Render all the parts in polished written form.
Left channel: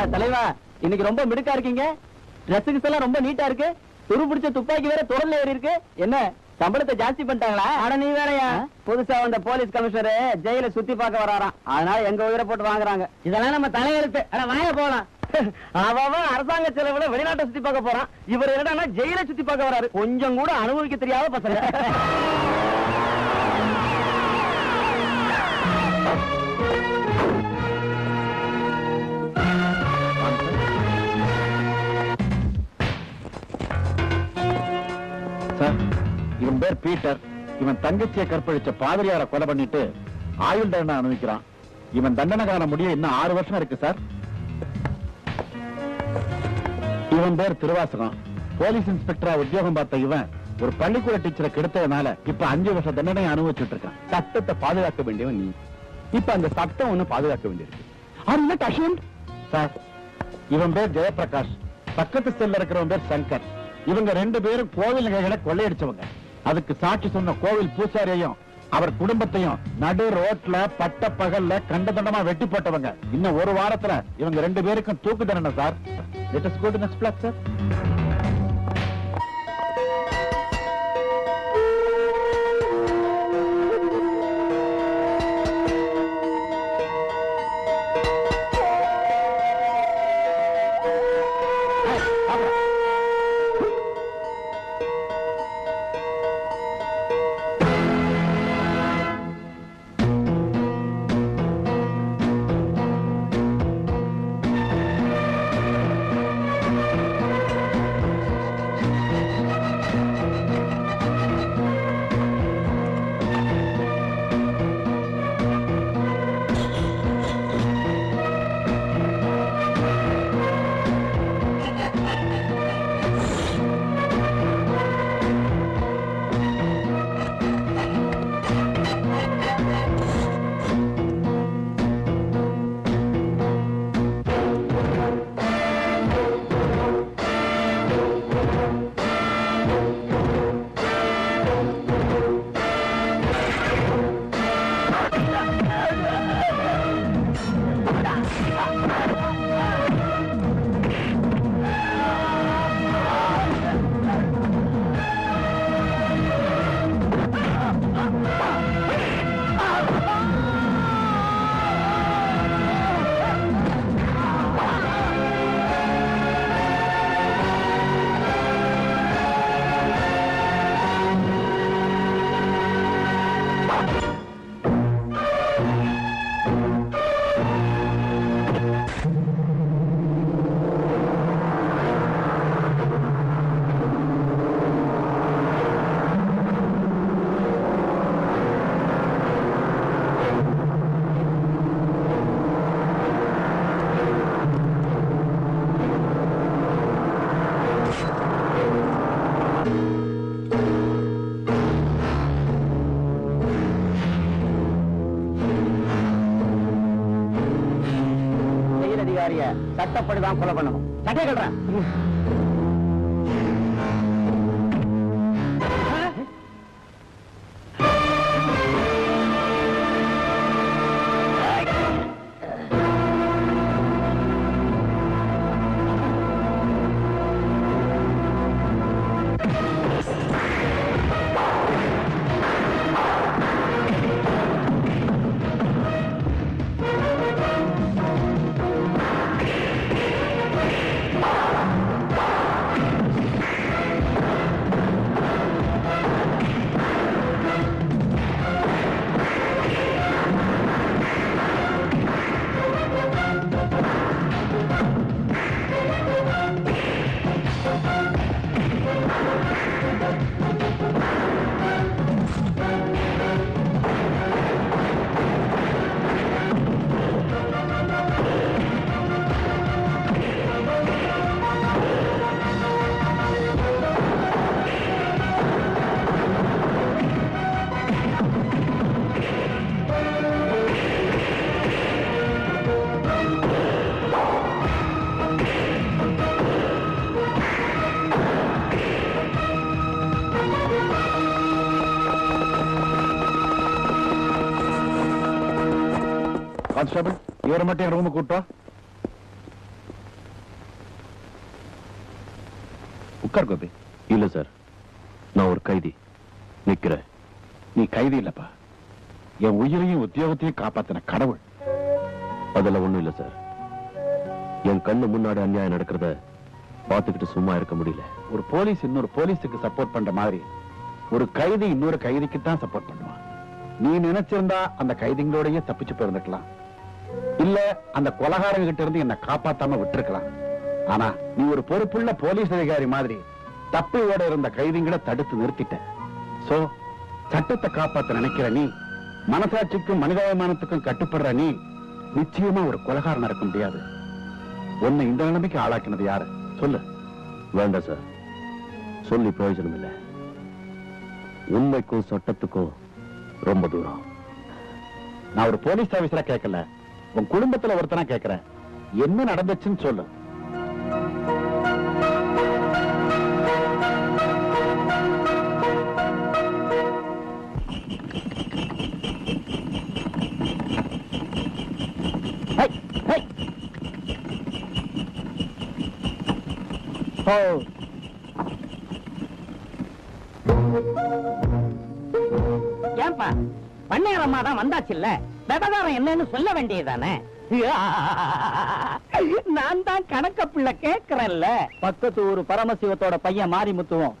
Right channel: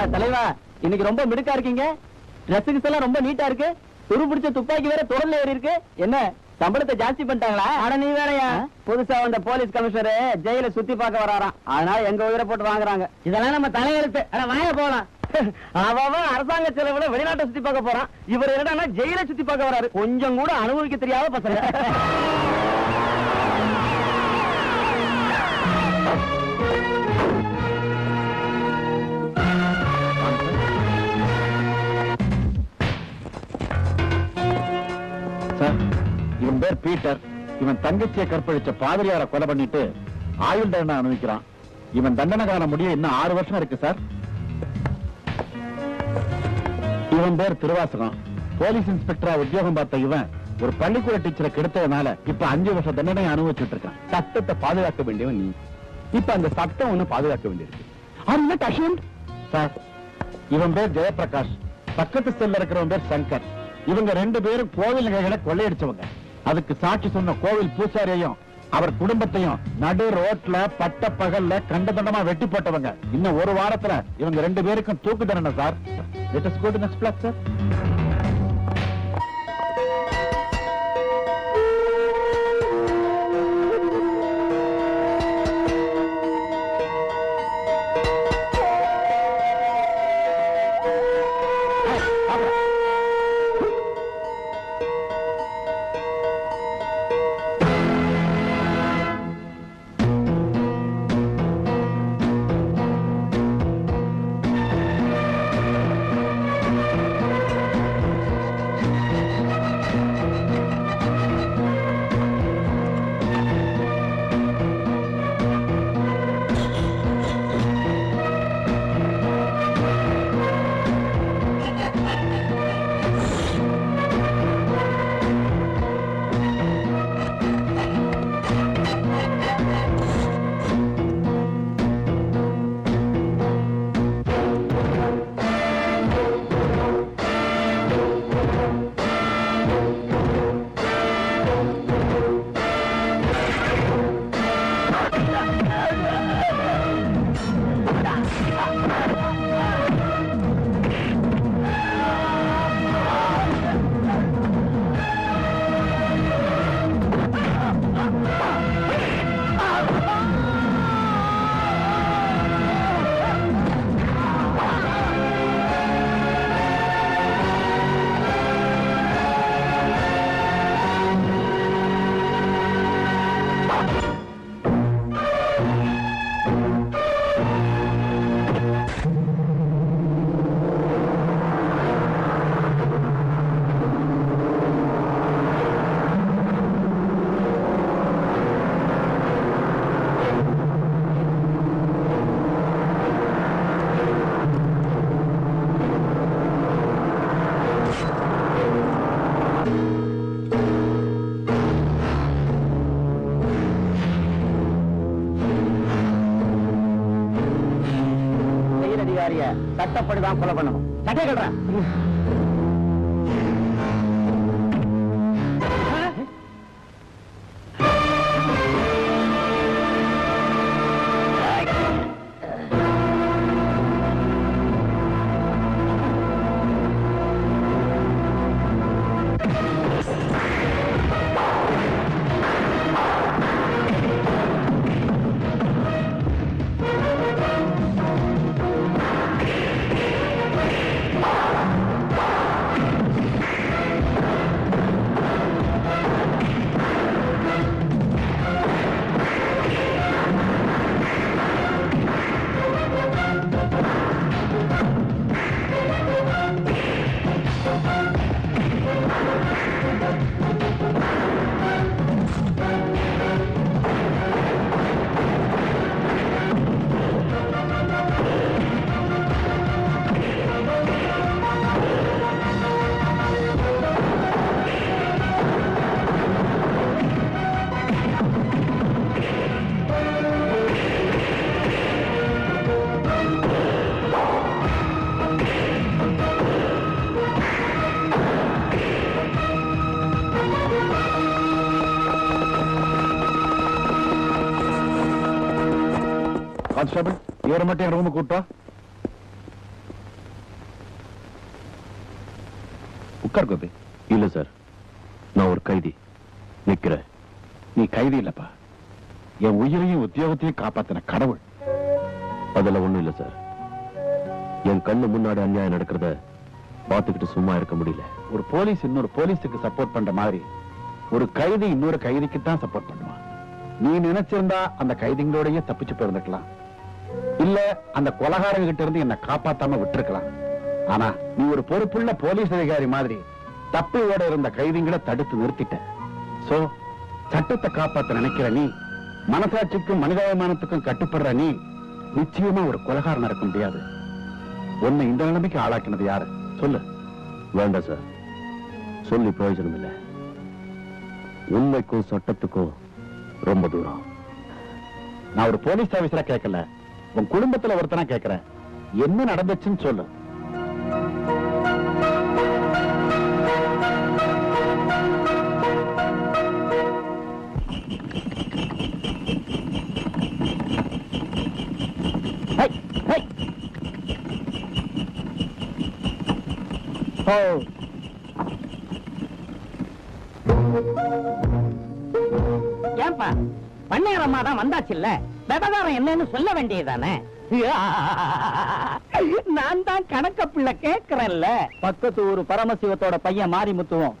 என்ன தலைவா இன்னைக்கு ரொம்ப மிடுக்கா இருக்கீங்க. ட்ரெஸ்ஸிங்ஸ் எல்லாம் ரொம்ப நீட்டா இருக்கு. துரு பிடிச்ச துப்பாக்கி வேற தொடர்ல ஏறி இருக்கு. என்ன சம்பளத்தை ஜாஸ்தி பண்ணிட்டாங்களா? ஆனா நீ வேறையா புதுசா வந்த போலீஸ் கமிஷனர் ஜெயில சுத்தி பார்க்க வராராம். அதனால எங்க உயிரை போட்டு வாங்குறாங்க. இதெல்லாம் நம்ம தலையெழுத்து. வாங்க போகலாம். அவன் அரசாங்க செலவுல வெளிநாட்டை சுத்தி பார்க்க போறான். இவர் என்னன்னா ஜெயில சுத்தி பார்க்க வராரு. கொஞ்சம் கூட அனுபவிக்க தெரியாத பசங்க. இவன் பேர் பீட்டர். இவன் தங்கச்சியை கற்பழிச்ச பாதிரியார கொலை பண்ணிட்டு ஆயுள் தண்டனை அனுபவிக்கிறான். இவன் தண்டனை காண முடிய இன்னும் 6 வருஷம் இருக்கு சார். இவன் பேர் திருவாசகம். போலீஸ் இன்ஸ்பெக்டரா உத்தியோகம் பார்த்த இவன் ஒரு பள்ளிக்கூட டீச்சரை கெடுத்ததுனால இப்ப 5 வருஷம் தண்டனை அனுபவிச்சுட்டு இருக்கான். சட்டத்தை பாதுகாக்க வேண்டியவன் நீ. இப்ப அந்த சட்டம் ஒண்ணு பாதுகாக்க வேண்டியிருக்கு சார். இவன் பேர் ஜெயபிரகாஷ். பக்கத்து செல்ல இருக்கிறவன் பேர் சங்கர். இவங்க 2 பேரும் கோவில் நகைகளை கொள்ளையடிச்சவங்க. அதுக்கு சாட்சி சொன்ன கோவில் பூசாரியையும் அவர் குடும்பத்தையும் நடு ரோட்ல பட்ட பகல்ல கண்டதண்டமா வெட்டி போட்டவங்க. இன்னும் 1 வாரத்துல இவங்க 2 பேருக்கும் தூக்கு தண்டனை sir. Let us go to next block, sir. சட்டப்படிதான் கொலை பண்ணணும். சட்டை கட்டுறேன். கான்ஸ்டபிள், இவரை மட்டும் என் ரூமுக்கு கூட்டா. உட்கார் கோபி. இல்ல சார், நான் ஒரு கைதி நிக்கிறேன். நீ கைதி இல்லப்பா, என் உயிரையும் உத்தியோகத்தையும் காப்பாத்தின கடவுள். அதுல ஒண்ணும் இல்ல சார். என் கண்ணு முன்னாடி அநியாயம் நடக்கிறத பார்த்துக்கிட்டு சும்மா இருக்க முடியல. ஒரு போலீஸ் இன்னொரு போலீஸுக்கு சப்போர்ட் பண்ற மாதிரி ஒரு கைதி இன்னொரு கைதிக்கு தான் சப்போர்ட் பண்ணுவான். நீ நினைச்சிருந்தா அந்த கைதிகளோடய தப்பிச்சு போயிருந்துக்கலாம், இல்ல அந்த கொலகாரங்க கிட்ட இருந்து என்ன காப்பாத்தாம விட்டுருக்கலாம். ஆனா நீ ஒரு பொறுப்புள்ள போலீஸ் அதிகாரி மாதிரி தப்பி ஓட இருந்த கைதிகளை தடுத்து நிறுத்திட்ட. சோ சட்டத்தை காப்பாத்த நினைக்கிற நீ, மனசாட்சிக்கும் மனிதாபிமானத்துக்கும் கட்டுப்படுற நீ, நிச்சயமா ஒரு கொலகாரன் இருக்க முடியாது. உன்னை இந்த நிலைமைக்கு ஆளாக்கினது யாரு சொல்லு. வேண்டாம் சார், சொல்லி பிரயோஜனம் இல்லை. உண்மைக்கும் சட்டத்துக்கும் ரொம்ப தூரம். நான் ஒரு போலீஸ் ஆபீசரா கேட்கல, உன் குடும்பத்துல ஒருத்தனா கேட்கிறேன். என்ன நடந்துச்சுன்னு சொல்லு. ஏன்பா பண்ணையாரம்மா தான் வந்தாச்சு இல்ல, விவகாரம் என்னன்னு சொல்ல வேண்டியதானே? நான் தான் கணக்க பிள்ளை கேட்கிறேன்ல. பக்கத்து ஊரு பரமசிவத்தோட பையன் மாரிமுத்துவும்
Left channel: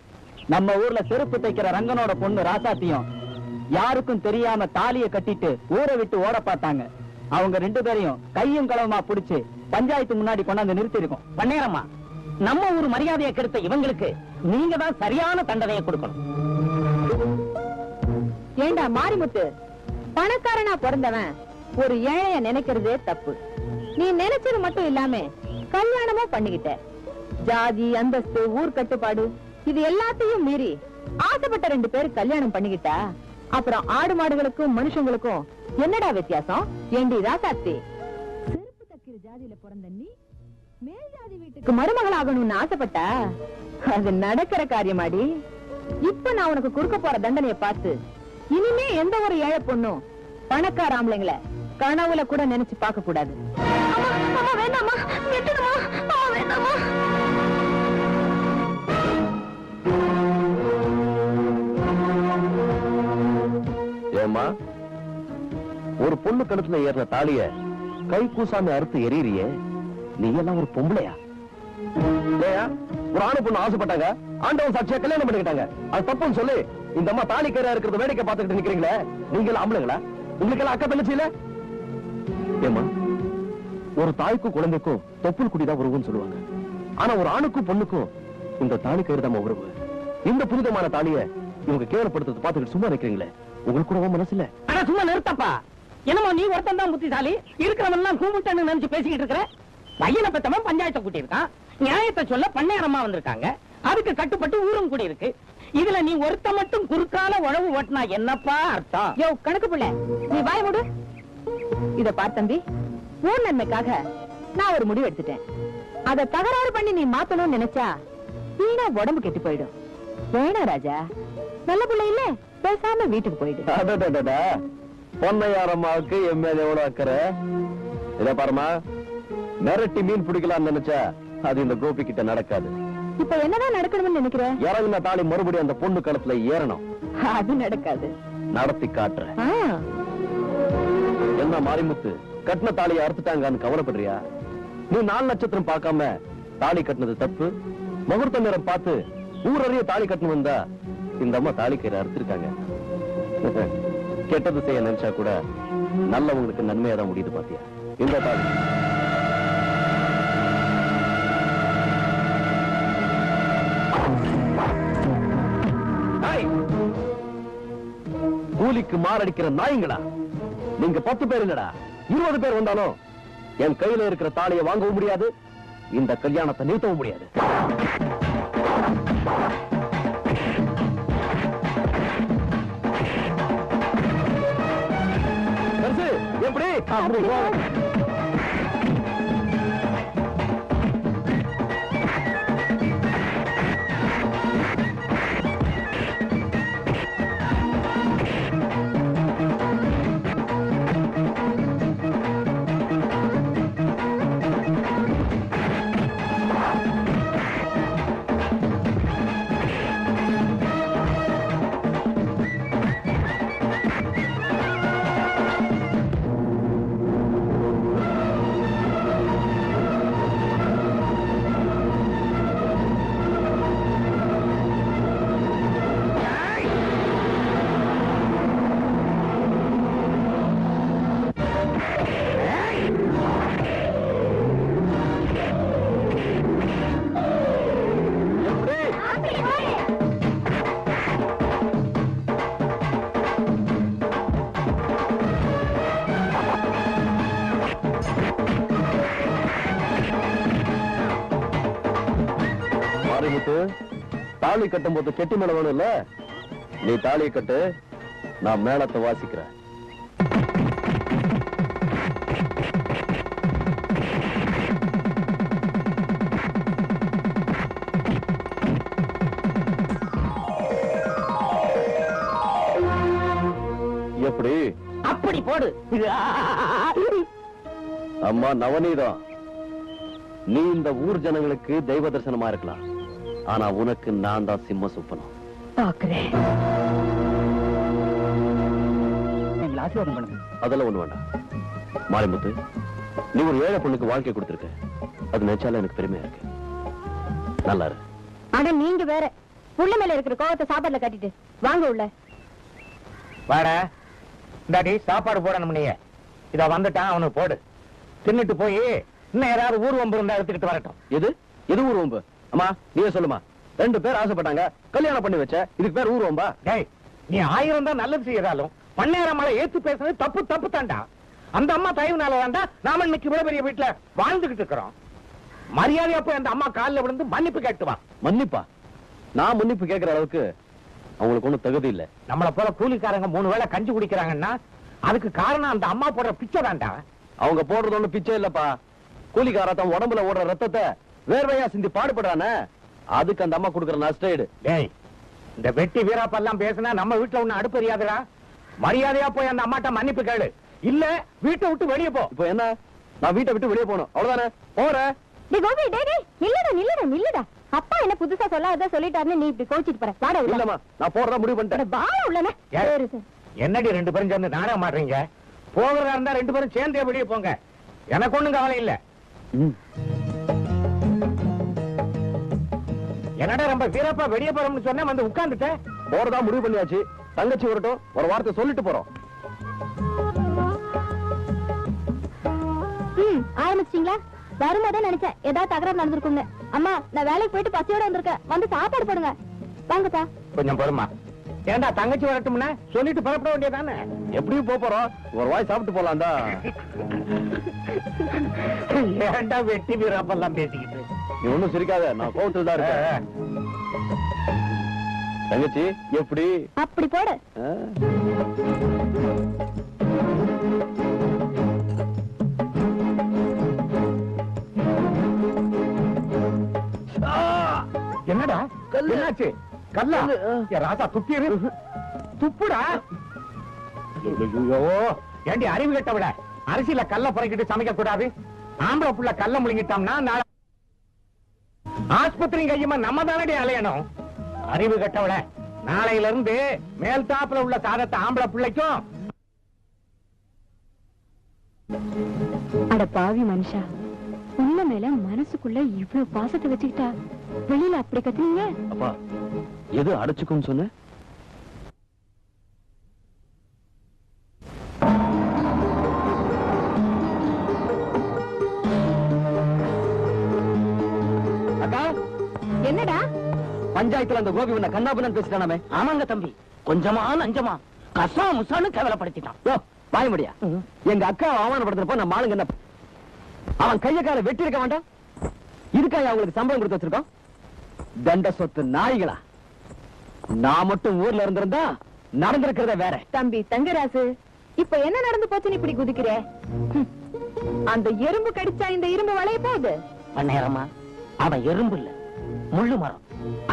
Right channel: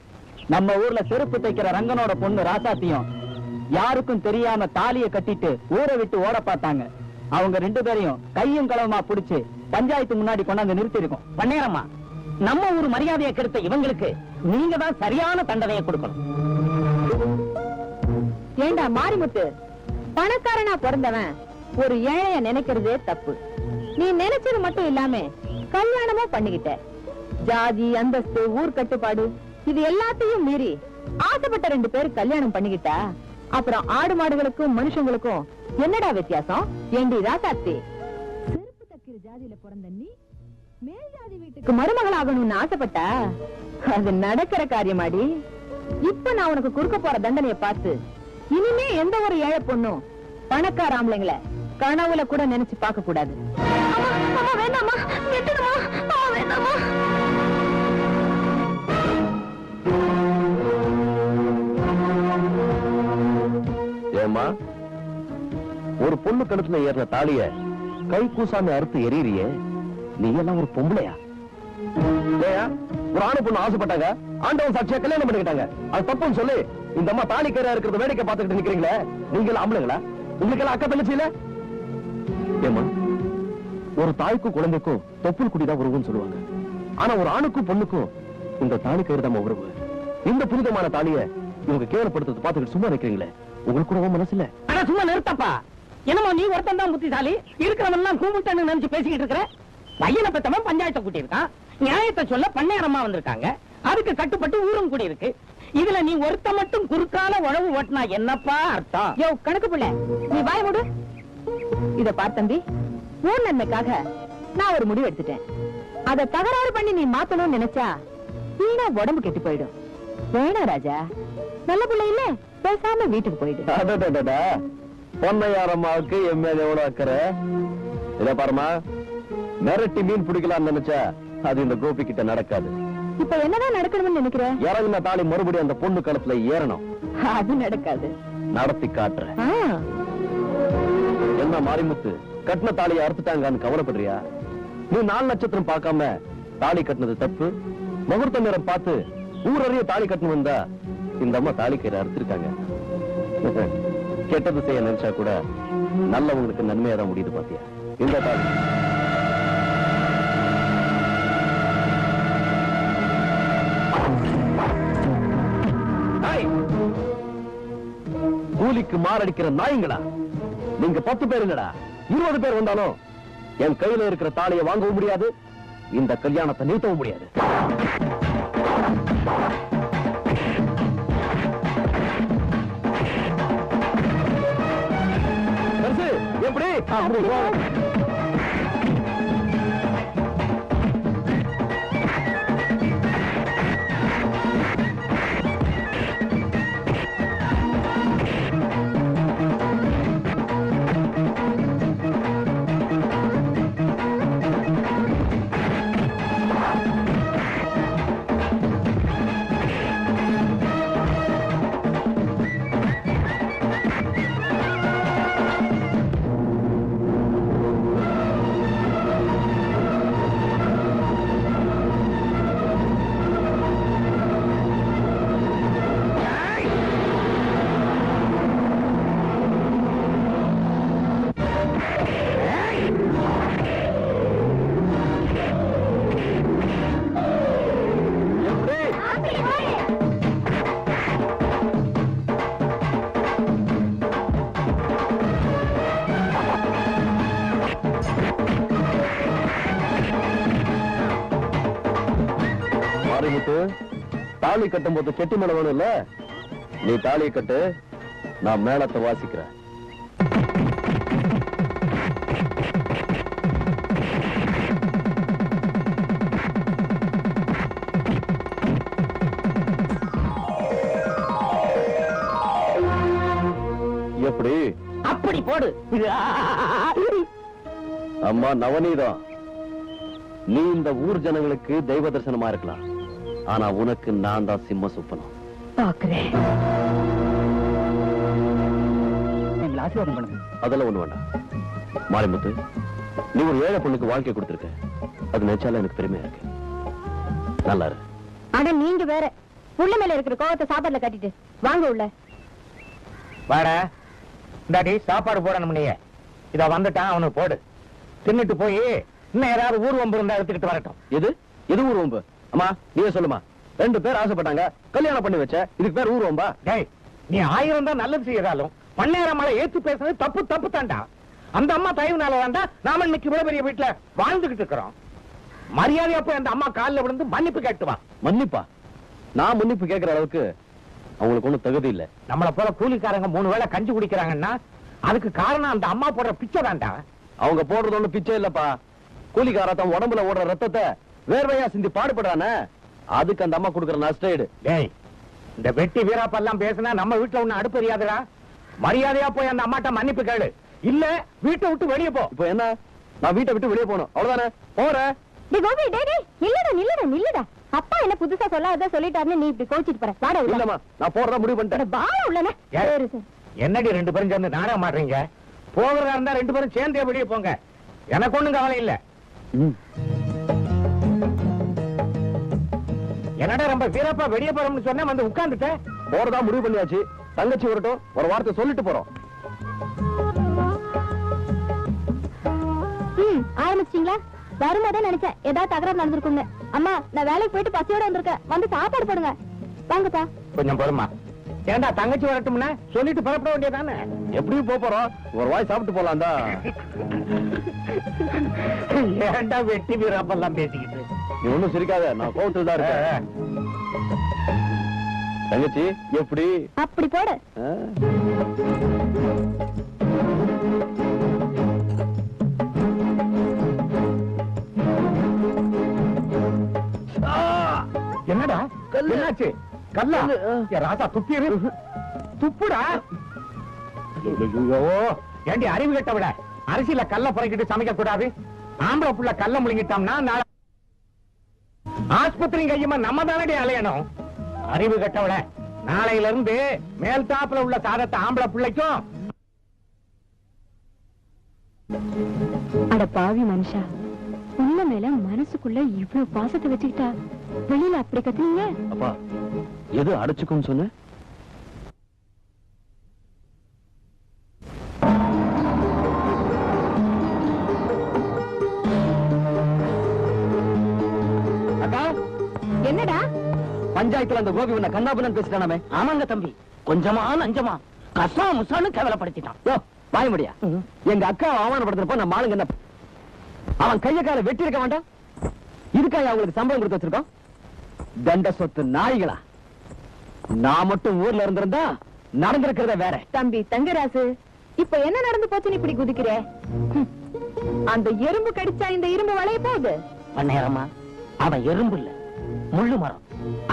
நம்ம ஊர்ல செருப்பு தைக்கிற ரங்கனோட பொண்ணு ராசாத்தியும் யாருக்கும் தெரியாம தாலிய கட்டிட்டு ஊரை விட்டு ஓட பார்த்தாங்க. அவங்க 2 பேரையும் கையும் களவுமா புடிச்சு பஞ்சாயத்து முன்னாடி கொண்டாந்து நிறுத்தி இருக்கோம். பண்ணையாரம்மா, நம்ம ஊர் மரியாதையை கெடுத்த இவங்களுக்கு நீங்க தான் சரியான தண்டனையை கொடுக்கணும். ஏண்டா மாரிமுத்து, பணக்காரனா பிறந்தவன் ஒரு ஏழைய நினைக்கிறதே தப்பு. நீ நினைச்சது மட்டும் இல்லாம கல்யாணமும் பண்ணிக்கிட்ட. ஜாதி, அந்தஸ்து, ஊர் கட்டுப்பாடு இது எல்லாத்தையும் மீறி ஆசைப்பட்ட 2 பேர் கல்யாணம் பண்ணிக்கிட்டா அப்புறம் ஆடு மாடுகளுக்கும் மனுஷங்களுக்கும் என்னடா வித்தியாசம்? ஏண்டி ராசாத்தி, செருப்பு தைக்கிற ஜாதியில பிறந்த நீ மேல் ஜாதி வீட்டுக்கு மருமகள் ஆகணும்னு ஆசைப்பட்டா அது நடக்கிற காரியமாடி. இப்ப நான் உனக்கு கொடுக்க போற தண்டனையை பார்த்து இனிமே எந்த ஒரு ஏழை பொண்ணும் பணக்கார ஆம்பளைங்களை கனவுல கூட நினைச்சு பார்க்க கூடாது. ஏமா, ஒரு பொண்ணு கழுத்துல ஏறின தாலிய கை கூசாம அறுத்து எரியறியே, நீ எல்லாம் ஒரு பொம்பளையா? ஒரு ஆணு பொண்ணு ஆசைப்பட்டாங்க, ஆண்டவன் சாட்சியா கல்யாணம் பண்ணிக்கிட்டாங்க. அது தப்புன்னு சொல்லி இந்த அம்மா தாலி கேரா இருக்கிறத வேடிக்கை பார்த்துக்கிட்டு நிக்கிறீங்களே, நீங்க ஆம்பளைங்களா? உங்களுக்கு எல்லாம் அக்கா தங்கச்சி இல்ல? ஏமா, ஒரு தாய்க்கும் குழந்தைக்கும் தொப்புள் குடிதான் உறவுன்னு சொல்லுவாங்க. ஆனா ஒரு ஆணுக்கும் பொண்ணுக்கும் இந்த தாலி கயிறு தான் உறவு. இந்த புனிதமான தாலிய இவங்க கேவலப்படுத்துறது பார்த்துக்கிட்டு சும்மா நிக்கிறீங்களே, உங்களுக்கு கூட மனசு இல்ல? ஆனா சும்மா நிறுத்தப்பா. என்னமோ நீ ஒருத்தன் தான் புத்திசாலி, இருக்கிறவன் எல்லாம் கூமுட்டன்னு நினைச்சு பேசிக்கிட்டு இருக்கிற. பையனை பெத்தவன் பஞ்சாயத்தை கூட்டி இருக்கான், நியாயத்தை சொல்ல பண்ணையாரம்மா வந்திருக்காங்க, அதுக்கு கட்டுப்பட்டு ஊரும் கூடி இருக்கு. இதுல நீ ஒருத்த மட்டும் குறுக்கால உழவு ஓட்டினா என்னப்பா அர்த்தம்? யோ கணக்கு பிள்ளை, நீ வாய் மூடு. இத பார்த்தம்பி, ஊர் நன்மைக்காக நான் ஒரு முடிவு எடுத்துட்டேன். அத தகராறு பண்ணி நீ மாத்தணும்னு நினைச்சா வீணா உடம்பு கெட்டு போயிடும். வேணா ராஜா, நல்ல பிள்ளை இல்ல, பேசாம வீட்டுக்கு போயிடு. பொன்னையாரம்மாவுக்கு என் மேல எவ்வளவு அக்கறை இல்ல பாருமா. மிரட்டி மீன் பிடிக்கலாம்னு நினைச்சா அது இந்த கோபி கிட்ட நடக்காது. இப்ப என்னதான் நடக்கணும்னு நினைக்கிறேன்? இறங்குன தாலி மறுபடியும் அந்த பொண்ணு கழுத்துல ஏறணும். அது நடக்காது. நடத்தி காட்டுறேன். என்ன மாரிமுத்து, கட்டின தாலியை அறுத்துட்டாங்கன்னு கவலைப்படுறியா? நீ 4 நட்சத்திரம் பார்க்காம தாலி கட்டினது தப்பு. முகூர்த்த நேரம் பார்த்து ஊரறிய தாலி கட்டணும் வந்தா இந்த அம்மா தாலி கயிறு அறுத்திருக்காங்க. கெட்டது செய்ய நினைச்சா கூட நல்லவங்களுக்கு நன்மையா தான் முடியுது பாத்தியா? இந்த தாலி கூலிக்கு மாரடிக்கிற நாய்ங்களா நீங்க? 10 பேருங்கடா, 20 பேர் வந்தாலும் என் கையில இருக்கிற தாலியை வாங்கவும் முடியாது, இந்த கல்யாணத்தை நிறுத்தவும் முடியாது. எப்படி? மாரிமுத்து, தாலி கட்டும் போது செட்டி மேல வேணும் இல்ல, நீ தாலியை கட்டு, நான் மேளத்தை வாசிக்கிறேன். எப்படி? அப்படி போடு. அம்மா நவநீதம், நீ இந்த ஊர் ஜனங்களுக்கு தெய்வ தரிசனமா இருக்கலாம், ஆனா உனக்கு நான் தான் சிம்ம சுப்பனம். ஆசீர்வாதம் பண்ணுங்க. அதெல்லாம் ஒண்ணு வேண்டாம். மாரிமுத்து, நீ ஒரு ஏழை பொண்ணுக்கு வாழ்க்கை கொடுத்திருக்க, அது நினைச்சாலும் எனக்கு பெருமையா இருக்கு. நல்லா இருக்கு. ஆனா நீங்க வேற உள்ள மேல இருக்கிற கோவத்தை சாப்பாடுல கட்டிட்டு வாங்க உள்ள. வாட, இந்தாடி சாப்பாடு போடணும். நீ இத வந்துட்டான், அவனுக்கு போடு. தின்னுட்டு போய் இன்னும் யாராவது ஊர்வம்பு இருந்தா எடுத்துக்கிட்டு வரட்டும். எது இது ஊர்வம்பு? அம்மா நீயே சொல்லுமா. 2 பேர் ஆசைப்பட்டாங்க, கல்யாணம் பண்ணி வச்ச, இதுக்கு பேர் ஊர்வம்பா? டேய், நீ 1000 தான் நல்லது செய்யறாலும் பன்னேரமலை ஏத்து பேசுறது தப்பு தப்பு தாண்டா. அந்த அம்மா தயவுனால வேண்டா நாம இன்னைக்கு இவ்வளவு பெரிய வீட்டுல வாழ்ந்துகிட்டு இருக்கிறோம். மரியாதையா போய் அந்த அம்மா காலில் விழுந்து மன்னிப்பு கேட்டுவா. மன்னிப்பா? நான் மன்னிப்பு கேட்கிற அளவுக்கு அவங்களுக்கு ஒண்ணும் தகுதி இல்ல. நம்மளை போல கூலிக்காரங்க 3 வேளை கஞ்சி குடிக்கிறாங்கன்னா அதுக்கு காரணம் அந்த அம்மா போடுற பிச்சை தாண்டா. அவங்க போடுறது ஒண்ணு பிச்சை இல்லப்பா. கூலிக்கார தன் உடம்புல ஓடுற ரத்தத்தை வேர்வையா சிந்தி பாடுபடானே, அதுக்கு அந்த அம்மா கொடுக்குற நஷ்டஈடு. டேய், இந்த வெட்டி வீராப்பெல்லாம் பேசினா நம்ம வீட்டுல ஒண்ணு அடுப்பறியாதுடா. மரியாதையா போய் அந்த அம்மாட்ட மன்னிப்பு கேளு, இல்ல வீட்டை விட்டு வெளியே போ. இப்போ என்ன, நான் வீட்டை விட்டு வெளியே போகணும் அவ்வளவுதானே? போறேன். நில்லுடா. அப்பா என்ன புதுசா சொல்லாத சொல்லிட்டாருன்னு நீ இப்படி கோச்சிட்டு போற. வாடா உள்ள. இல்லம்மா, நான் போறதா முடிவு பண்ணிட்டேன். வா உள்ளனே. என்னடி 2 பேரும் சேர்ந்து நாடகம் மாடுறீங்க? போகிறதா இருந்தா 2 பேரும் சேர்ந்தே வெளியே போங்க, எனக்கு ஒண்ணும் கவலை இல்ல. என்னடா ரொம்ப வீரப்பா வெளியே போறோம்னு சொன்ன வந்து உட்கார்ந்துட்டேன். போறதா முடிவு பண்ணியாச்சு. தங்கச்சி வரட்டும், ஒரு வார்த்தை சொல்லிட்டு போறோம். ஆரம்பிச்சிட்டீங்களா? வருமாதான் நினைச்சேன் ஏதாவது தகராறு நடந்திருக்குங்க. அம்மா, நான் வேலைக்கு போயிட்டு பசியோட வந்திருக்கேன், வந்து சாப்பாடு போடுங்க. வாங்கப்பா. கொஞ்சம் பொறுமா. ஏண்டா தங்கச்சி வரட்டும்னா சொல்லிட்டு புறப்பட வேண்டியதானே? எப்படியும் போறோம், ஒரு வாய் சாப்பிட்டு போலாம்டா. ஏண்டா வெட்டி வீரப்பெல்லாம் பேசிக்கிட்டு? நீ ஒண்ணும் சிரிக்காத, நான் கோவத்தில் தான் இருக்கேன். தங்கச்சி எப்படி? அப்படி போடு. என்னடா என்னாச்சு? கல்லா? ராசா துப்பியது துப்புடா. ஏண்டி அறிவு கட்ட விட அரிசியில கல்ல புறக்கிட்டு சமைக்க கூடாது? ஆம்பளை புள்ள கல்ல முழுங்கிட்டோம்னா நாளை ஆஸ்பத்திரி கையுமா நம்ம தானடி அலையணும். அறிவு கட்ட விட நாளையில இருந்து மேல் தாப்புல உள்ள சாதத்தை ஆம்பளை பிள்ளைக்கும். அட பாவி மனுஷா, உள்ள மேல மனசுக்குள்ள இவ்வளவு பாசத்தை வச்சுக்கிட்டா வெளியில அப்படி கத்துனீங்க? அப்பா, எது அடைச்சுக்கும் சொன்ன? என்னடா பஞ்சாயத்துல அந்த கோபி உன்னை கண்ணாபுரம் பேசிட்டானே? ஆமாங்க தம்பி, கொஞ்சமா நஞ்சமா கசா முசான்னு கேவலப்படுத்திட்டான். வாய முடியா? எங்க அக்கா அவமானப்படுத்துறப்ப நம்ம ஆளுங்க என்ன, அவன் கையக்கார வெட்டி இருக்க வேண்டாம்? இதுக்காக அவங்களுக்கு சம்பளம் கொடுத்து வச்சிருக்கோம்? தண்ட சொத்து நாய்களா? நான் மட்டும் ஊர்ல இருந்திருந்தா நடந்திருக்கிறத வேற. தம்பி தங்கராசு, இப்ப என்ன நடந்து போச்சுன்னு இப்படி குதிக்கிற? அந்த எறும்பு கடிச்சா இந்த இரும்பு வளைய போகுது. நேரமா அவன் எறும்பு இல்ல, முள்ளு மரம்.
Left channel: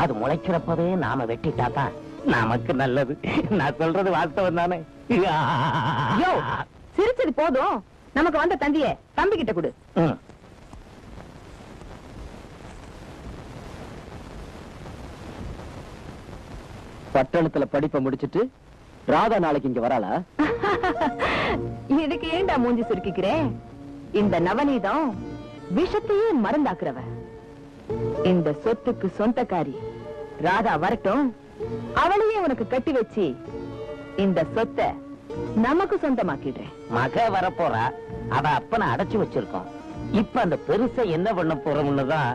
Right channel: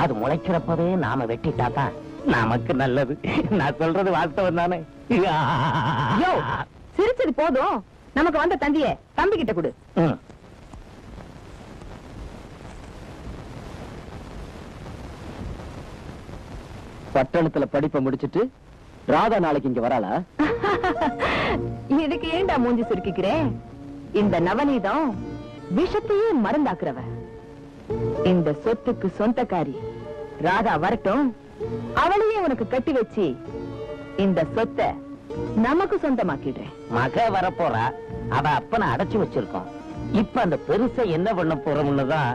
அது முளைக்கிறப்பவே நாம வெட்டிட்டாதான் நமக்கு நல்லது. நான் சொல்றது வாஸ்தவம் தானே? சிரிச்சது போதும், நமக்கு வந்த தந்திய தம்பி கிட்ட கொடு. பட்டணத்துல படிப்பை முடிச்சிட்டு ராதா நாளைக்கு இங்க வராளா? இதுக்கு ஏண்டா மூஞ்சி சுருக்கிக்கிறேன்? இந்த நவநீதம் விஷத்தையே மருந்தாக்குறவ. இந்த சொத்துக்கு சொந்தக்காரி ராதா வரட்டும், அவளையே உனக்கு கட்டி வச்சு இந்த சொத்தை நமக்கு சொந்தமாக்கிடுறேன். மக வரப்போறா, அவ அப்பனை அடைச்சு வச்சிருக்கோம். இப்ப அந்த பெருசை என்ன பண்ண போறோம்னுதான்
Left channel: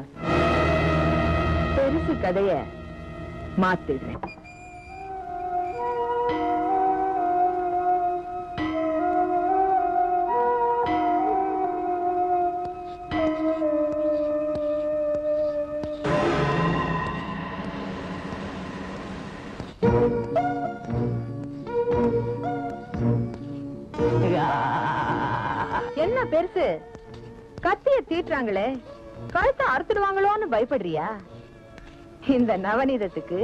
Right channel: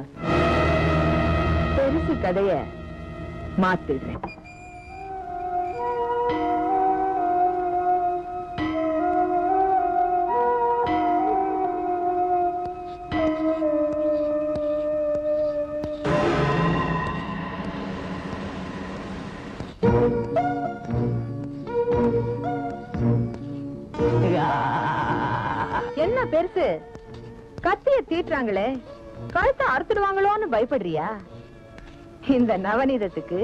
பெருசு கதைய மாத்திடுறேன். என்ன பெருசு கத்திய தீட்டுறாங்களே கழுத்தை அறுத்துடுவாங்களோன்னு பயப்படுறியா? இந்த நவநீதத்துக்கு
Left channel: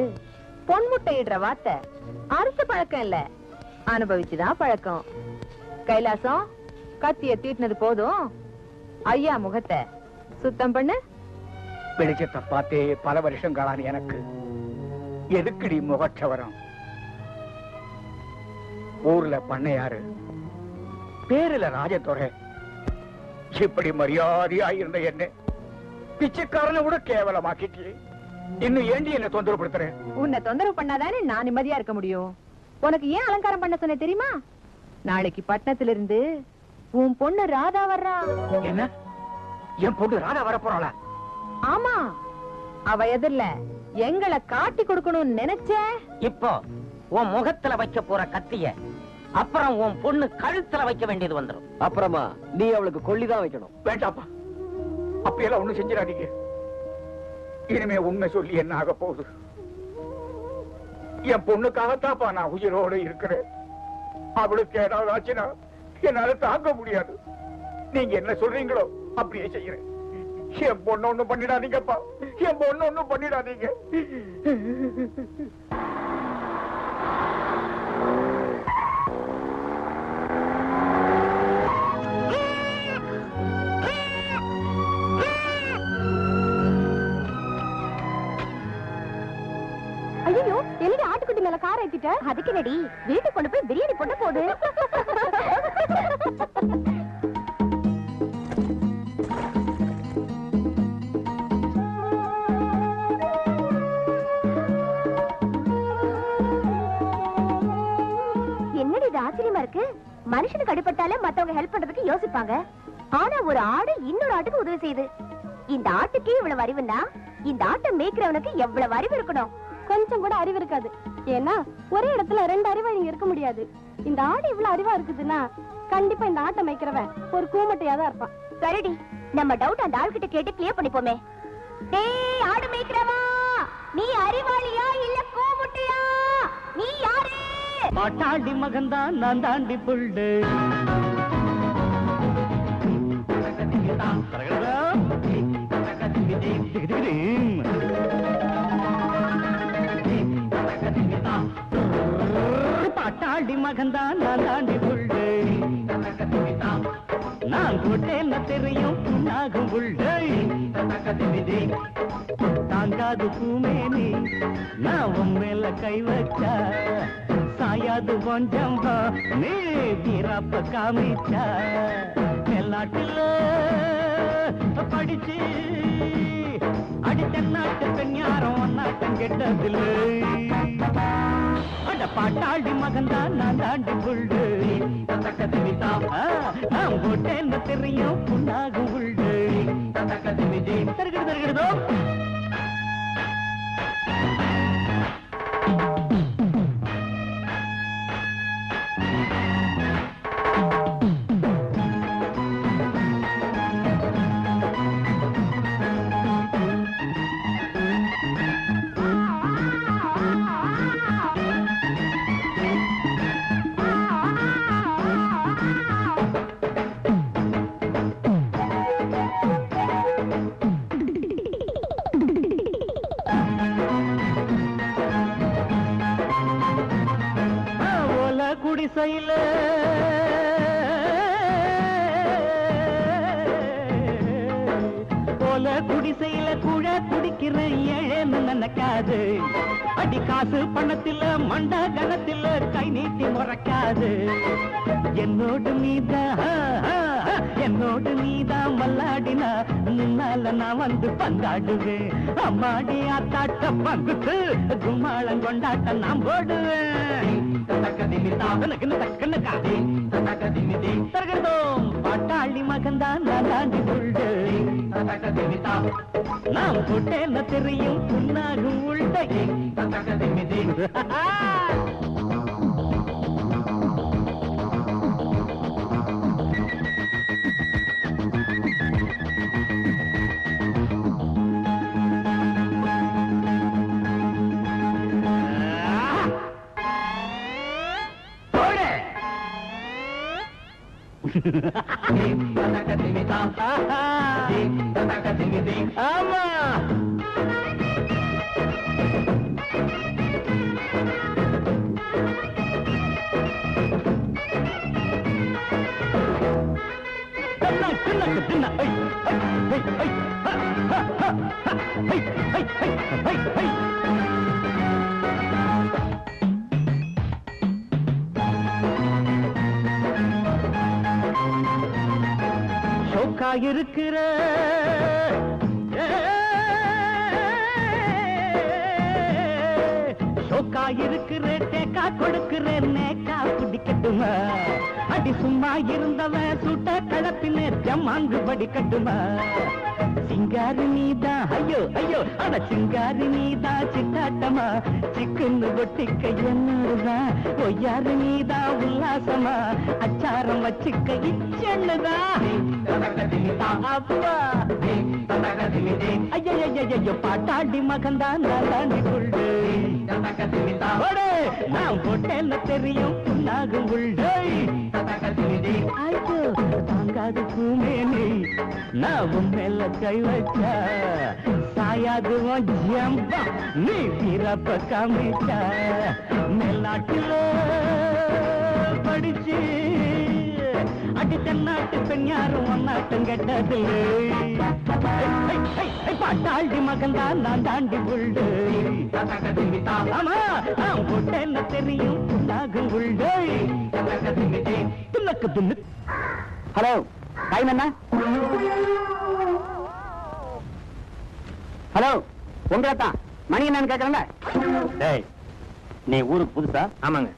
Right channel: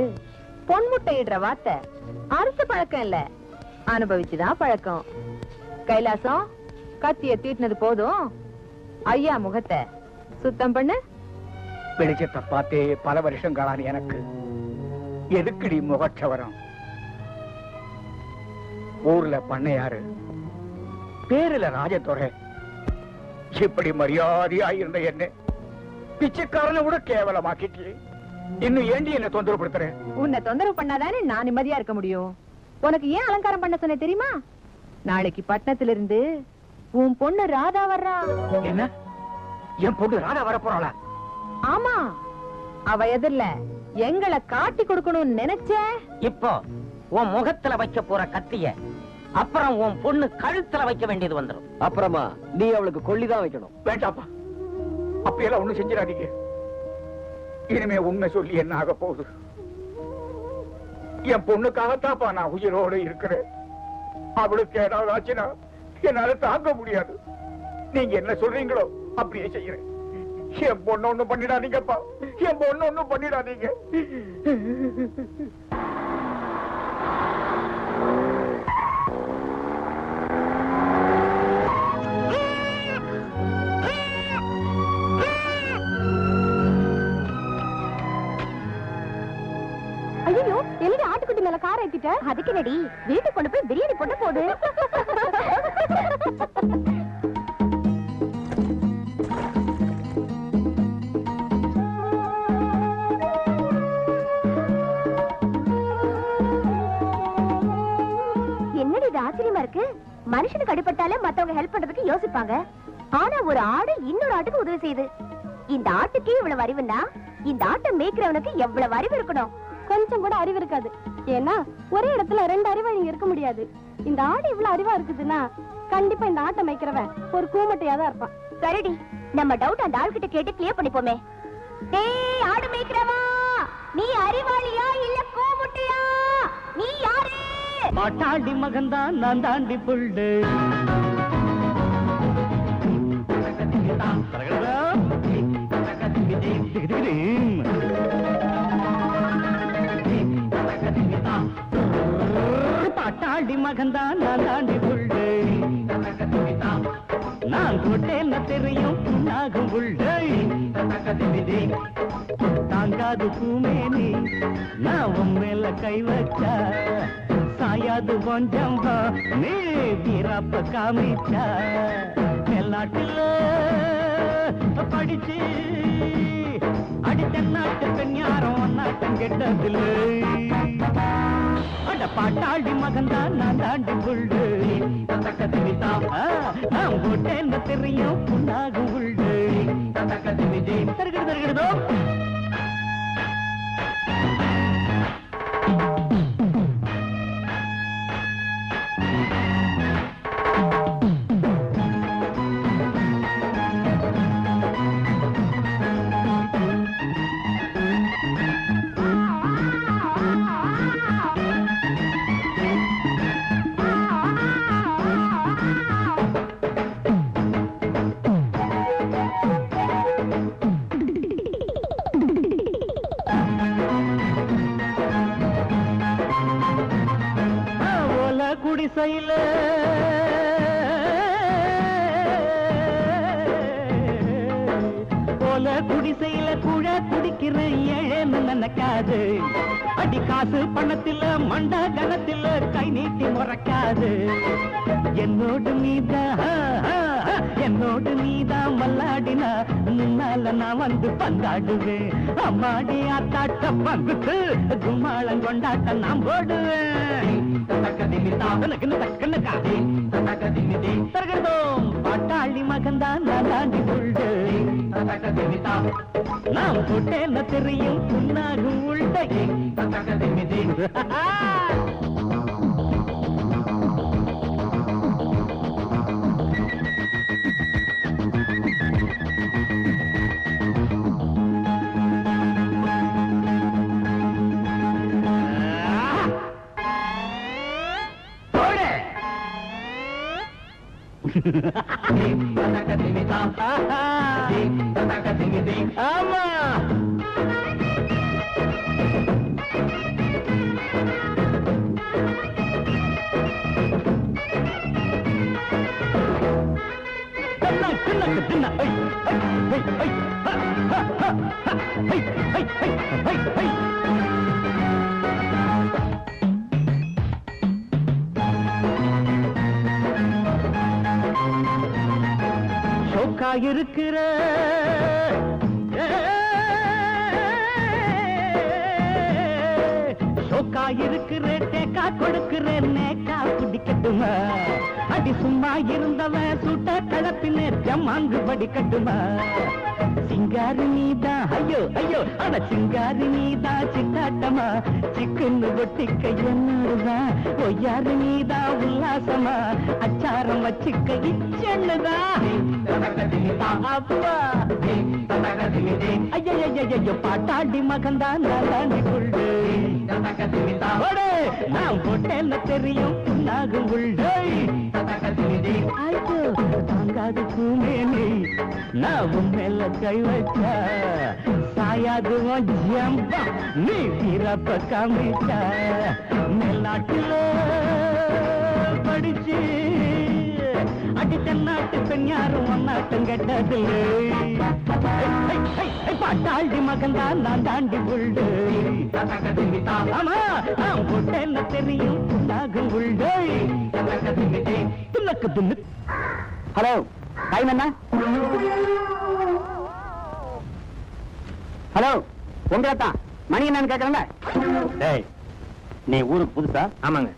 பொன்முட்டையிடுற வார்த்தை அறுத்து பழக்கம் இல்ல, அனுபவிச்சுதான் பழக்கம். கைலாசம், கத்திய தீட்டினது போதும், ஐயா முகத்தை சுத்தம் பண்ண. வெளிச்சத்தை பார்த்தே பல வருஷங்களான எனக்கு எதுக்குடி முகச்சவரம்? ஊர்ல பண்ணையாரு, பேருல ராஜதுரை, இப்படி மரியாதையா இருந்த என்ன பிச்சைக்காரனை கூட கேவலமாக்கிட்டு இன்னும் ஏண்டி என்ன தொந்தரவு படுத்துறேன்? உன்னை தொந்தரவு பண்ணாதானே நான் நிம்மதியா இருக்க முடியும். உனக்கு ஏன் அலங்காரம் பண்ண சொன்ன தெரியுமா? நாளைக்கு பட்டணத்துல இருந்து உன் பொண்ணு ராதா வர்றா. என்ன, என் பொண்ணு ராதா வரப்போறாளா? ஆமா, அவ எதிரில எங்களை காட்டி கொடுக்கணும்னு நினைச்சேன். இப்போ உன் முகத்துல வைக்க போற கத்திய அப்புறம் உன் பொண்ணு கழுத்துல வைக்க வேண்டியது வந்துடும். அப்புறமா நீ அவளுக்கு கொல்லிதான் வைக்கணும். வேண்டாப்பா, அப்படியெல்லாம் ஒண்ணும் செஞ்சிடாதீங்க. இனிமே உண்மை சொல்லி என்ன ஆக போகுது? என் பொண்ணுக்காகத்தாப்பா நான் உயிரோடு இருக்கிறேன். அவளுக்கு ஏதாவது ஆச்சுன்னா என்னால தாங்க முடியாது. நீங்க என்ன சொல்றீங்களோ அப்படியே செய்யறேன். என் பொண்ணு ஒண்ணும் பண்ணிடாதீங்கப்பா, என் பொண்ணு ஒண்ணும் பண்ணிடாதீங்க. ஐயோ, எழுதி ஆட்டுக்குட்டி மேல கார ஏத்திட்ட. அதுக்கு நடி வீட்டுக்கு கொண்டு போய் பிரியாணி கொண்டு போடு. என்னடி இது ஆச்சரியமா இருக்கு? மனுஷனுக்கு அடிபட்டாலே மத்தவங்க ஹெல்ப் பண்றதுக்கு யோசிப்பாங்க. ஆனா ஒரு ஆடு இன்னொரு ஆட்டுக்கு உதவி செய்யுது. இந்த ஆட்டுக்கே இவ்வளவு அறிவுன்னா இந்த ஆட்டை மேய்க்கிறவனுக்கு எவ்வளவு அறிவு இருக்கணும்? கொஞ்சம் கூட அறிவு இருக்காது. ஏன்னா ஒரே இடத்துல ரெண்டு அறிவாளிங்க இருக்க முடியாது. இந்த ஆடு இவ்வளவு அறிவா இருக்குதுன்னா கண்டிப்பா இந்த ஆட்டை மேய்க்கிறவன் ஒரு கூமட்டையா தான் இருப்பான். சரிடி, நம்ம டவுட் அந்த ஆள் கிட்ட கேட்டு கிளியர் பண்ணிப்போமே. டேய் ஆடு மேய்க்கிறவா, நீ அறிவாளியா இல்ல கூமட்டையா? நீ யாரு? மாட்டாண்டி மகன்தான் நான் தாண்டி புள்ளு. பாட்டாண்டி மகன்தான் நான் தாண்டி புள்ளு. நான் கொட்டேன்னு தெரியும் புண்ணாகும் புள்ளு. தாங்காது பூமேனி நான் உன் மேல கை வச்சா சாயாது கொஞ்சம் நீ தீரப்ப காமிச்சா. எல்லாட்டில படிச்சு அடித்தநாட்டு பெண் யாரும் நாட்டம் கெட்டதில்லை. அட பாட்டாளி மகன்தான் நான் தாண்டி புள்ளு. நான் ஓட்டேன்னு தெரியும் புண்ணாக உள்ளு. தருகிறதோ குடிசையில குடிசையில கூட குடிக்கிற ஏன்னு நினைக்காது. அடி காசு பணத்தில மண்டா கணத்தில கை நீட்டி முறைக்காது. என்னோடு நீதான் மல்லாடினா முன்னால நான் வந்து பந்தாடுவேன். அம்மாடி ஆத்தாட்ட பங்குட்டு கும்மாளம் கொண்டாட்ட நான் போடுவேன். பாட்டாளி மகன்தான் நான் தாண்டி புள்ளு. நான் போட்டேன்னு தெரியும் புண்ணாகும் உள்தையே. ஆமா இருக்கிற இருக்கிறேன் தேக்கா கொடுக்கிறேன் நேக்கா குடிக்கட்டுமா அடி சும்மா இருந்தவன் சுட்ட கலப்பிலே ஜமாங்கு படிக்கட்டுமா சிங்காரி நீதான் ஐயோ ஐயோ அட சிங்காரி நீதான் சித்தாட்டமா சிக்குன்னு ஒட்டிக்க என்னதான் ஒய்யாரு நீதான் உல்லாசமா அச்சாரம் வச்சுக்க இச்சென்னுதான் அப்பா ஐயோ ஐயோ பாட்டாடி மகன்தான் நான் தாண்டி கொள்டு நான் போட்டேன்னு தெரியும் நாகும் உள்ளே ஐயோ தாங்காது பூமேனி நான் மேல கை வச்ச சாயாது ஜம்பா நீ பிறப்ப காமிச்ச மேல்நாட்டில படிச்சு அடி தென்னாட்டு பெண் யாரும் ஒன்னாட்டம் கெட்டது பாட்டாளி மகன்தான் நான் தாண்டி உள்ளு போட்டேன்னு தெரியும் நாகும் உள்ளே துணக்கு துண்ணு ஹலோ டைம் என்ன ஹலோ உங்கதான் மணி என்னன்னு கேட்கறேன் நீ ஊருக்கு புதுசா ஆமாங்க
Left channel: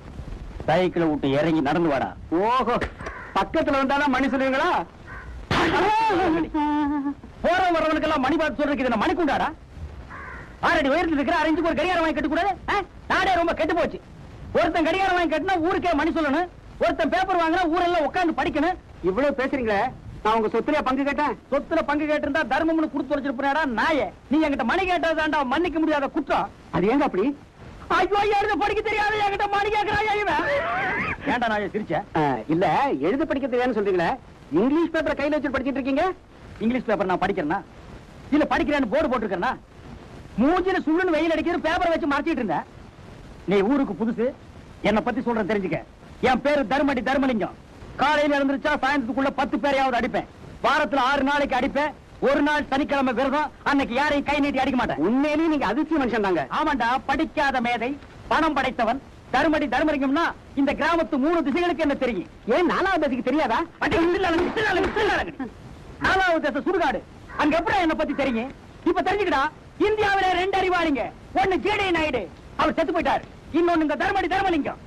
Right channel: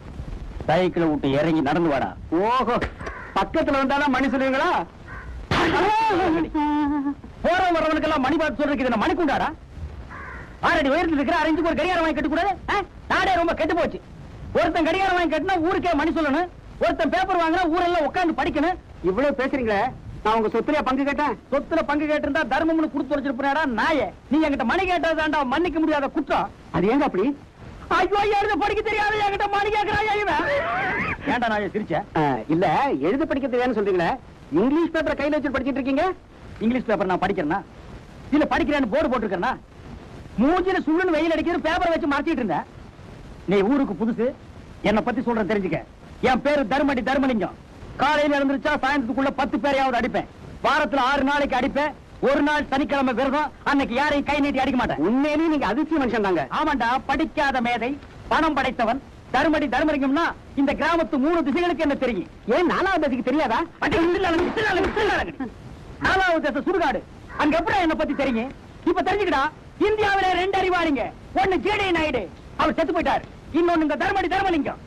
சைக்கிளை விட்டு இறங்கி நடந்து வாடா ஓஹோ பக்கத்துல வந்தாலும் மணி சொல்லுவீங்களா போற வரவனுக்கெல்லாம் மணி பார்த்து சொல்றதுக்கு மணி கொண்டாடா ஆறடி உயரத்தில் இருக்கிற அரைஞ்சு ஒரு கடிகாரம் வாங்கி கட்டக்கூடாது நாடே ரொம்ப கெட்டு போச்சு ஒருத்தன் கடிகாரம் வாங்கி கட்டினா ஊருக்கே மணி சொல்லணும் ஒருத்தன் பேப்பர் வாங்கினா ஊரெல்லாம் உட்காந்து படிக்கணும் இவ்வளவு பேசுறீங்களே நான் உங்க சொத்துல பங்கு கேட்டேன் சொத்துல பங்கு கேட்டிருந்தா தர்மம்னு கொடுத்து வச்சிருப்பாரா நாயே நீ என்கிட்ட மணி கேட்டதாண்டா மன்னிக்க முடியாத குற்றம் அது ஏங்க அப்படி ஐயோ எழுத படிக்க தெரியாது என்கிட்ட மணி கேட்கிறான் ஏண்டா நான் சிரிச்சேன் இல்ல எழுத படிக்க தெரியாதுன்னு சொல்றீங்களே இங்கிலீஷ் பேப்பர் கையில வச்சு படிச்சிட்டு இருக்கீங்க இங்கிலீஷ் பேப்பர் நான் படிக்கிறேன்னா இல்ல படிக்கிறேன்னு போர்டு போட்டிருக்கேன்னா மூஞ்சில சுள்ளுன்னு வெயில் அடிக்கிற பேப்பரை வச்சு மாத்திட்டு இருந்தேன் நீ ஊருக்கு புதுசு என்னை பத்தி சொல்றேன் தெரிஞ்சுக்க என் பேரு தர்மடி தர்மலிங்கம் காலையில இருந்துச்சா சாயந்தரத்துக்குள்ள 10 பேரையாவது அடிப்பேன் வாரத்துல 6 நாளைக்கு அடிப்பேன் ஒரு நாள் சனிக்கிழமை விரதம் அன்னைக்கு யாரையும் கை நீட்டி அடிக்க மாட்டேன் உண்மையிலேயே நீங்க அதிர்ச்சி மனுஷன் தாங்க ஆமாண்டா படிக்காத மேதை பணம் படைத்தவன் தர்மடி தர்மலிங்கம்னா இந்த கிராமத்து 3 திசைகளுக்கு என்ன தெரியும் ஏன் 4வது திசைக்கு தெரியாதா 4வது திசை சுடுகாடு அங்க எப்படி என்ன பத்தி தெரியும் இப்ப தெரிஞ்சுக்கிட்டா இந்தியாவில 2 அறிவாளிங்க ஒண்ணு ஜேடி நாயுடு அவர் செத்து போயிட்டார் இன்னொன்னு இந்த தர்மடி தர்மலிங்கம்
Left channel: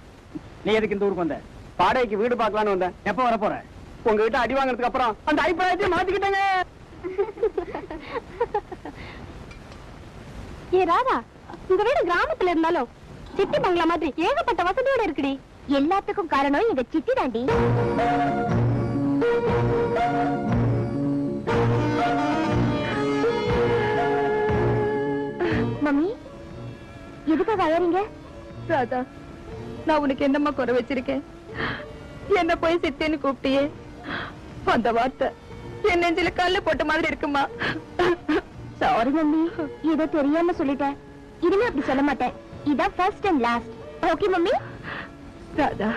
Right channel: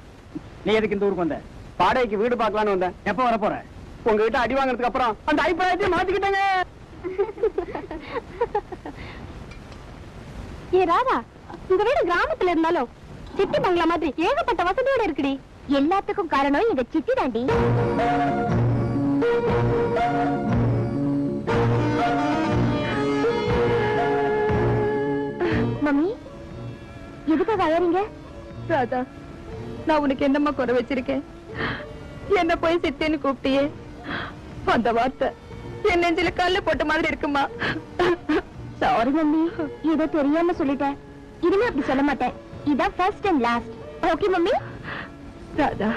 நீ எதுக்கு இந்த ஊருக்கு வந்த பாடைக்கு வீடு பார்க்கலான்னு வந்தேன் எப்ப வர போற உங்ககிட்ட அடி வாங்கறதுக்கு அப்புறம் அந்த அபிப்பிராயத்தை மாத்திக்கிட்டேங்க ஏ ராதா இந்த வீடு கிராமத்துல இருந்தாலும் சிட்டி பங்களா மாதிரி ஏகப்பட்ட வசதியோட இருக்குடி எல்லாத்துக்கும் காரணம் இந்த சிட்டி தாண்டி மம்மி எதுக்காக அழறீங்க ராதா நான் உனக்கு என்னம்மா குறை வச்சிருக்கேன் என்ன போய் சித்தேன்னு கூப்பிட்டியே அந்த வார்த்தை என் நெஞ்சில கல்லு போட்ட மாதிரி இருக்குமா சாரி மம்மி ஏதோ தெரியாம சொல்லிட்டேன் இனிமே அப்படி சொல்ல மாட்டேன் இதான் first and last okay mummy Radha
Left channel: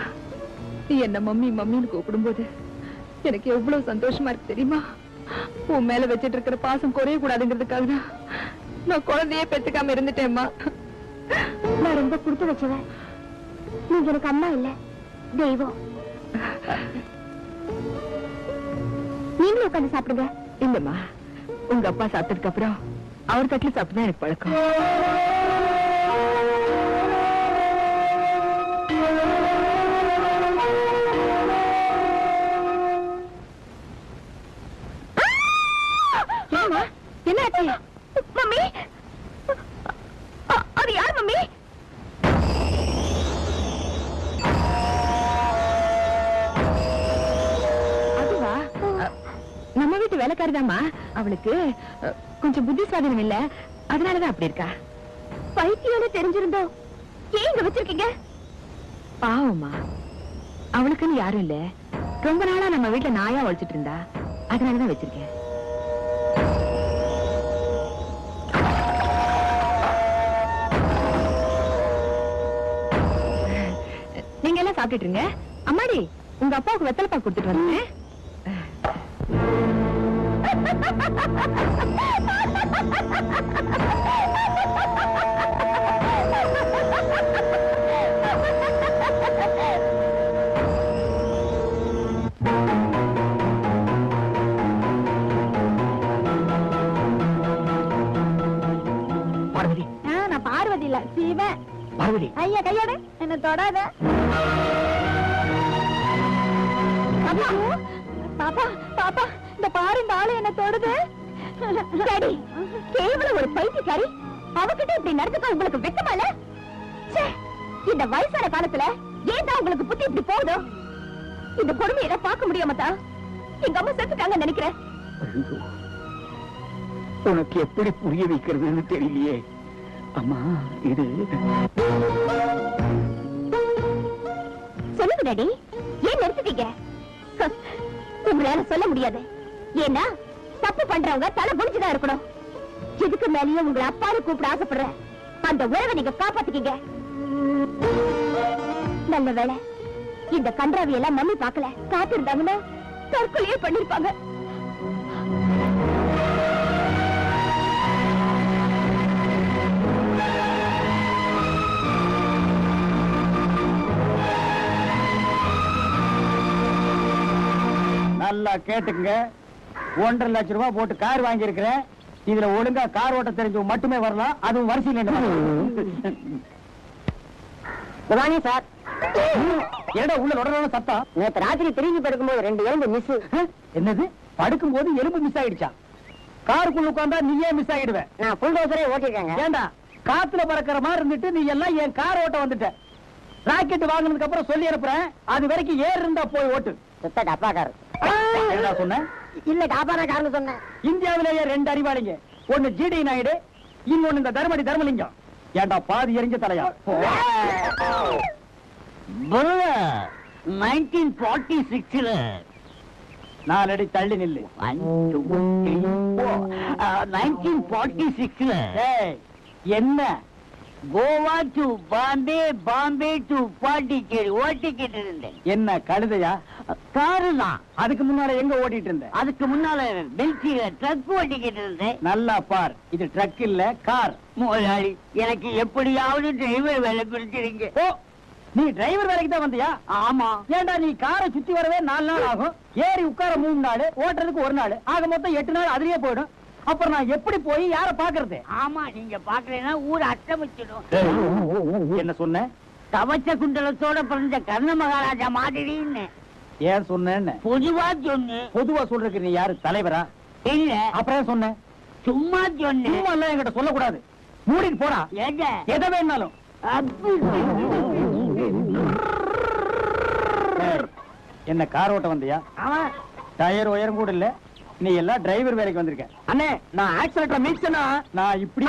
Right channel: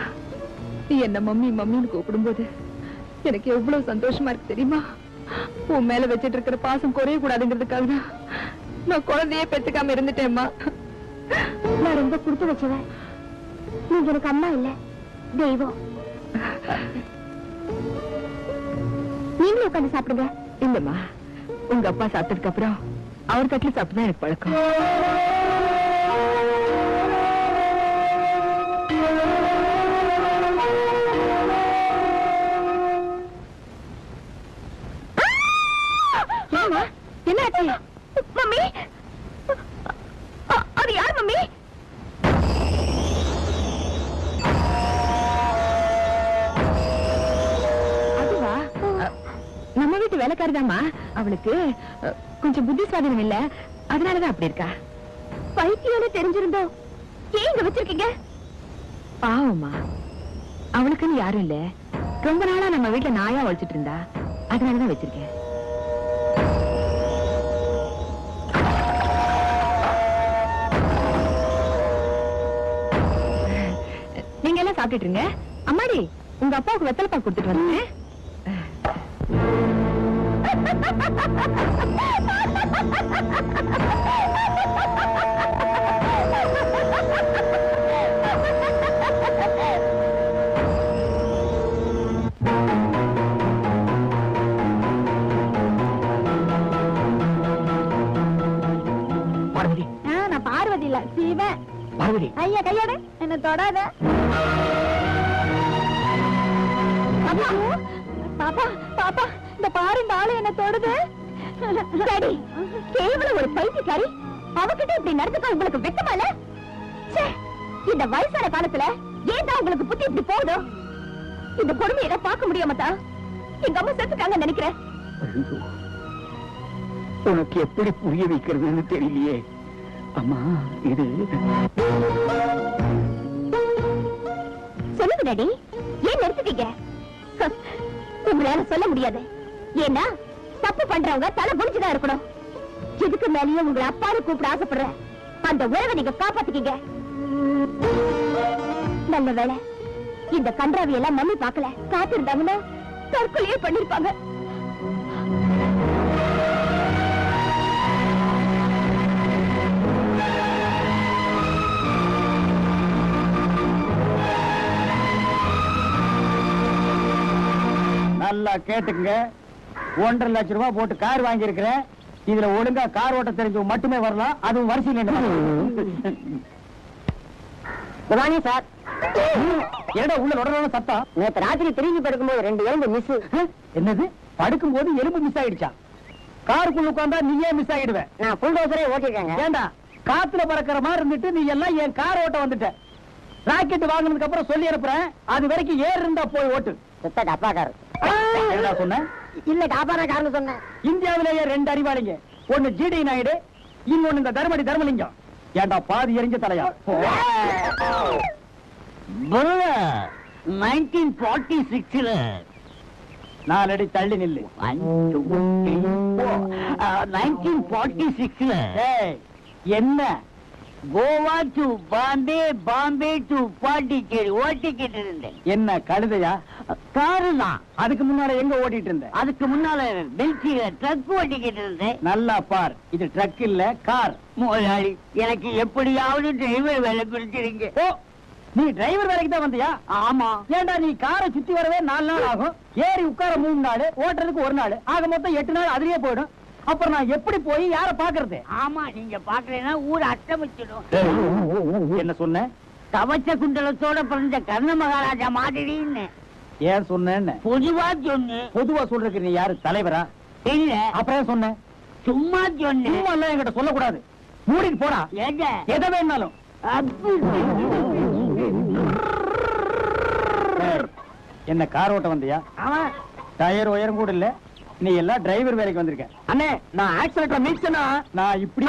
நீ என்ன மம்மி மம்மின்னு கூப்பிடும்போது எனக்கு எவ்வளவு சந்தோஷமா இருக்கு தெரியுமா உன் மேல வச்சிட்டு இருக்கிற பாசம் குறைய கூடாதுங்கிறதுக்காக தான் நான் குழந்தையே பெத்துக்காம இருந்துட்டேம்மா நான் ரொம்ப கொடுத்து வச்சவன் நீங்க எனக்கு அம்மா இல்ல தெய்வம் நீங்களும் உட்காந்து சாப்பிடுங்க இல்லம்மா உங்க அப்பா சாப்பிட்டதுக்கு அப்புறம் அவர் தட்டுல சாப்பிட்டுதான் எனக்கு பழக்கம் என்ன ஆச்சு மம்மி அது யார் மம்மி அதுவா நம்ம வீட்டு வேலைக்காரதாம்மா அவளுக்கு கொஞ்சம் புத்தி சுவாதனம் இல்ல அதனாலதான் அப்படி இருக்கா பைத்தியம் தெரிஞ்சிருந்தோம் ஏன் இங்க வச்சிருக்கீங்க பாவம்மா அவளுக்குன்னு யாரும் இல்ல ரொம்ப நாளா நம்ம வீட்டுல நாயா வளர்ச்சிட்டு இருந்தா அதனாலதான் வச்சிருக்கேன். நீங்க எல்லாம் சாப்பிட்டுட்டு இருங்க. அம்மாடி, உங்க அப்பாவுக்கு வெத்தலை பாக்கு கொடுத்துட்டு வரீங்க. நான் பார்வதி இல்ல, சிவன். பார்வதி, ஐயா கையோட என்ன தொடாத. பாப்பா பாப்பா, இந்த பாரு, இந்த ஆளு என்ன தொடுது. கேவலம் ஒரு பைத்தியக்காரி, அவகிட்ட இப்படி நடந்துக்க உங்களுக்கு வெக்கமால? இந்த வயசான காலத்துல ஏன் தான் உங்களுக்கு புத்தி இப்படி போகுதோ? இந்த கொடுமையை பார்க்க முடியாமத்தா எங்க அம்மா செத்துட்டாங்க நினைக்கிறேன். உனக்கு எப்படி புரிய வைக்கிறதுன்னு தெரியலையே. அம்மா, இது சொல்லுங்க டாடி, ஏன் நிறுத்திட்டீங்க? உங்களால சொல்ல முடியாது. ஏன்னா தப்பு பண்றவங்க தலை முடிச்சுதான் இருக்கணும். இதுக்கு மேலேயும் உங்க அப்பாவை கூப்பிட ஆசைப்படுற அந்த உறவை நீங்க காப்பாத்திக்கீங்க. நல்ல வேலை இந்த கன்றாவி எல்லாம் நம்பி பார்க்கல. காத்திருந்தாங்கன்னா தற்கொலையே பண்ணிருப்பாங்க. நல்லா கேட்டுங்க. 1.5 லட்சம் ரூபாய் போட்டு கார் வாங்கி இருக்கிறேன். இதுல ஒழுங்கா கார் ஓட்ட தெரிஞ்சவங்க மட்டுமே வரலாம். அதுவும் வரிசையில் சார். ஏடா உள்ள நுழைய சத்தம்? நேற்று ராத்திரி திரும்பி படுக்கும்போது 2 எலும்பு மிஸ். என்னது? படுக்கும்போது எலும்பு மிஸ் ஆயிடுச்சா? காருக்குள்ள உட்கார்ந்தா நீயே மிஸ் ஆயிடுவேன். நான் புல் டோசரே ஓட்டிருக்கேங்க. ஏண்டா காத்துல பறக்கிற மாதிரி இருந்துட்டு நீ எல்லாம் என் கார் ஓட்ட வந்துட்ட. ராக்கெட் வாங்கினதுக்கு அப்புறம் சொல்லி அனுப்புறேன். அது வரைக்கும் ஏர் இருந்தா போய் ஓட்டு. டப்பாக்காரு சொன்ன இல்ல, டாபாரா காரணம் சொன்னேன். இந்தியாவிலேயே 2 அறிவாளிங்க. ஒண்ணு ஜிடி நாயுடு, இன்னொன்னு இந்த தர்மடி தர்மலிங்கம். ஏண்டா பாதி எரிஞ்ச தலையா? 1946 4 அடி தள்ளி நில்லு. 1946 என்ன கோவா டு பாம்பே, பாம்பே டு பாண்டிச்சேரி ஓட்டிக்கிட்டு இருந்தேன். என்ன கழுதையா? காருனா. அதுக்கு முன்னால எங்க ஓட்டிட்டு இருந்தேன்? அதுக்கு முன்னால பெல்சியில ட்ரக் ஓட்டிக்கிட்டு இருந்தேன். நல்லா பார், இது ட்ரக் இல்ல கார். முதலாளி, எனக்கு எப்படியாவது டிரைவர் வேலை பிடிச்சிருங்க. ஓ, நீ டிரைவர் வேலைக்கு தான் வந்தியா? ஆமா. ஏண்டா நீ காரை சுத்தி வரவே 4 நாள் ஆகும், ஏறி உட்கார 3 நாள், ஓட்டுறதுக்கு 1 நாள், ஆக மொத்தம் 8 நாள் அதுலயே போயிடும். அப்புறம் நான் எப்படி போய் யார பாக்குறது? ஆமா, நீங்க பாக்கலைன்னா ஊர் அட்டமிச்சிடும். என்ன சொன்ன? கவச்ச குண்டலத்தோட பிறந்த கர்ண மகாராஜா மாதிரின்னு. ஏன் சொன்ன? பொதுவா சொன்ன. பொதுவா சொல்றதுக்கு நீ யாரு, தலைவரா? இல்ல. அப்புறம் சொன்ன? சும்மா சொன்ன. சும்மா எல்லாம் என்கிட்ட சொல்லக்கூடாது. மூடிட்டு போடா. எதை வேணாலும். என்ன கார் ஓட்ட வந்தியா? டயர் உயரம் கூட இல்ல, நீ எல்லாம் டிரைவர் வேலைக்கு வந்திருக்க. அண்ணே, நான் ஆக்சிலேட்டர் மீட்சனா நான் இப்படி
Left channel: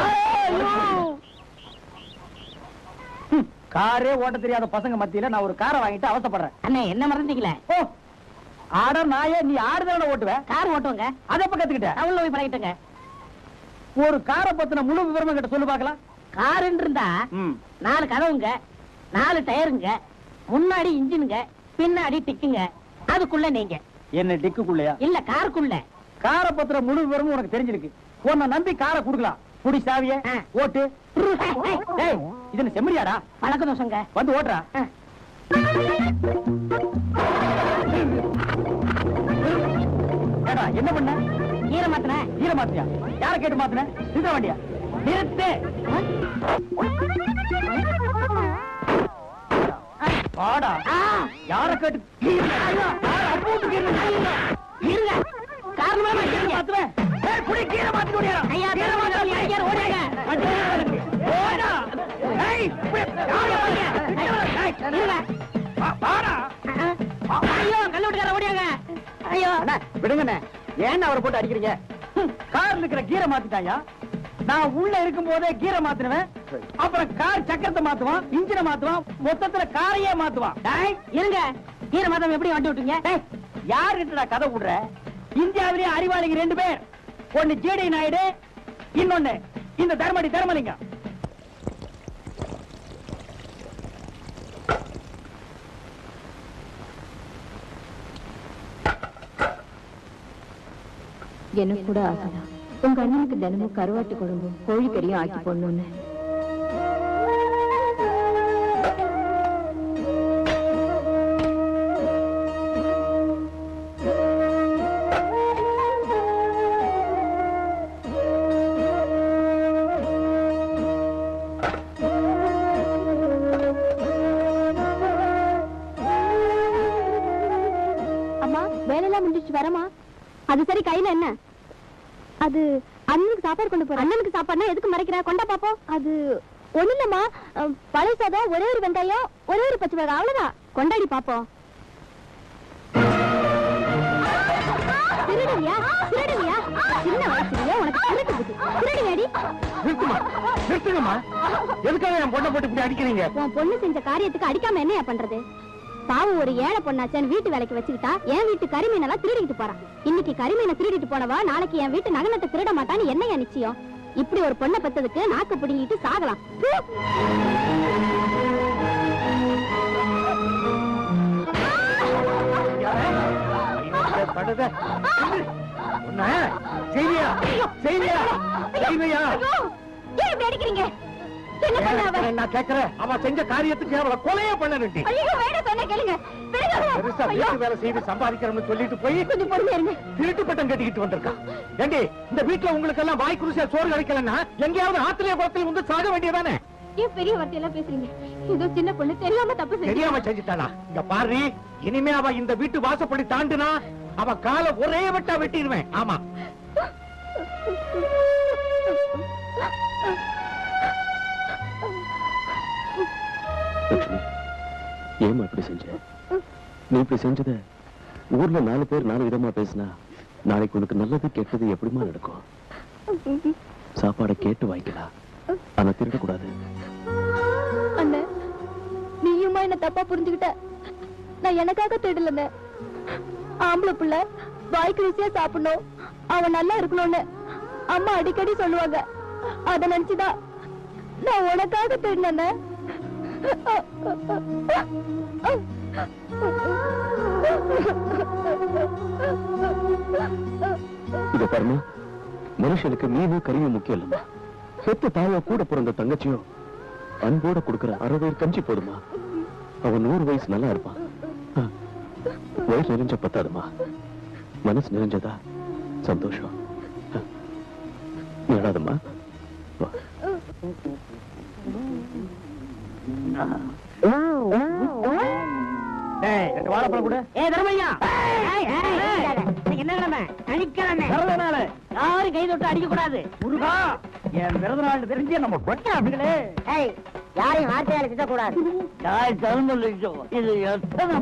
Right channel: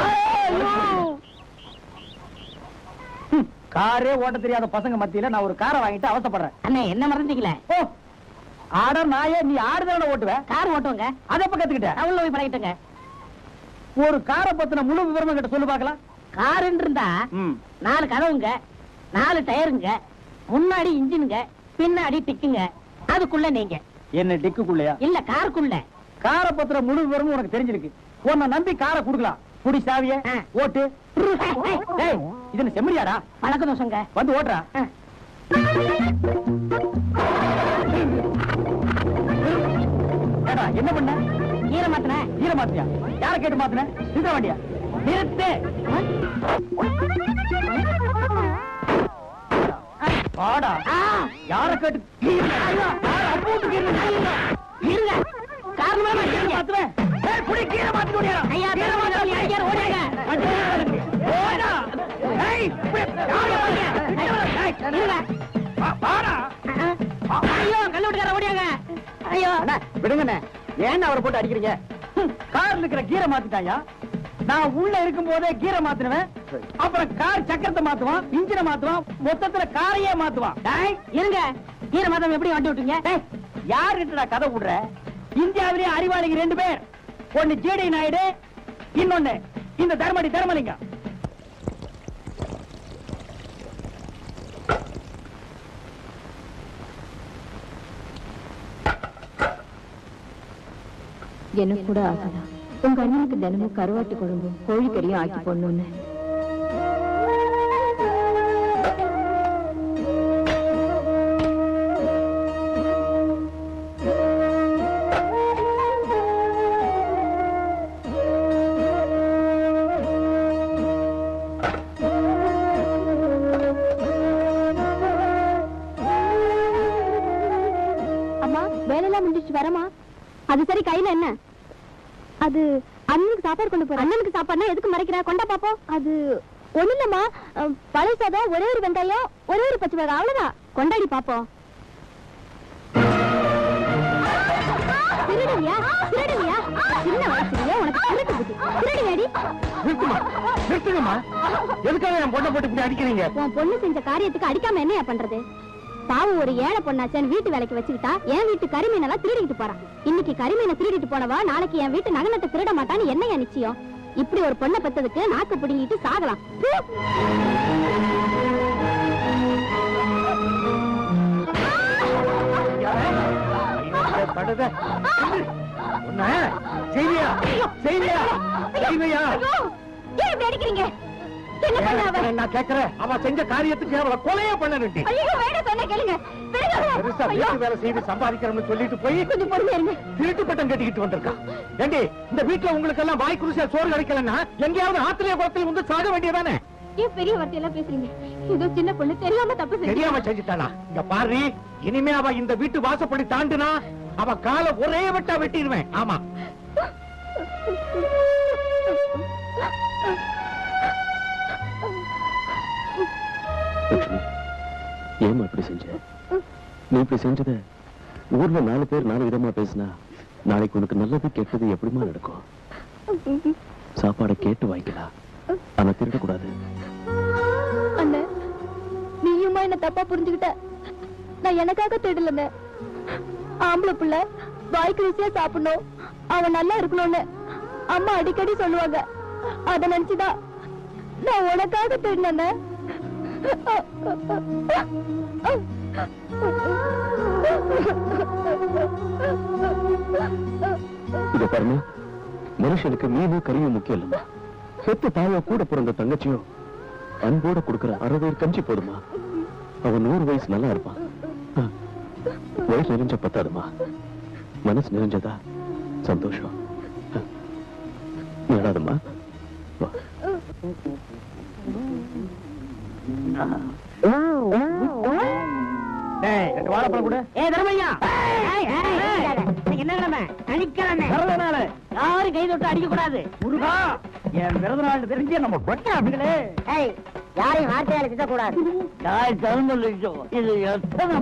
காரே ஓட்ட தெரியாத பசங்க மத்தியில நான் ஒரு காரை வாங்கிட்டு அவசப்படுறேன். அண்ணே, என்ன மறந்தீங்களே? ஓ, ஆட நாயே, நீ ஆடுதான ஓட்டுவேன்? கார் ஓட்டுவாங்க. அதை எப்ப கத்துக்கிட்ட? அவ்வளவு போய் பழகிட்டங்க. ஒரு காரை பத்தின முழு விவரம் கிட்ட சொல்லு பாக்கலாம். காருன்னு இருந்தா 4 கதவுங்க, 4 டயருங்க, முன்னாடி இன்ஜினுங்க, பின்னாடி டிக்குங்க, அதுக்குள்ள நீங்க. என்ன டிக்குக்குள்ளயா? இல்ல, காருக்குள்ள. காரை பத்திர முழு விவரமும் உனக்கு தெரிஞ்சிருக்கு. உன்னை நம்பி காரை குடுக்கலாம். குடி சாவிய ஓட்டு. இது செம்மறியாடா? பழக்க தோசங்க. வந்து ஓட்டுறா. என்ன பண்ண? ஈர மாத்தின. ஈர மாத்தியா? யார கேட்டு மாத்தின? இந்த வண்டியா? நிறுத்து. பாடா. யார கேட்டு? விடுங்க. ஏன் அவரை போட்டு அடிக்கிறீங்க? கார்ல இருக்கிற கீரை மாத்திட்டாங்க. நான் உள்ள இருக்கும் போதே கீரை மாத்தினவன். அப்புறம் கார் சக்கரத்தை மாத்துவான், இன்ஜினை மாத்துவான், மொத்தத்துல காரையே மாத்துவான். இருங்க, கீரை மாத்தம் எப்படி வண்டி விட்டீங்க? யாருடா கதை விடுற? இந்தியாவிலேயே அறிவாளிங்க 2 பேர். ஒன்னு ஜேடி நாயுடு, இன்னொன்னு இந்த தர்மடி தர்மலிங்கம். எனக்கு கூட ஆசைதான் உங்க அண்ணனுக்கு தினமும் கருவாட்டு குழம்பு கோழிக்கறியும் ஆக்கி போடணும்னு. அம்மா வேலையெல்லாம் முடிஞ்சிச்சு வரமா? அது சரி, கையில என்ன? அது அண்ணனுக்கு சாப்பாடு கொண்டு போற. அண்ணனுக்கு சாப்பாடுனா எதுக்கு மறைக்கிற? கொண்டா பாப்போம். அது ஒண்ணு இல்லம்மா, பழைய சாதம், ஒரே ஒரு வெங்காயம், ஒரே ஒரு பச்சை மிளகாய், அவ்வளவுதான். கொண்டாடி பாப்போம். உன் பொண்ணு செஞ்ச காரியத்துக்கு அடிக்காம என்னையா பண்றது? பாவம், ஒரு ஏழை பொண்ணாச்சேன்னு வீட்டு வேலைக்கு வச்சுக்கிட்டா என் வீட்டு கரிமீனெல்லாம் திருடிட்டு போறான். இன்னைக்கு கரிமீனை திருடிட்டு போனவா நாளைக்கு என் வீட்டு நகனத்தை திருட மாட்டான்னு என்னையா நிச்சயம்? இப்படி ஒரு பொண்ணை பெத்ததுக்கு நாக்கு பிடிங்கிட்டு சாகலாம். அடிக்கிறீங்க? நான் கேட்கிறேன், அவன் செஞ்ச காரியத்துக்கு அவளை கொலையே பண்ண வேண்டி வேலை செய்து சம்பாதிக்கிறோம்னு சொல்லிட்டு போய் திருட்டு பட்டம் கட்டிக்கிட்டு வந்திருக்கான். ஏண்டி, இந்த வீட்டுல உங்களுக்கு எல்லாம் வாய் குருசியா சோறு கிடைக்கலன்னா எங்கேயாவது ஆத்திரிய குளத்தில் வந்து சாக வேண்டியதானே? ஏன் பெரிய வார்த்தையெல்லாம் பேசுறீங்க? ஏதோ சின்ன பொண்ணு தெரியாம தப்பு தெரியாம செஞ்சுட்டானா? இங்க பாரு, இனிமே அவ இந்த வீட்டு வாசப்படி தாண்டினா அவ காலை ஒரே வெட்டா வெட்டிடுவேன். ஆமா, ஏமா இப்படி செஞ்ச? நீ இப்படி செஞ்சத ஊர்ல 4 பேர் 4 விதமா பேசினா நாளைக்கு உனக்கு நல்லது கெட்டது எப்படிமா நடக்கும்? சாப்பாடு கேட்டு வாங்கிக்கலாம், ஆனா திருட கூடாது. அண்ணே, நீயுமா என்ன தப்பா புரிஞ்சுக்கிட்ட. நான் எனக்காக தேடல. ஆம்பளை புள்ள வாய்க்கு ருசியா சாப்பிடணும், அவன் நல்லா இருக்கணும்னு அம்மா அடிக்கடி சொல்லுவாங்க. அத நினைச்சுதான் நான் உனக்காக தேடினேன். இத பாருங்க, மனுஷனுக்கு மீனும் கறியும் முக்கியம் இல்லம்மா. சொத்து தாய கூட பிறந்த தங்கச்சியும் அன்போட கொடுக்கிற 60 கஞ்சி போதுமா? அவன் 100 வயசு நல்லா இருப்பான். வயசு நிறைஞ்ச பத்தாதுமா, மனசு நிறைஞ்சதா சந்தோஷம். நீடாதம்மா. வாழைப்பழம் கூட. தர்மையா, என்ன கிழமை? சனிக்கிழமை. பிறந்த நாள் யாரும் கை தொட்டு அடிக்க கூடாது. முருகா, என் பிறந்த நாள் தெரிஞ்சு நம்ம கொட்ட அப்படிங்களே. யாரையும் வார்த்தையால திட்டக்கூடாது. இது எத்தனை?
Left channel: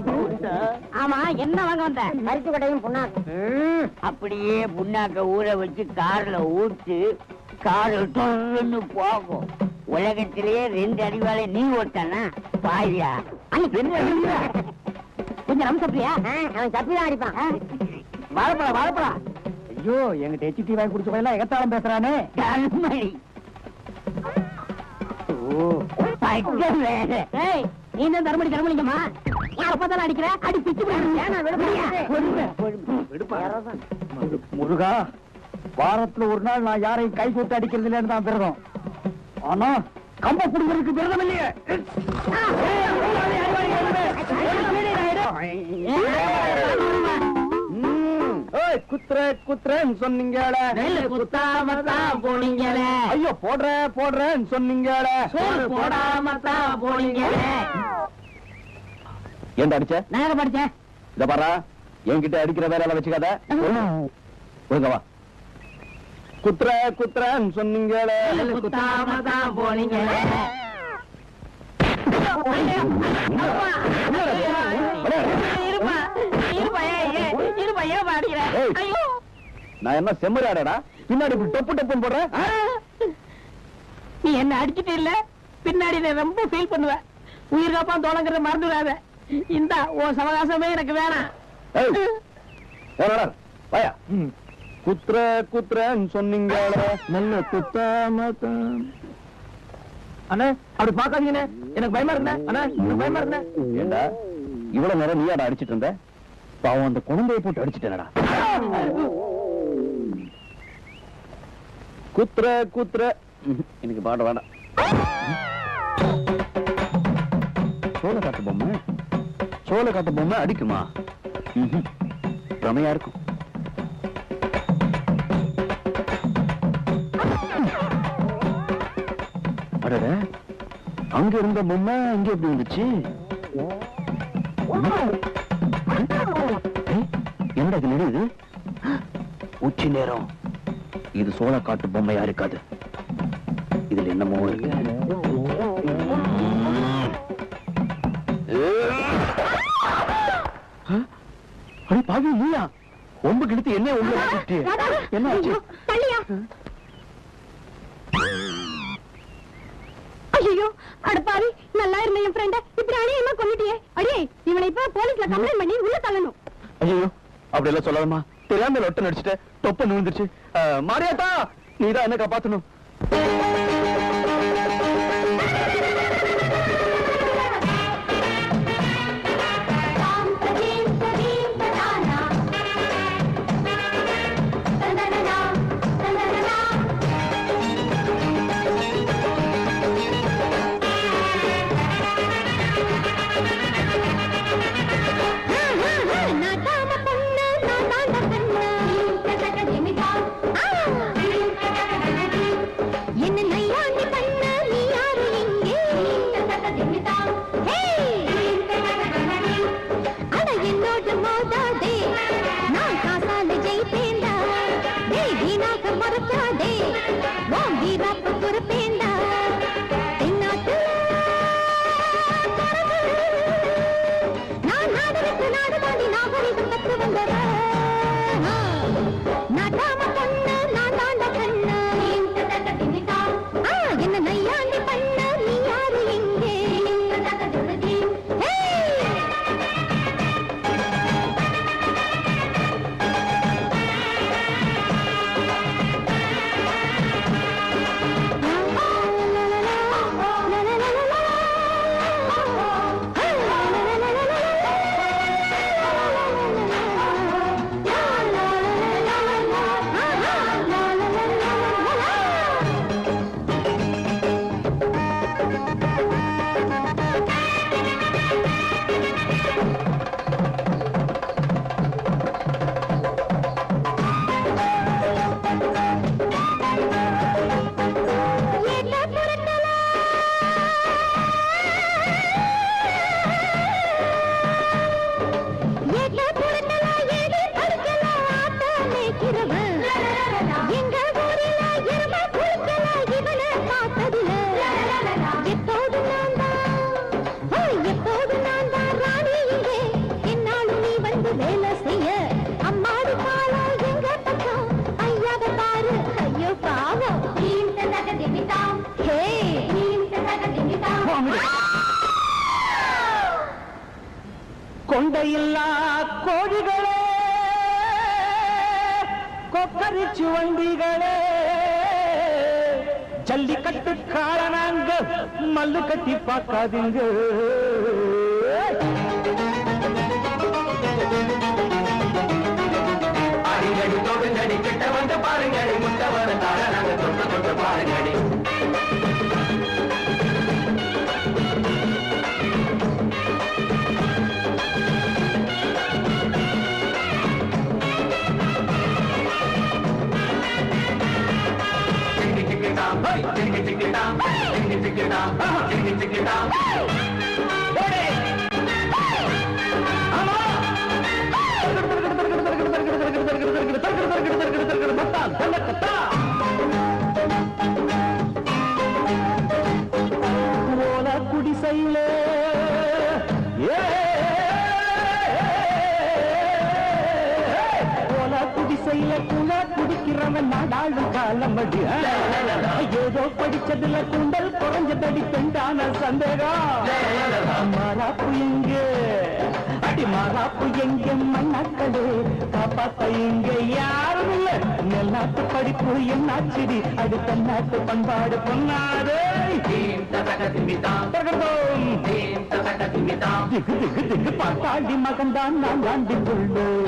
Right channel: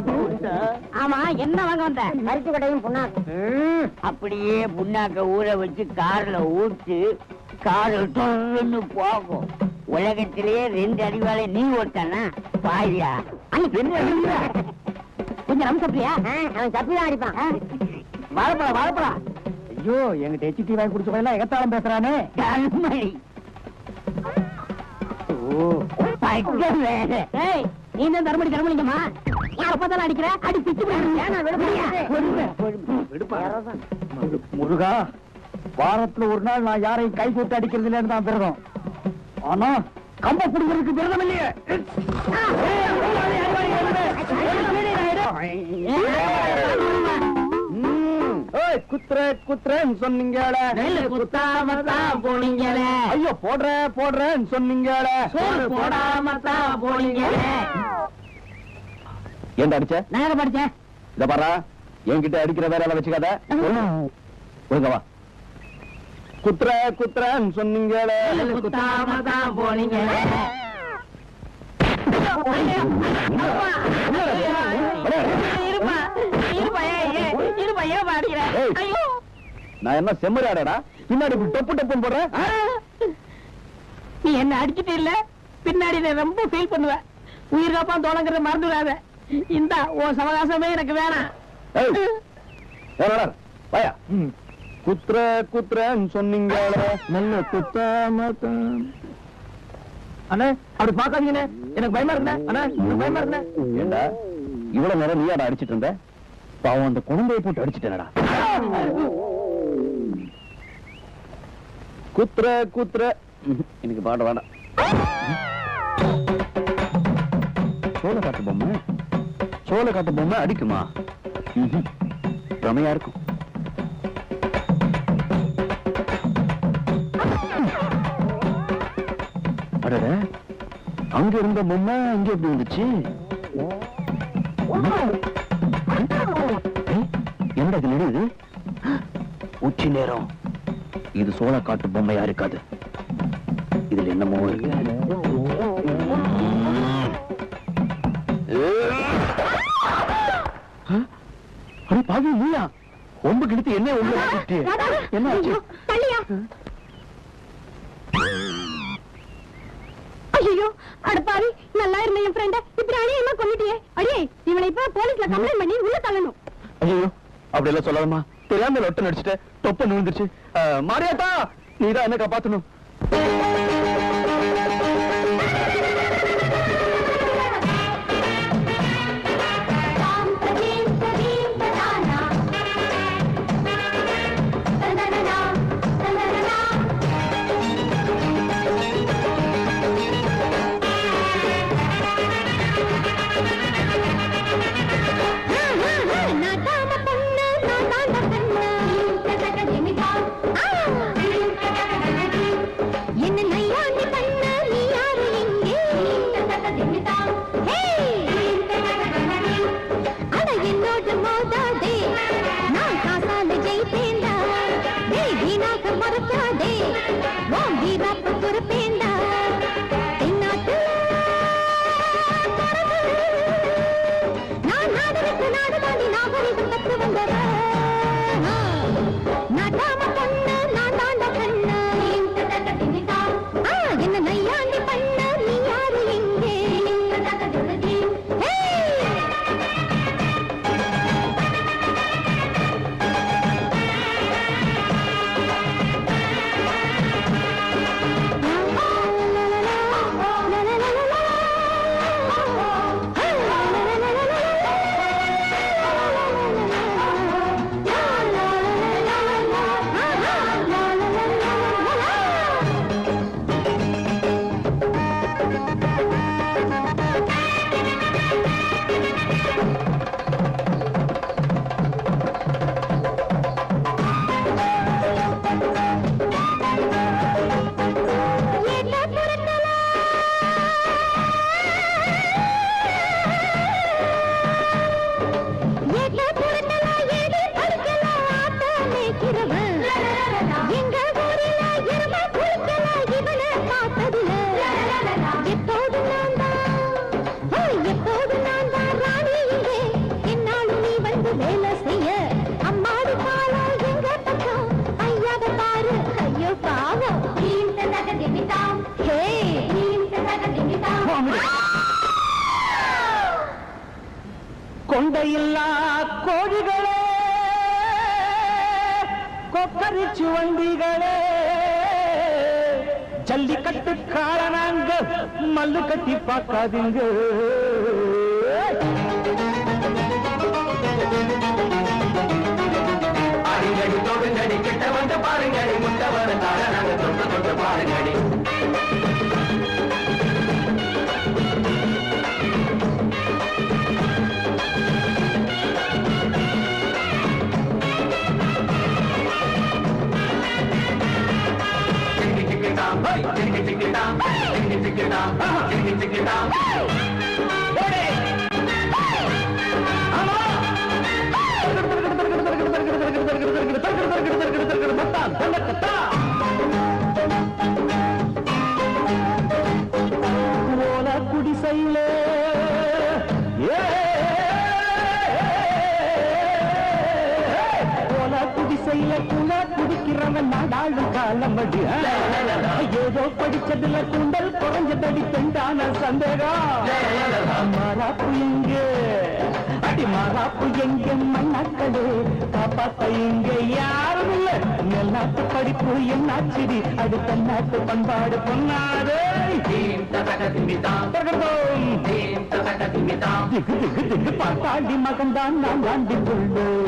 ஆமா, என்ன வாங்க வந்த? மருத்து கடையும் புண்ணாக்கு. அப்படியே புண்ணாக்க ஊற வச்சு கார்ல ஊற்றி காரில் தொடர்ந்து போகும். உலகத்திலேயே 2 அடிவாளை நீ ஓட்டானா பாயா? கொஞ்சம் நம்ம சப்பியா? அவன் சப்பிதான் அடிப்பான். வாழைப்பழம் வாழைப்பழம். ஐயோ, எங்கிட்ட எச்டி வாங்கி குடிச்ச பையனா எகத்தாளம் பேசுறானே. நீ தான் தர்மடி தர்மலிங்கம்மா. அப்பதான் அடிக்கிற அடி பிச்சு முருகா. வாரத்துல ஒரு நாள் நான் யாரையும் கை போட்டு அடிக்கிறது இல்லைன்னு தான் விரதம். ஆனா கம்ப பிடிக்கிறதுக்கு விரதம் இல்லையே. குத்துறேன்னு சொன்னீங்களே, குத்தாமத்தான் போனீங்களே. ஐயோ, போடுறேன்னு சொன்னீங்களே, போடாம தான் போனீங்களே. ஏன் அடிச்ச? நான் படிச்சேன். இத பாரா, என்கிட்ட அடிக்கிற வேலை வச்சுக்காத. ஒழுங்கவா. குத்துறேன்னு சொன்னீங்களே, குத்தாம தான் போனீங்களே. நான் என்ன செம்மறியாடா பின்னாடி டொப்பு டப்புன்னு போடுறேன்? நீ என்ன அடிச்சுட்டு இல்ல, பின்னாடி நான் ரொம்ப ஃபீல் பண்ணுவேன். உயிர் காப்பா தோழங்கிறத மறந்துடாத. இந்த உன் சவகாசமே எனக்கு வேணாம். வாயா. குத்துறன்னு சொன்னீங்களே நல்ல குத்தாம. அண்ணா அப்படி பாக்காதீங்கண்ணே, எனக்கு பயமா இருந்தேன். அண்ணா எனக்கு பயமா இருந்தேன். ஏண்டா இவ்வளவு நேரம் நீயாடா அடிச்சிட்டு இருந்த? பாவம் அந்த குழந்தையை போட்டு அடிச்சிட்டேனடா. குத்துற எனக்கு பாட வேண்டாம். சோழ காட்டு பொம்மை அடிக்குமா? ரமையா இருக்கும். அடட, அங்க இருந்த பொம்மை அங்க எப்படி வந்துச்சு? என்னடா இது நடுது? உச்சி நேரம். இது சோழ காட்டு பொம்மையா இருக்காது. இதுல என்னமோ இருக்கு. அட பாவி, நீயா ஒம்பு கிழித்து என்ன உள்ள என்ன ஆச்சு? ஐயோ அடப்பாரி, நல்லா இருந்த என் ஃப்ரெண்ட இப்படி அணியமா கொண்டுட்டியே. அடியே, இவளை இப்ப போலீஸ்ல கம்ப்ளைண்ட் பண்ணி உள்ள தள்ளணும். ஐயோ அப்படி எல்லாம் சொல்லாமா? தெரியாம லொட்டு நடிச்சுட்டு தொப்ப நுழுந்துருச்சு. மாரியாத்தா, நீதான் என்ன காப்பாத்தணும். கொண்டையில்லா கோழிகளே, கொப்பரிச்சு வண்டிகளே, ஜல்லிக்கட்டு காரணாங்க மல்லு கட்டி பார்க்காதீங்க. குடிசையிலே குடிசையில குண்டா குடிக்கிறவன் நாடாளு காலமடி. ஏதோ படிச்சதுல குண்டல் குறைஞ்சதடி துண்டான சந்தேகம். புளிங்க மாறாப்பு எங்க மண்ணாக்களே பாப்பா இங்க யாரும் இல்ல எல்லாத்து படிப்பு என்னாச்சுடி அது தன்னாட்டு பண்பாடு பொன்னாடு பாட்டாண்டி மகன்தான் நான் வாண்டி கொள்வோம்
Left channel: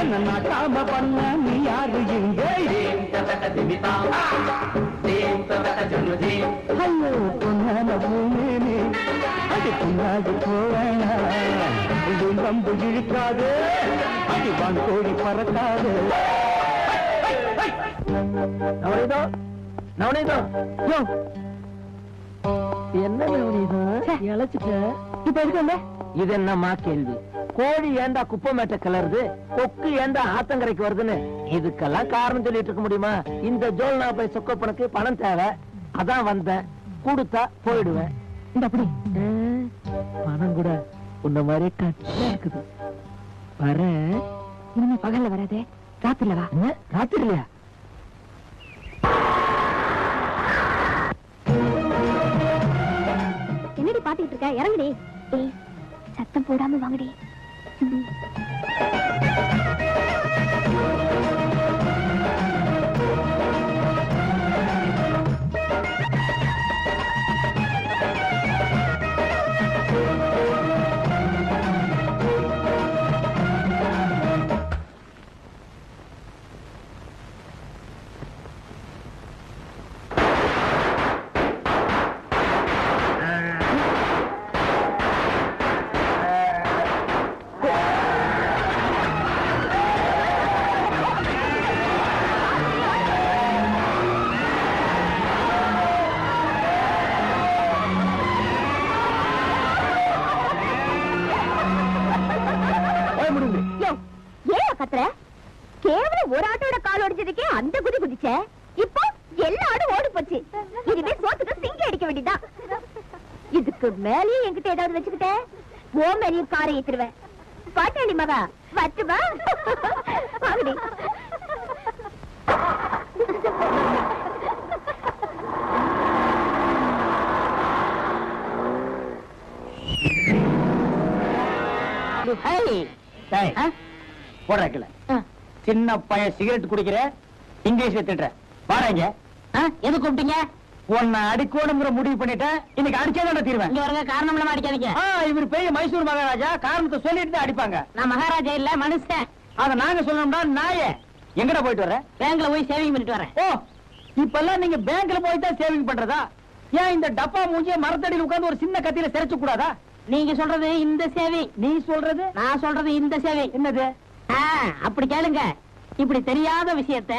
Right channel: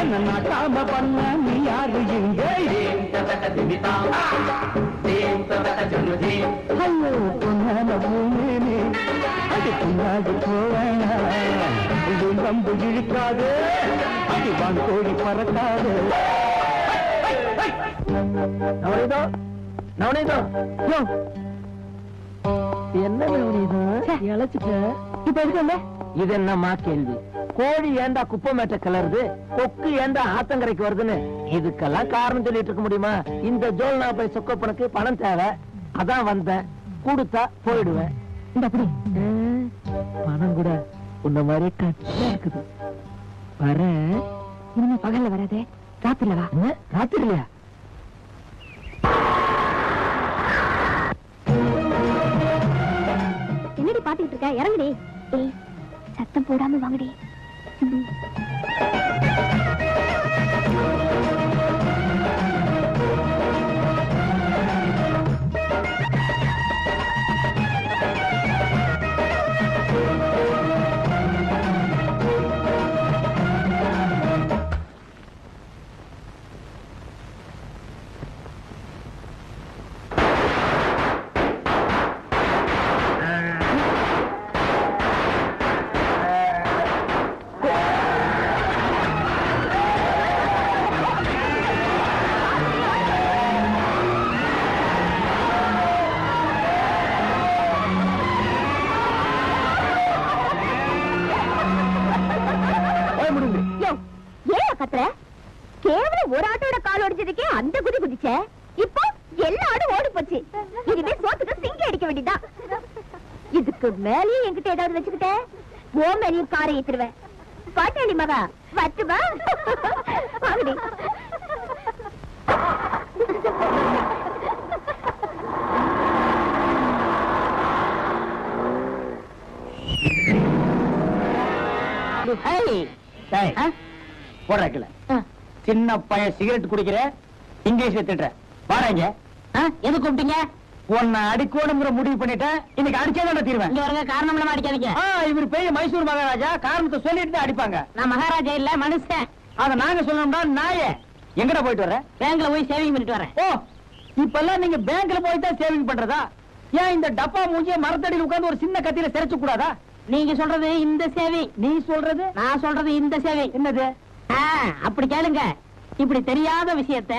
என்ன நாட்டாம பண்ண நீ யாரு எங்க ஐயோ பொன்னான பூமேனே அது பொன்னாடி போவேன் இது வந்து இழுக்காது அது வான் கோழி பறக்காது என்ன இழைச்சிட்ட இப்ப எதுக்கு இது என்னம்மா கேள்வி கோழி ஏண்டா குப்பை மேட்ட கிளறுது கொக்கு ஏண்டா ஆத்தங்கரைக்கு வருதுன்னு இதுக்கெல்லாம் காரணம் சொல்லிட்டு இருக்க முடியுமா இந்த ஜோல்னா போய் சொக்கப்பனுக்கு பணம் தேவை அதான் வந்தேன் கொடுத்தா போயிடுவேன் இந்த அப்படி பணம் கூட உன்ன மாதிரி கட்சியா இருக்குது வர இனிமே பகல்ல வராதே ராத்திரில வா ராத்திரிலையா என்னடி பாத்துக்கிட்டு இருக்க இறங்குடி சத்தம் போடாம வாங்கடி அந்த குதி குதிச்ச இப்போ எல்லா ஆடும் ஓடி போச்சு இதுவே சோத்துக்கு சிங்கி அடிக்க வேண்டியதான் இதுக்கு மேலேயும் என்கிட்ட ஏதாவது வச்சுக்கிட்ட ஓ மேலேயும் காரை ஏத்துருவேன் பாட்டாளி மகா வச்சுவா வாங்கடி போடுறல சின்ன பையன் சிகரெட் குடிக்கிற இங்கிலீஷ்ல திட்டுற பாருங்க எது கூப்பிட்டீங்க உன்னை அடிக்கோடுங்கிற முடிவு பண்ணிட்டேன் இன்னைக்கு அடிச்சே தீர்வேன் காரணம் அடிக்காதீங்க இவர் பெரிய மைசூர் மகாராஜா காரணத்தை சொல்லிட்டு தான் அடிப்பாங்க நான் மகாராஜா இல்ல மனுஷன் அத நாங்க சொல்லணும்னா நாயே எங்கட போயிட்டு வரேன் பேங்க்ல போய் சேவிங் பண்ணிட்டு வரேன் ஓ இப்ப எல்லாம் நீங்க பேங்க்ல போய் தான் சேவிங் பண்றதா ஏன் இந்த டப்பா மூஞ்சிய மரத்தடியில் உட்கார்ந்து ஒரு சின்ன கத்தியில சிரைச்சு கூடாதா நீங்க சொல்றது இந்த சேவை நீ சொல்றது நான் சொல்றது இந்த சேவை என்னது அப்படி கேளுங்க இப்படி தெரியாத விஷயத்த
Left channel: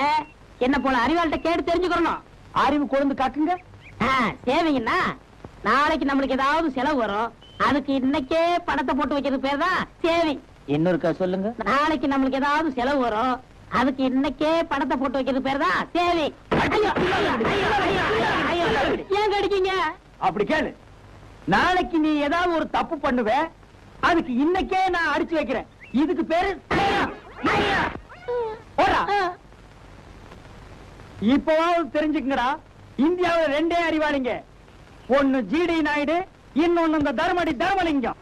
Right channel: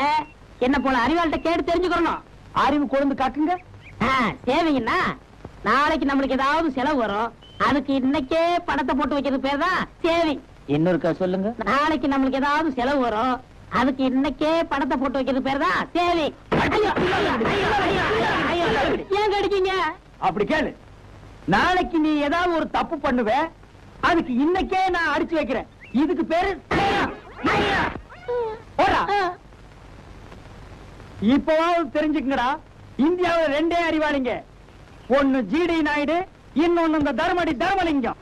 என்ன போல அறிவாள்கிட்ட கேட்டு தெரிஞ்சுக்கணும் அறிவு கொண்டு காக்குங்க சேவைங்கன்னா நாளைக்கு நம்மளுக்கு ஏதாவது செலவு வரும் அதுக்கு இன்னைக்கே பணத்தை போட்டு வைக்கிறது பேர் தான் சேவை இன்னொருக்கா சொல்லுங்க நாளைக்கு நம்மளுக்கு ஏதாவது செலவு வரும் அதுக்கு இன்னைக்கே பணத்தை போட்டு வைக்கிறது பேர் தான் சேவை ஏன் கிடைக்கீங்க அப்படி கேளு நாளைக்கு நீ ஏதாவது ஒரு தப்பு பண்ணுவ அதுக்கு இன்னைக்கே நான் அடிச்சு வைக்கிறேன் இதுக்கு பேரு இப்போவாவது தெரிஞ்சுக்கங்கடா இந்தியாவில் ரெண்டே அறிவாளிங்க ஒன்னு ஜிடி நாயுடு இன்னொன்னு இந்த தர்மடி தர்மலிங்கம்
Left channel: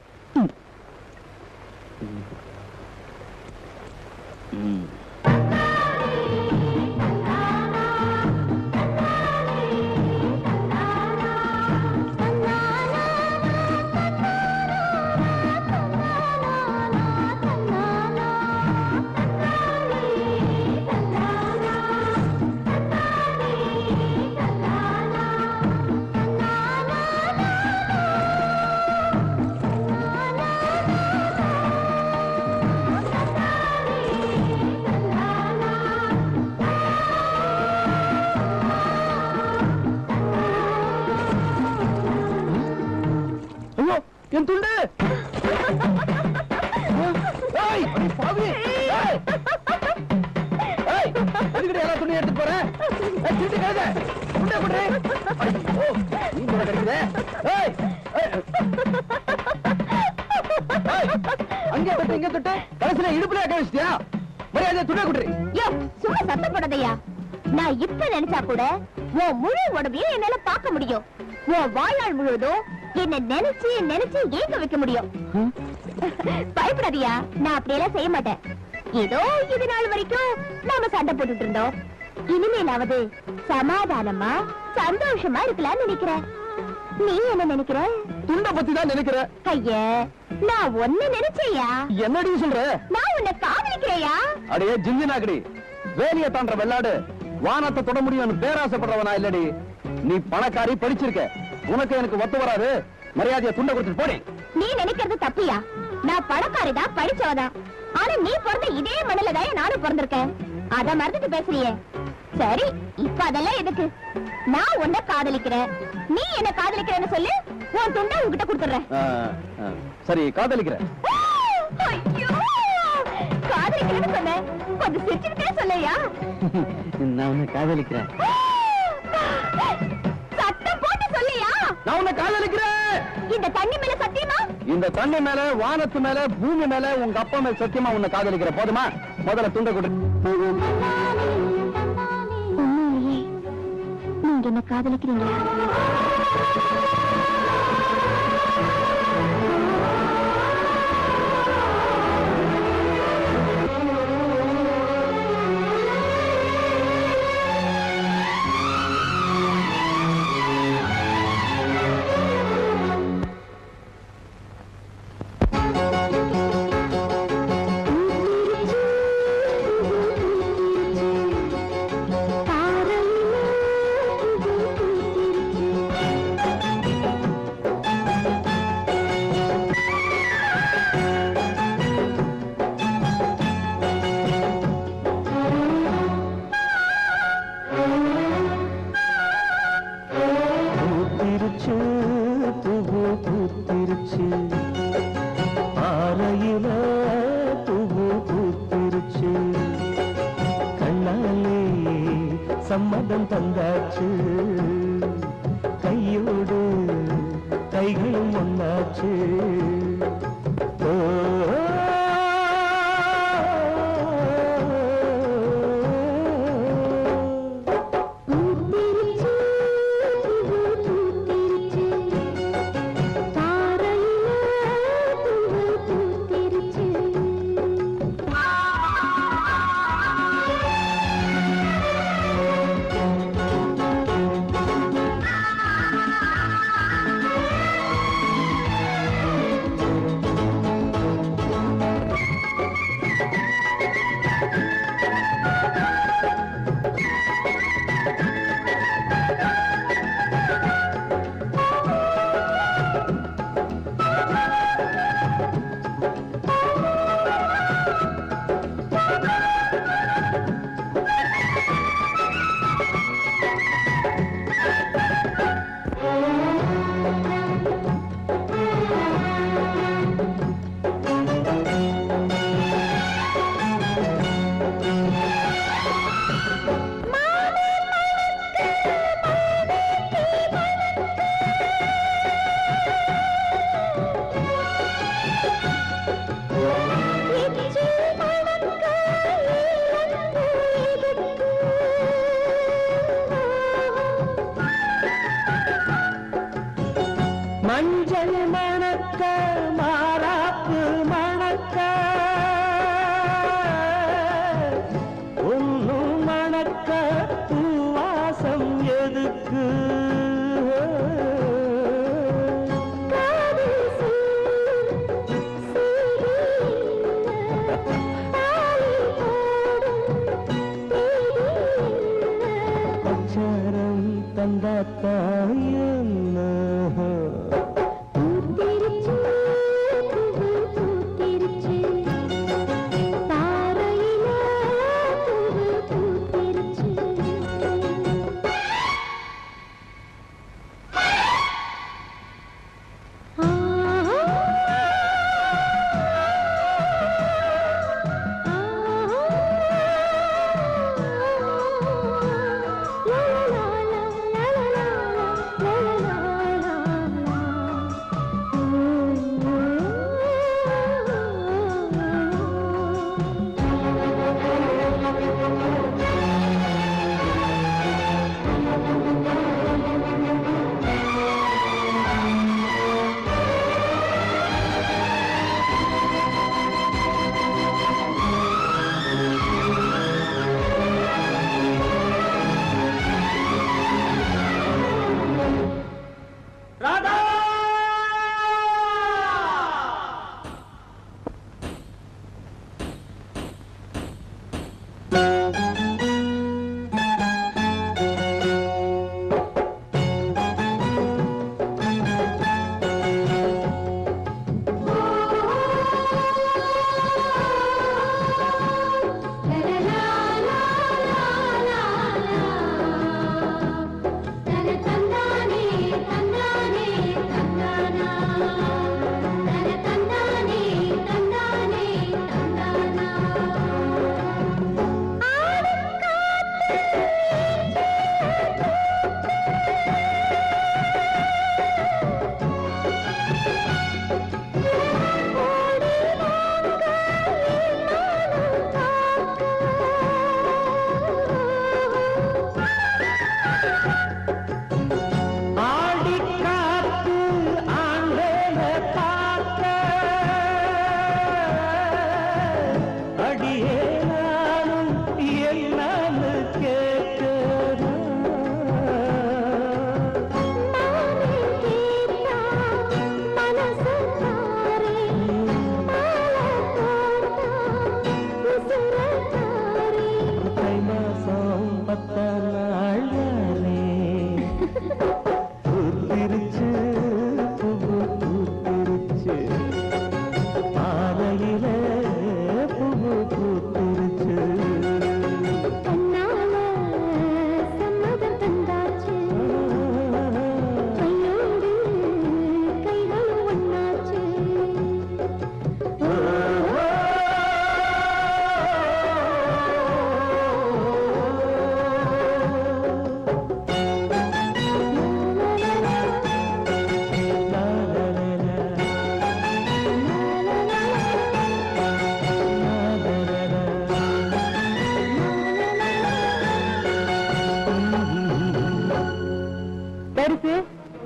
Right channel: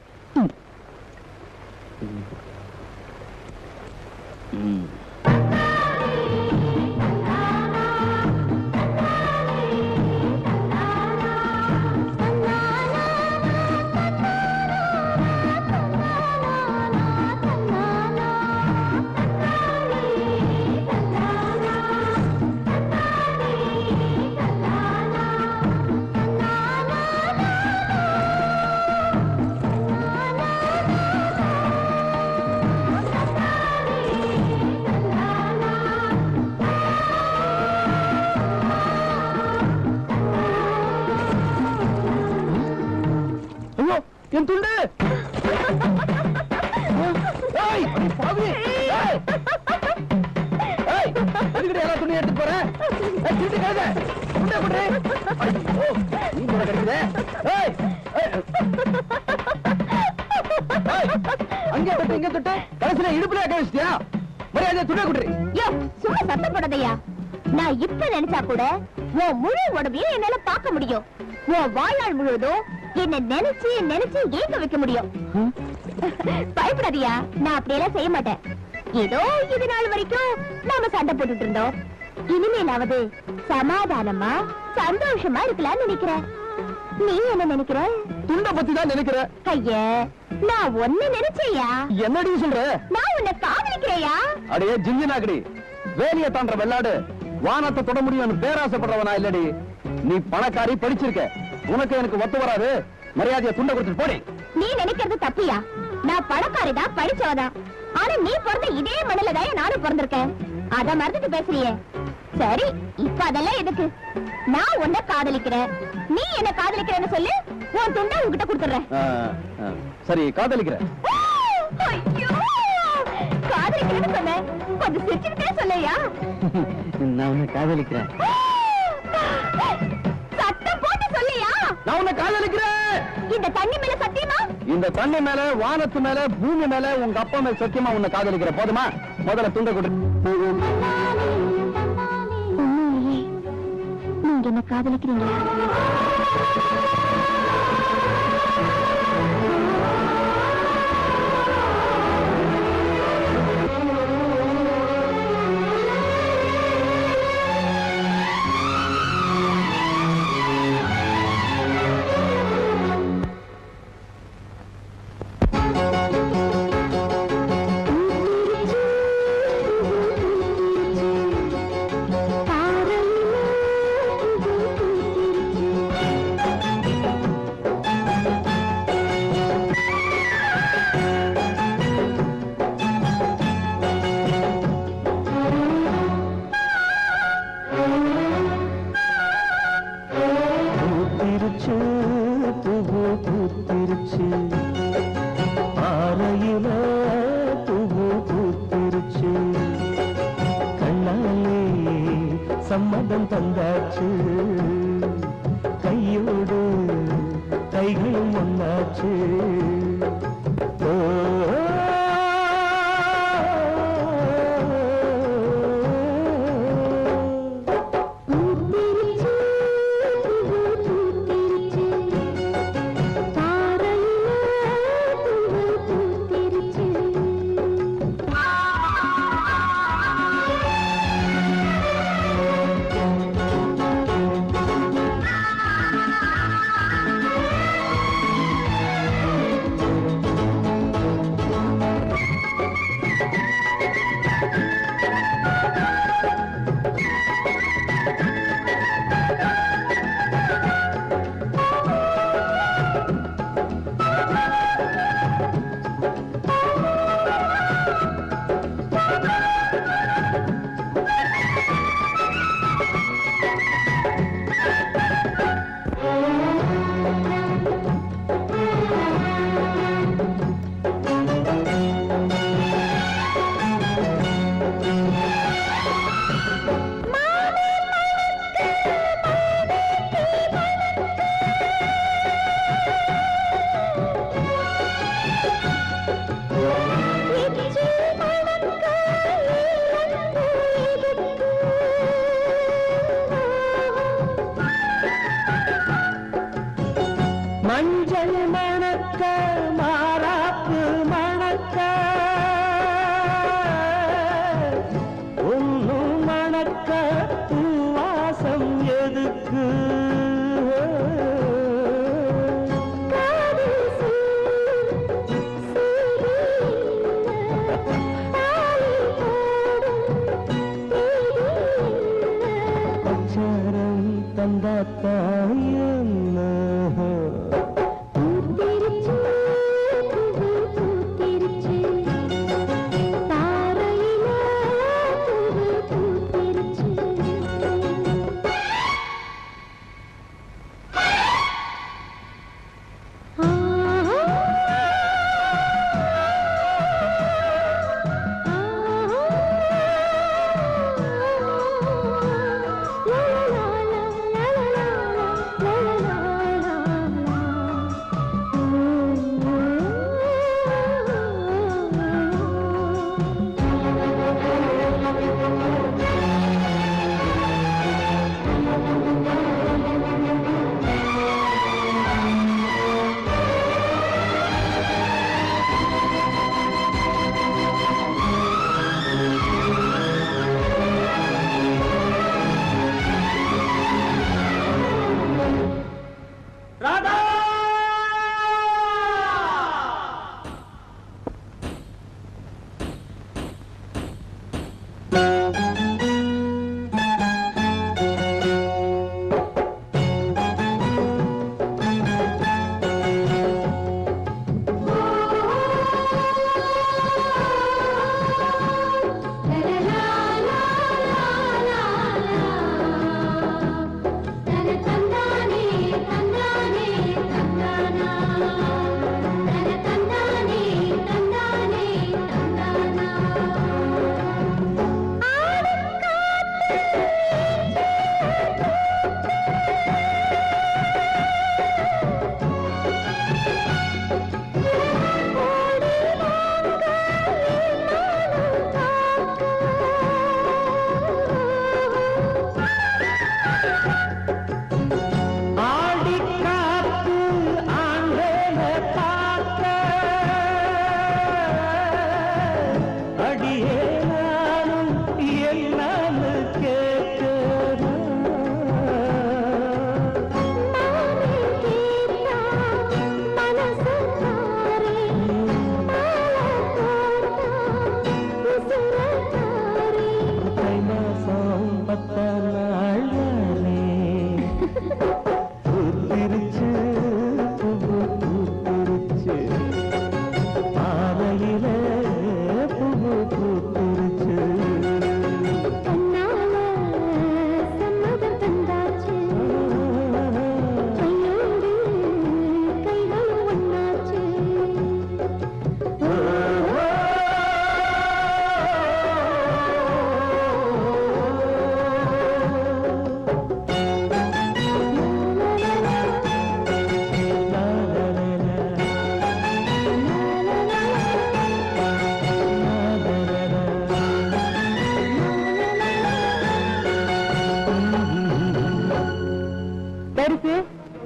என் துண்டு எல்லா துணியும் எடுத்து போறேன் அங்கே தொட்டு இங்க தொட்டு கடைசியில இடுப்புல அக்க வச்சிட்டியா மரியாதை துணியை கொடுறீ சும்மா சத்தம் போடாதையா நான் இப்ப நினைச்சா கூட உன் முழு உடம்பையும் என்னால பார்க்க முடியும் உன் வாழ்நாள் முழுவதும் என்ன நினைச்சு நினைச்சு ஏங்க வைக்க முடியும். பயப்படாதியா, நான் அப்படியெல்லாம் செய்ய மாட்டேன். ஏதோ இது நாள் வரைக்கும் நாம சண்டை போட்டுட்டு இருந்தோம். இனிமேலாவது சமாதானமா சந்தோஷமா இருக்கலாம்னு நினைக்கிறேன். நீ என்ன நினைக்கிற? துண்ட பத்தி தான் நினைக்கிற. ஐய, நான் ஒண்ணு நினைச்சேயா. என்னடி சொல்ற? நான் உன்னை காதலிக்கிறேயா? அடே ஜிஞ்சினாக்கடி, வேலிய தாண்ட வெள்ளாடு வானத்தை தொட முடியும் பேராசைப்படுறவனா இல்லடி. நீ பணக்காரி, படிச்சிருக்க, உனக்கு எனக்கு ஒத்து வராது. மரியாதையை துண்ட கொடுத்து போடி. நீ நினைக்கிறது தப்பியா? நான் பணக்காரிதான், படிச்சவதான். ஆனா நீ பிறந்த இதே மண்ணிலதான் நானும் பிறந்திருக்கேன். அத மறந்துட்டு பேசுறியே. சரி, இப்ப அதெல்லாம் எதுக்கு? நான் உன்னை காதலிக்கிறேன், நீ என்ன காதலிக்கிறேன்னு சொல்லு. உன் துண்டை உன்கிட்ட கொடுத்துறேன். சரி, காதலிக்கிறேன். காதலிக்கிறேன்னு சொன்ன, கொஞ்சம் சிரிச்சுக்கிட்டே சொல்லையா? நான் உன்னை காதலிக்கிறேன். சத்தம் போட்டு சொல்லையா? நான் உன்னை காதலிக்கிறேன். இந்த தண்ணி மேல சத்தியமா? இந்த தண்ணி மேல, வானத்து மேல, பூமி மேல, உங்க அப்பா மேல சத்தியமா உன்னை காதலிக்கிறேன். போதுமா? முதல்ல துண்டை கொடு. நீங்க என்ன காதலிக்கிறீங்களா? சம்மதம் தந்தாச்சு, கையோடு கைகளும் ஒன்னாச்சு. மஞ்சள் மணக்க, மாறாப்பு மணக்க, ஒன்று மணக்க, வாசம் எதுக்கு? அச்சாரம் தந்தாத்தாயும்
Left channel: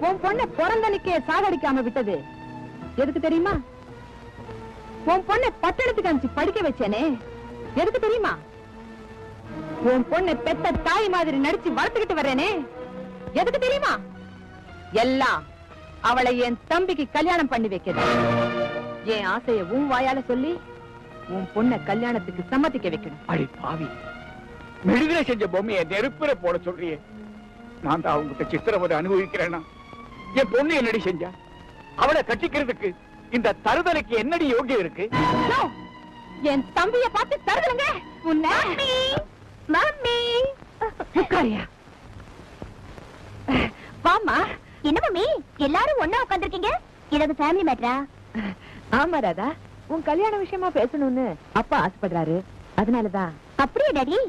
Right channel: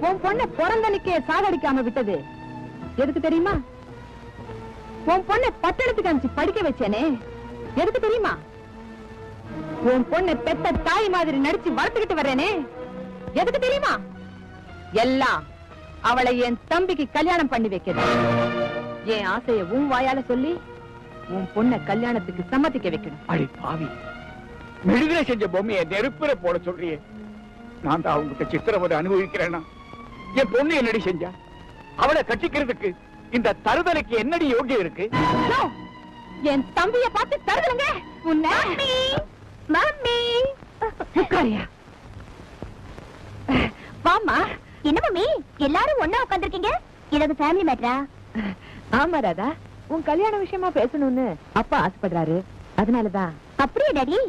உன் பொண்ணை பிறந்தனுக்கே சாகடிக்காம விட்டது எதுக்கு தெரியுமா? உன் பொண்ணை பட்டணத்துக்கு அனுப்பிச்சு படிக்க வச்சேனே எதுக்கு தெரியுமா? உன் பொண்ணை பெத்த தாய் மாதிரி நடிச்சு வளர்த்துக்கிட்டு வரேனே எதுக்கு தெரியுமா? எல்லாம் அவளை என் தம்பிக்கு கல்யாணம் பண்ணி வைக்கிறது. என் ஆசையை உன் வாயால சொல்லி உன் பொண்ணை கல்யாணத்துக்கு சம்மதிக்க வைக்கணும். அடி பாவி, மெழுகில செஞ்ச பொம்மையை நெருப்புல போட சொல்றியே, நான் தான் அவங்களுக்கு சித்திரவதை அனுபவிக்கிறேன்னா என் பொண்ணு என்னடி செஞ்சா? அவளை கட்டிக்கிறதுக்கு இந்த தருதலைக்கு என்னடி யோகியம் இருக்கு? என் தம்பிய பார்த்து தருதலங்க உன்னை. வாமா. என்ன மம்மி எல்லாரும் ஒண்ணா உட்கார்ந்திருக்கீங்க? ஏதாவது ஃபேமிலி மேட்டரா? ஆமா ராதா, உன் கல்யாண விஷயமா பேசணும்னு அப்பா ஆசைப்படுறாரு, அதனாலதான். அப்படியே டாடி,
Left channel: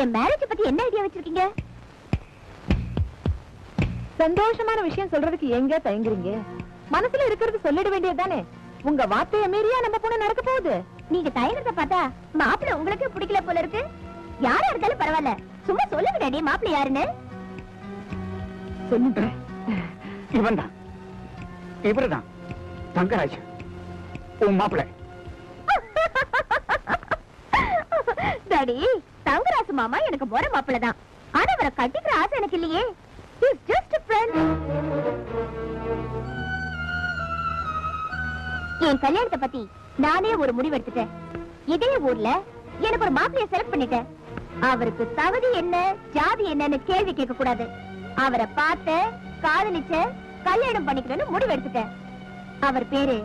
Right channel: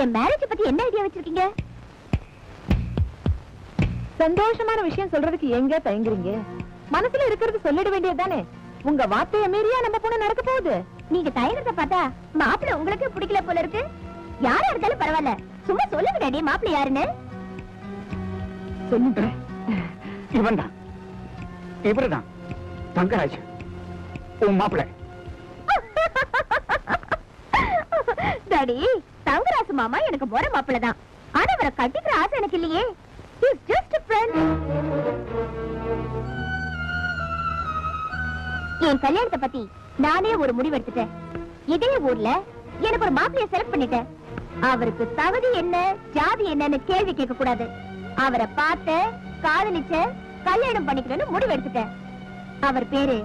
என் மேரேஜ் பத்தி என்ன ஐடியா வச்சிருக்கீங்க? சந்தோஷமான விஷயம் சொல்றதுக்கு எங்க தயங்குறீங்க? மனசுல இருக்கிறது சொல்லிட வேண்டியதுதானே. உங்க வார்த்தைய மீறியா நம்ம பொண்ணு நடக்க போகுது. நீங்க தயங்கத்தை பார்த்தா மாப்பிள்ள உங்களுக்கு பிடிக்கல போல இருக்கு. யாரா இருந்தாலும் பரவாயில்ல, சும்மா சொல்லுங்க டாடி மாப்பிள்ள யாருன்னு. சொல்லுறேன், இவன் தான், இவருதான் தங்கராஜ், உன் மாப்பிள்ள. டாடி, தங்கராசு மாமா எனக்கு போற மாப்பிள்ள தான். ஆனா அவரை கட்டிக்கிற ஆசை எனக்கு இல்லையே. He's just a friend. என் கல்யாணத்தை பத்தி நானே ஒரு முடிவு எடுத்துட்டேன். இதே ஊர்ல எனக்கு ஒரு மாப்பிளைய செலக்ட் பண்ணிட்டேன். அவருக்கு தகுதி என்ன, ஜாதி என்னன்னு கேள்வி கேட்க கூடாது. அவரை பார்த்த, காதலிச்ச, கல்யாணம் பண்ணிக்கிறேன்னு முடிவு எடுத்துட்டேன். அவர் பேரு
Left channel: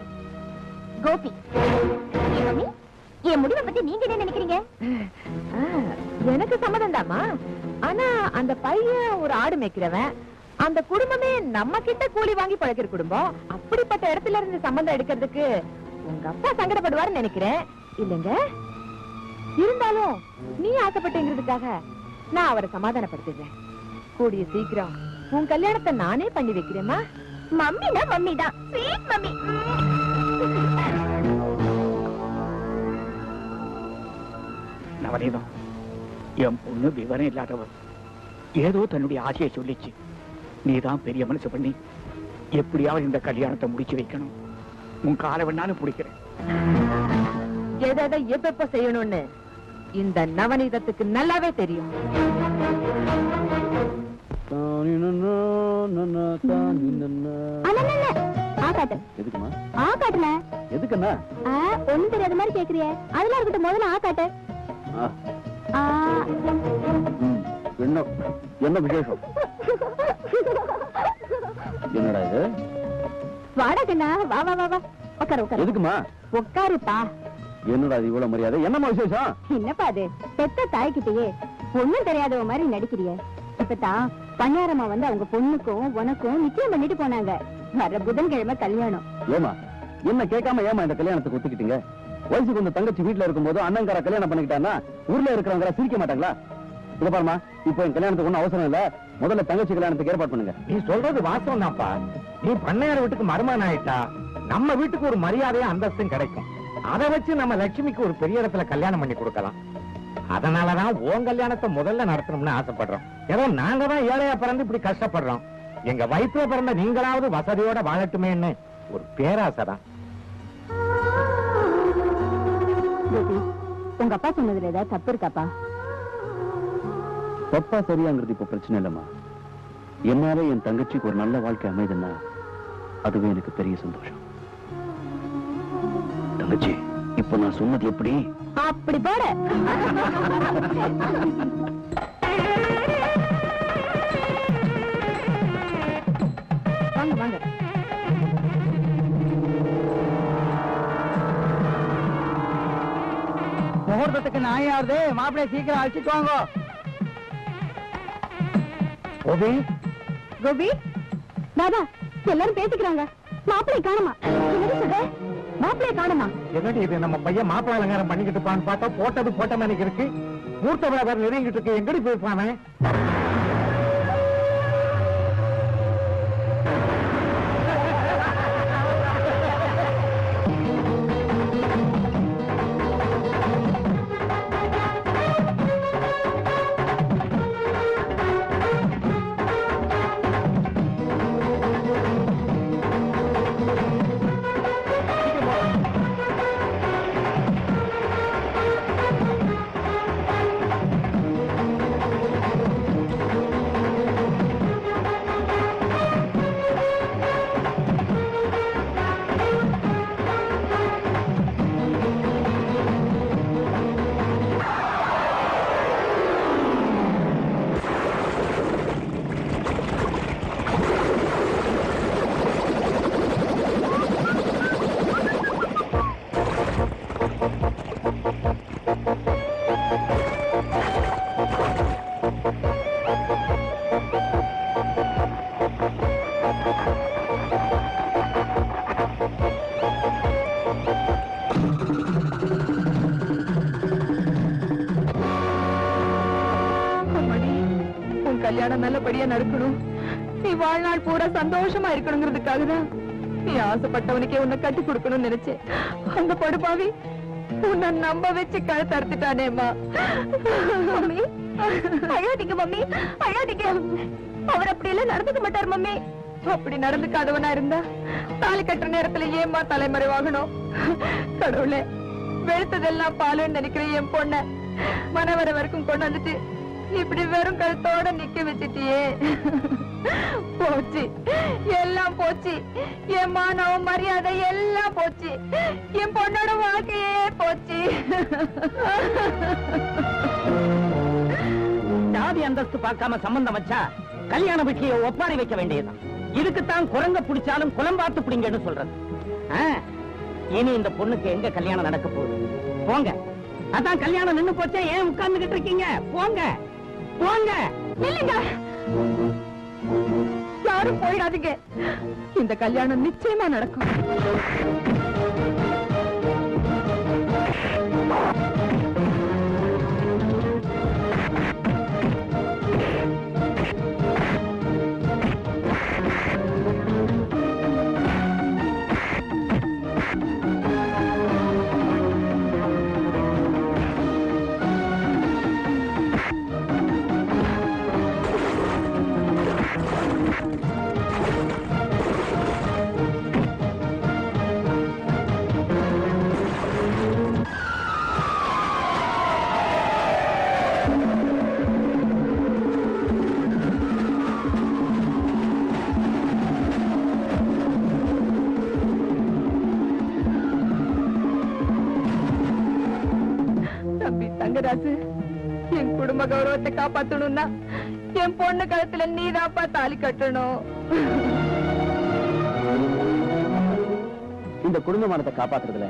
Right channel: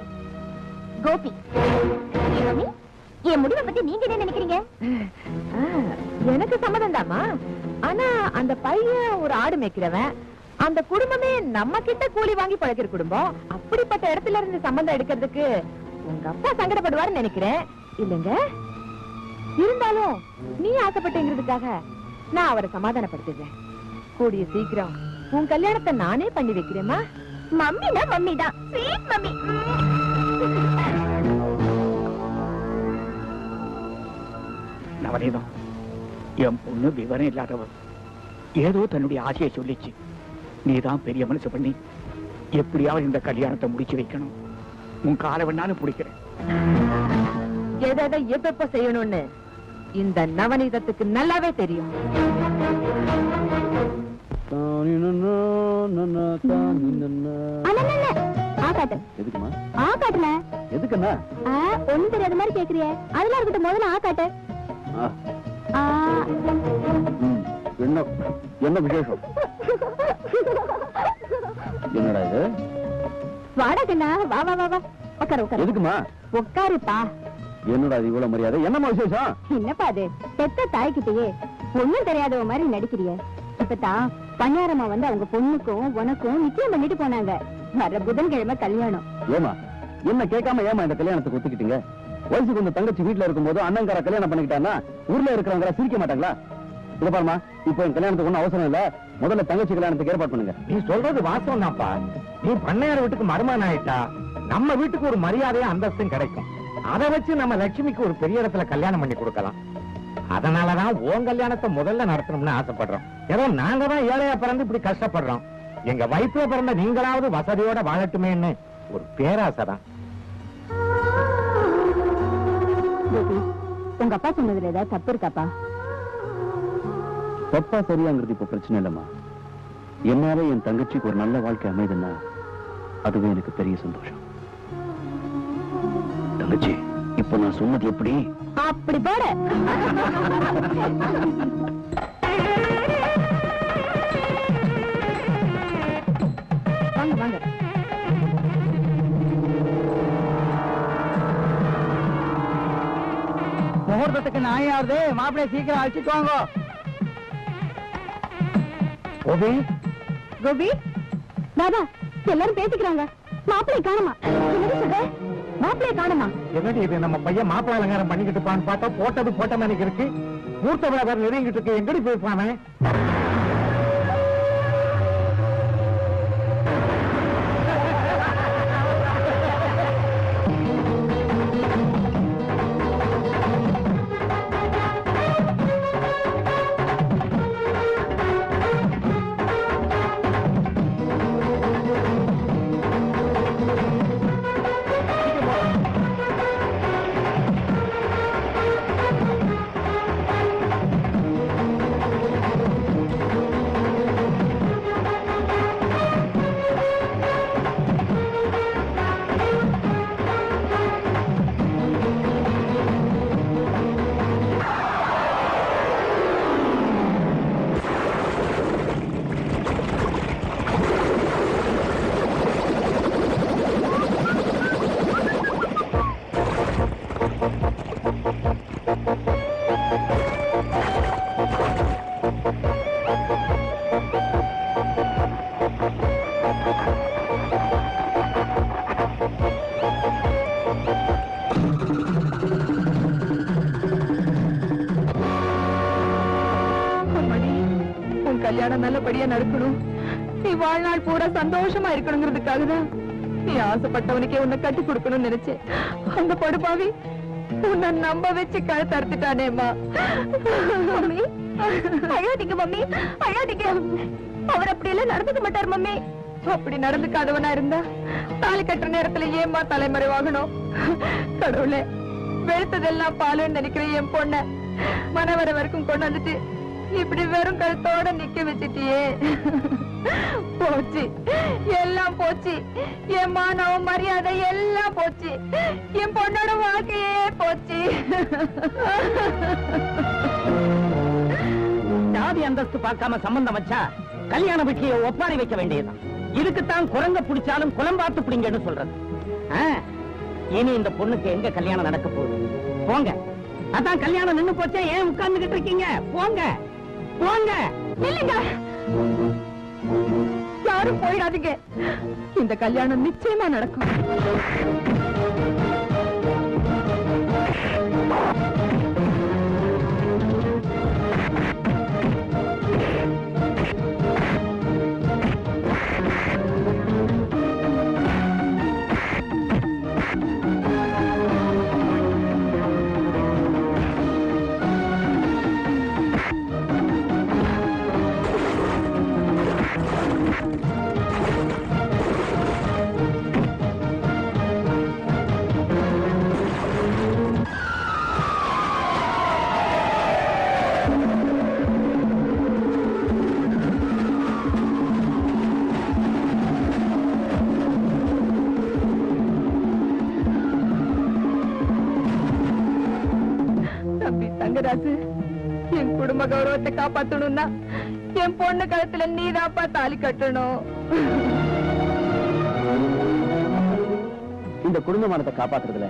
கோபி. என் முடிவை பத்தி நீங்க என்ன நினைக்கிறீங்க? எனக்கு சம்மதம் தாமா. ஆனா அந்த பையன் ஒரு ஆடு மேய்க்கிறவன், அந்த குடும்பமே நம்ம கிட்ட கூலி வாங்கி பழக்கிற குடும்பம். அப்படிப்பட்ட இடத்துல இருந்து சம்பந்தம் எடுக்கிறதுக்கு உங்க அப்பா சங்கடப்படுவாருன்னு நினைக்கிறேன். இல்லங்க, இருந்தாலும் நீ ஆசைப்பட்டேங்கிறதுக்காக நான் அவரை சமாதானப்படுத்திடுறேன். கூடிய சீக்கிரம் உன் கல்யாணத்தை நானே பண்ணி வைக்கிறேமா. மம்மினா மம்மி தான், ஸ்வீட் மம்மி. நவநீதம், என் பொண்ணு விவரம் இல்லாதவர். ஏதோ தன்னுடைய ஆசையை சொல்லிச்சு. நீதான் பெரிய மனசு பண்ணி எப்படியாவது இந்த கல்யாணத்தை முடிச்சு வைக்கணும். உன் காலை வேணாலும் பிடிக்கிறேன். எதை எப்ப செய்யணும்னு இந்த நவநீதத்துக்கு நல்லாவே தெரியும். ஆகாட்டுல எதுக்குன்னா ஒண்ணு தெரியாத மாதிரி கேக்குறிய. அதெல்லாம் இருக்கட்டும், முதல்ல ஆகாட்டு. என்ன விசேஷம்? என்னடா இது? வாடா கண்ணா, வா வா வா வா, உட்காரு உட்காரு. எதுக்குமா? உட்காருப்பா. என்னடா இது இவ்வளவு மரியாதை? என்னமா விசேஷம்? என்னப்பா அது, பெத்த தாய்கிட்டயே ஒண்ணும் தெரியாதவ மாதிரி நடிக்கிறிய. இப்பதான் பணியாரமா வந்து அவங்க பொண்ணுக்கும் உனக்கும் நிச்சயம் பண்ணிட்டு போனாங்க. வர புதன்கிழமை கல்யாணம். ஏமா என்ன கேட்காம ஏமா இந்த கல்யாணத்துக்கு ஒத்துக்கிட்டீங்க? வயசு கொஞ்சம் தங்கச்சி வீட்டுல இருக்கும்போது அண்ணங்கார கல்யாணம் பண்ணிக்கிட்டான்னா ஊர்ல இருக்கிறவங்க சிரிக்க மாட்டாங்களா? இல்ல பாருமா, இப்ப என் கல்யாணத்துக்கு ஒண்ணும் அவசரம் இல்ல. முதல்ல தங்கச்சி கல்யாணத்துக்கு ஏற்பாடு பண்ணுங்க. நீ சொல்றது வாஸ்தவம் தான்ப்பா. நீ பண்ணையார் வீட்டுக்கு மருமகன் ஆயிட்டா நம்ம வீட்டுக்கு ஒரு மரியாதையும் அந்தஸ்தும் கிடைக்கும். அதை வச்சு நம்ம லட்சுமிக்கு ஒரு பெரிய இடத்துல கல்யாணம் பண்ணி கொடுக்கலாம். அதனாலதான் உன் கல்யாணத்தை முதல்ல நடத்தணும்னு ஆசைப்படுறோம். ஏதோ நாங்க தான் ஏழையா பிறந்து இப்படி கஷ்டப்படுறோம். எங்க வயிற்றுல பிறந்த நீங்களாவது வசதியோட வாழட்டுமேன்னு ஒரு பேராசைதான். உங்க அப்பா சொன்னதுல ஏதாவது தப்பு இருக்காப்பா? தப்பா சரியாங்கிறது இப்ப பிரச்சனை இல்லம்மா. என்னால என் தங்கச்சிக்கு ஒரு நல்ல வாழ்க்கை அமைதுன்னா அதுவே எனக்கு பெரிய சந்தோஷம். தங்கச்சி, இப்ப நான் சொன்னது எப்படி? அப்படி போட வாங்க வாங்க. முகூர்த்தத்துக்கு நாயாவது மாப்பிள்ளை சீக்கிரம் அழைச்சிட்டு வாங்க. கோபி, கோபி, தாதா எல்லாரும் பேசிக்கிறாங்க. மாப்பிள்ளை காணுமா? மாப்பிள்ளை காணுமா? என்னடி இது, நம்ம பையன் மாப்பிள்ளை அலங்காரம் பண்ணிக்கிட்டு இருப்பான்னு பார்த்தா போட்டது போட்ட மாதிரி இருக்கு. மூர்த்த வியாபாரம் நெருங்கிட்டு இருக்கு. எங்கடி போயிருப்பானே? கல்யாணம் நல்லபடியா நடக்கணும். நீ வாழ்நாள் பூரா சந்தோஷமா இருக்கணுங்கிறதுக்காக தான் நீ ஆசைப்பட்டவனுக்கே உன்னை கட்டி கொடுக்கணும்னு நினைச்சேன். அந்த படுபாவி உன்னை நம்ப வச்சு கழுத்து அறுத்துட்டானேம்மா. அழாதீங்க மம்மி, அழாதீங்க. அவர் அப்படி எல்லாம் நடந்துக்க மாட்டார் மம்மி. அப்படி நடந்துக்காதவனா இருந்தா தாலி கட்டுற நேரத்துல ஏம்மா தலைமறைவாகணும்? கடவுளே, வெளுத்ததெல்லாம் பாலுன்னு நினைக்கிற என் பொண்ண மனவர வரைக்கும் கொண்டு வந்துட்டு இப்படி வெறும் கழுத்தோட நிக்க வச்சுட்டியே. போச்சு, எல்லாம் போச்சு. என் மானம் மரியாதை எல்லாம் போச்சு. என் பொண்ணோட வாழ்க்கையே போச்சு. ஜாதி அந்தஸ்து பார்க்காம சம்பந்தம் வச்சா கல்யாண வீட்லயே ஒப்பாரி வைக்க வேண்டியதுதான். இதுக்குத்தான் குரங்க பிடிச்சாலும் குளம்பாத்து பிடிங்கன்னு சொல்றது. இனி இந்த பொண்ணுக்கு எங்க கல்யாணம் நடக்க போகுது? போங்க. அதான் கல்யாணம் நின்னு போச்சா, ஏன் உட்கார்ந்துகிட்டு இருக்கீங்க? போங்க போங்க. இல்லைங்க, யாரும் போயிடாதீங்க. இந்த கல்யாணம் நிச்சயமா நடக்கும். என் குடும்ப கௌரவத்தை காப்பாத்தணும்னா என் பொண்ணு கழுத்துல நீதாப்பா தாலி கட்டணும். இந்த குடும்பமானத்தை காப்பாத்துறதுல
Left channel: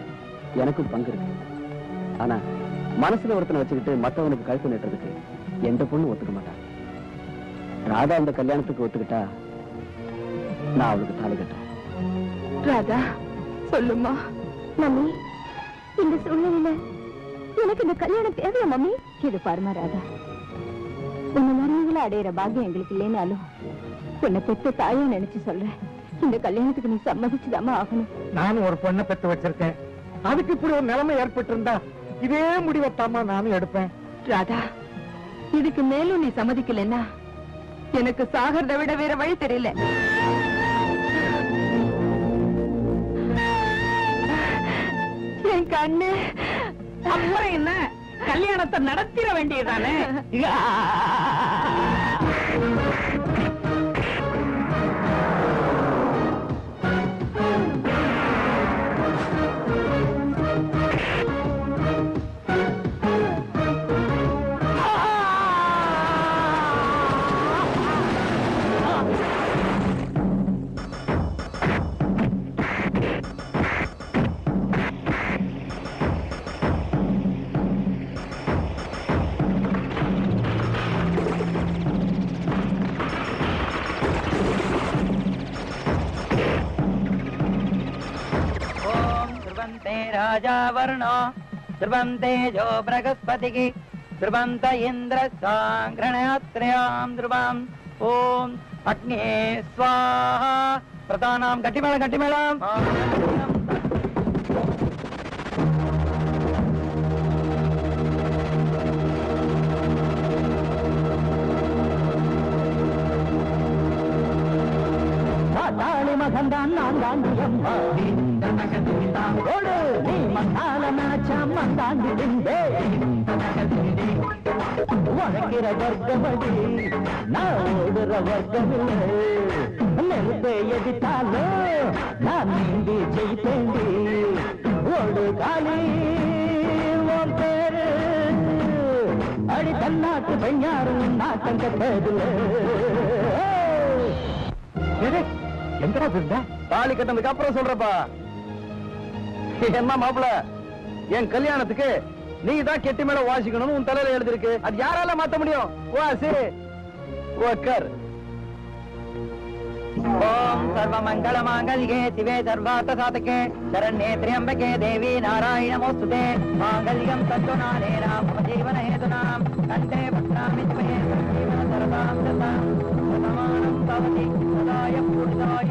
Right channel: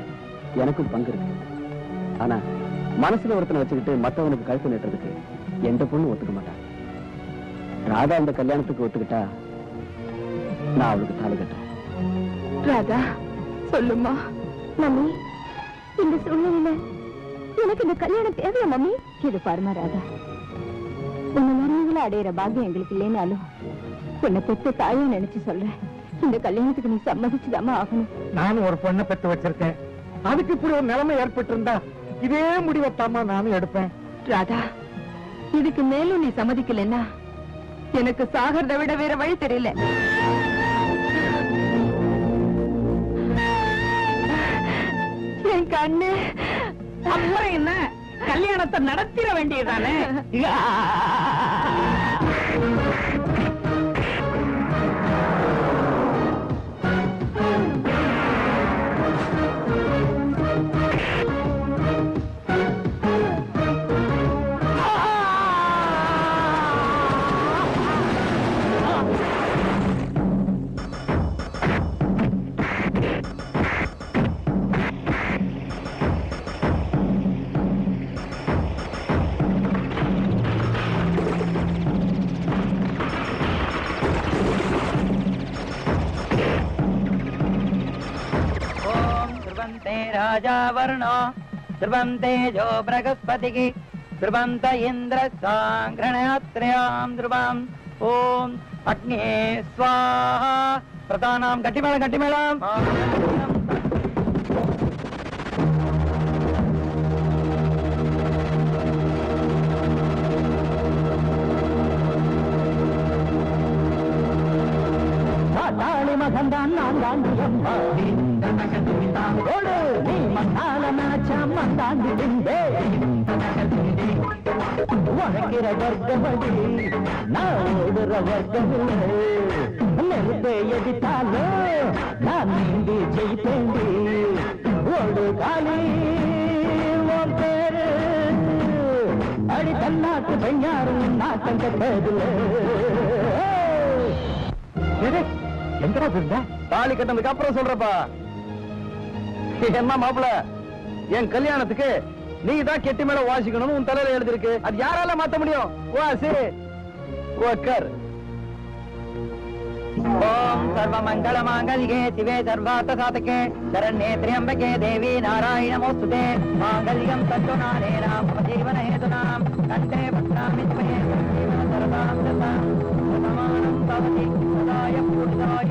எனக்கும் பங்கு இருக்கு. ஆனா மனசுல ஒருத்தனை வச்சுக்கிட்டு மற்றவனுக்கு கழுத்து நட்டுறதுக்கு எந்த பொண்ணு ஒத்துக்க மாட்டான். ராதா இந்த கல்யாணத்துக்கு ஒத்துக்கிட்டா நான் அவளுக்கு தாலி கட்டேன். ராதா, சொல்லுமா. மம்மி, இந்த சூழ்நிலையில எனக்கு இந்த கல்யாணம் தேவை மம்மி. இது பாருமா ராதா, உன்னை முருகளை அடையிற பாக்கியம் எங்களுக்கு இல்லைனாலும் உன்னை பெற்ற தாயை நினைச்சு சொல்றேன். இந்த கல்யாணத்துக்கு நீ சம்மதிச்சுதாமா ஆகணும். நானும் ஒரு பொண்ணை பெற்று வச்சிருக்கேன். அதுக்கு இப்படி ஒரு நிலைமை ஏற்பட்டு இருந்தா இதே முடிவத்தாமா நானும் எடுப்பேன். ராதா, இதுக்கு மேலும் நீ சம்மதிக்கலன்னா எனக்கு சாகறத விட வேற வழி தெரியல. என் கண்ணு. அப்புறம் என்ன, கல்யாணத்தை நடத்திட வேண்டியதானே? राजा वर्णो ध्रुवन्ते जो बृहस्पतिः ध्रुवन्त इन्द्र साङ्ग्रहत्रयाम् ध्रुवम् ॐ अग्ने स्वाहा प्रधानाम् गट्टिमेळम् தாளி மகந்தான் நான் தாண்டி உழைக்கிற வர்க்கமடி நான் ஓடுற வர்க்கமில்லை. நெருப்பை எதிர்த்தாலோ நான் நீந்தி ஜெயித்தேண்டி. ஓடு காலி ஓர் பேரு அடி தன்னாட்டு பெண்ணாரும் நாட்டம் கட்டதில்லை. எங்கடா போயிருந்தா? தாலி கட்டதுக்கு அப்புறம் சொல்றப்பா. என்ன மாப்பிள, என் கல்யாணத்துக்கு நீ தான் கெட்டி மேல வாசிக்கணும்னு உன் தலையில எழுதிருக்கு. அது யாரால மாத்த முடியும்? வாசி உட்கார். ஓம் சர்வ மங்கள மாங்கல்யே சிவே சர்வார்த்த சாதகே சரண்யே த்ர்யம்பகே தேவி நாராயண நமோஸ்துதே. மாங்கல்யம் தத்துநானேன மம ஜீவன ஹேதுனாம் கண்டே புத்ராமி த்வயே ஜீவன சர்வாம் சர்வாம் சமானம் பவதி சதாய புருஷாய.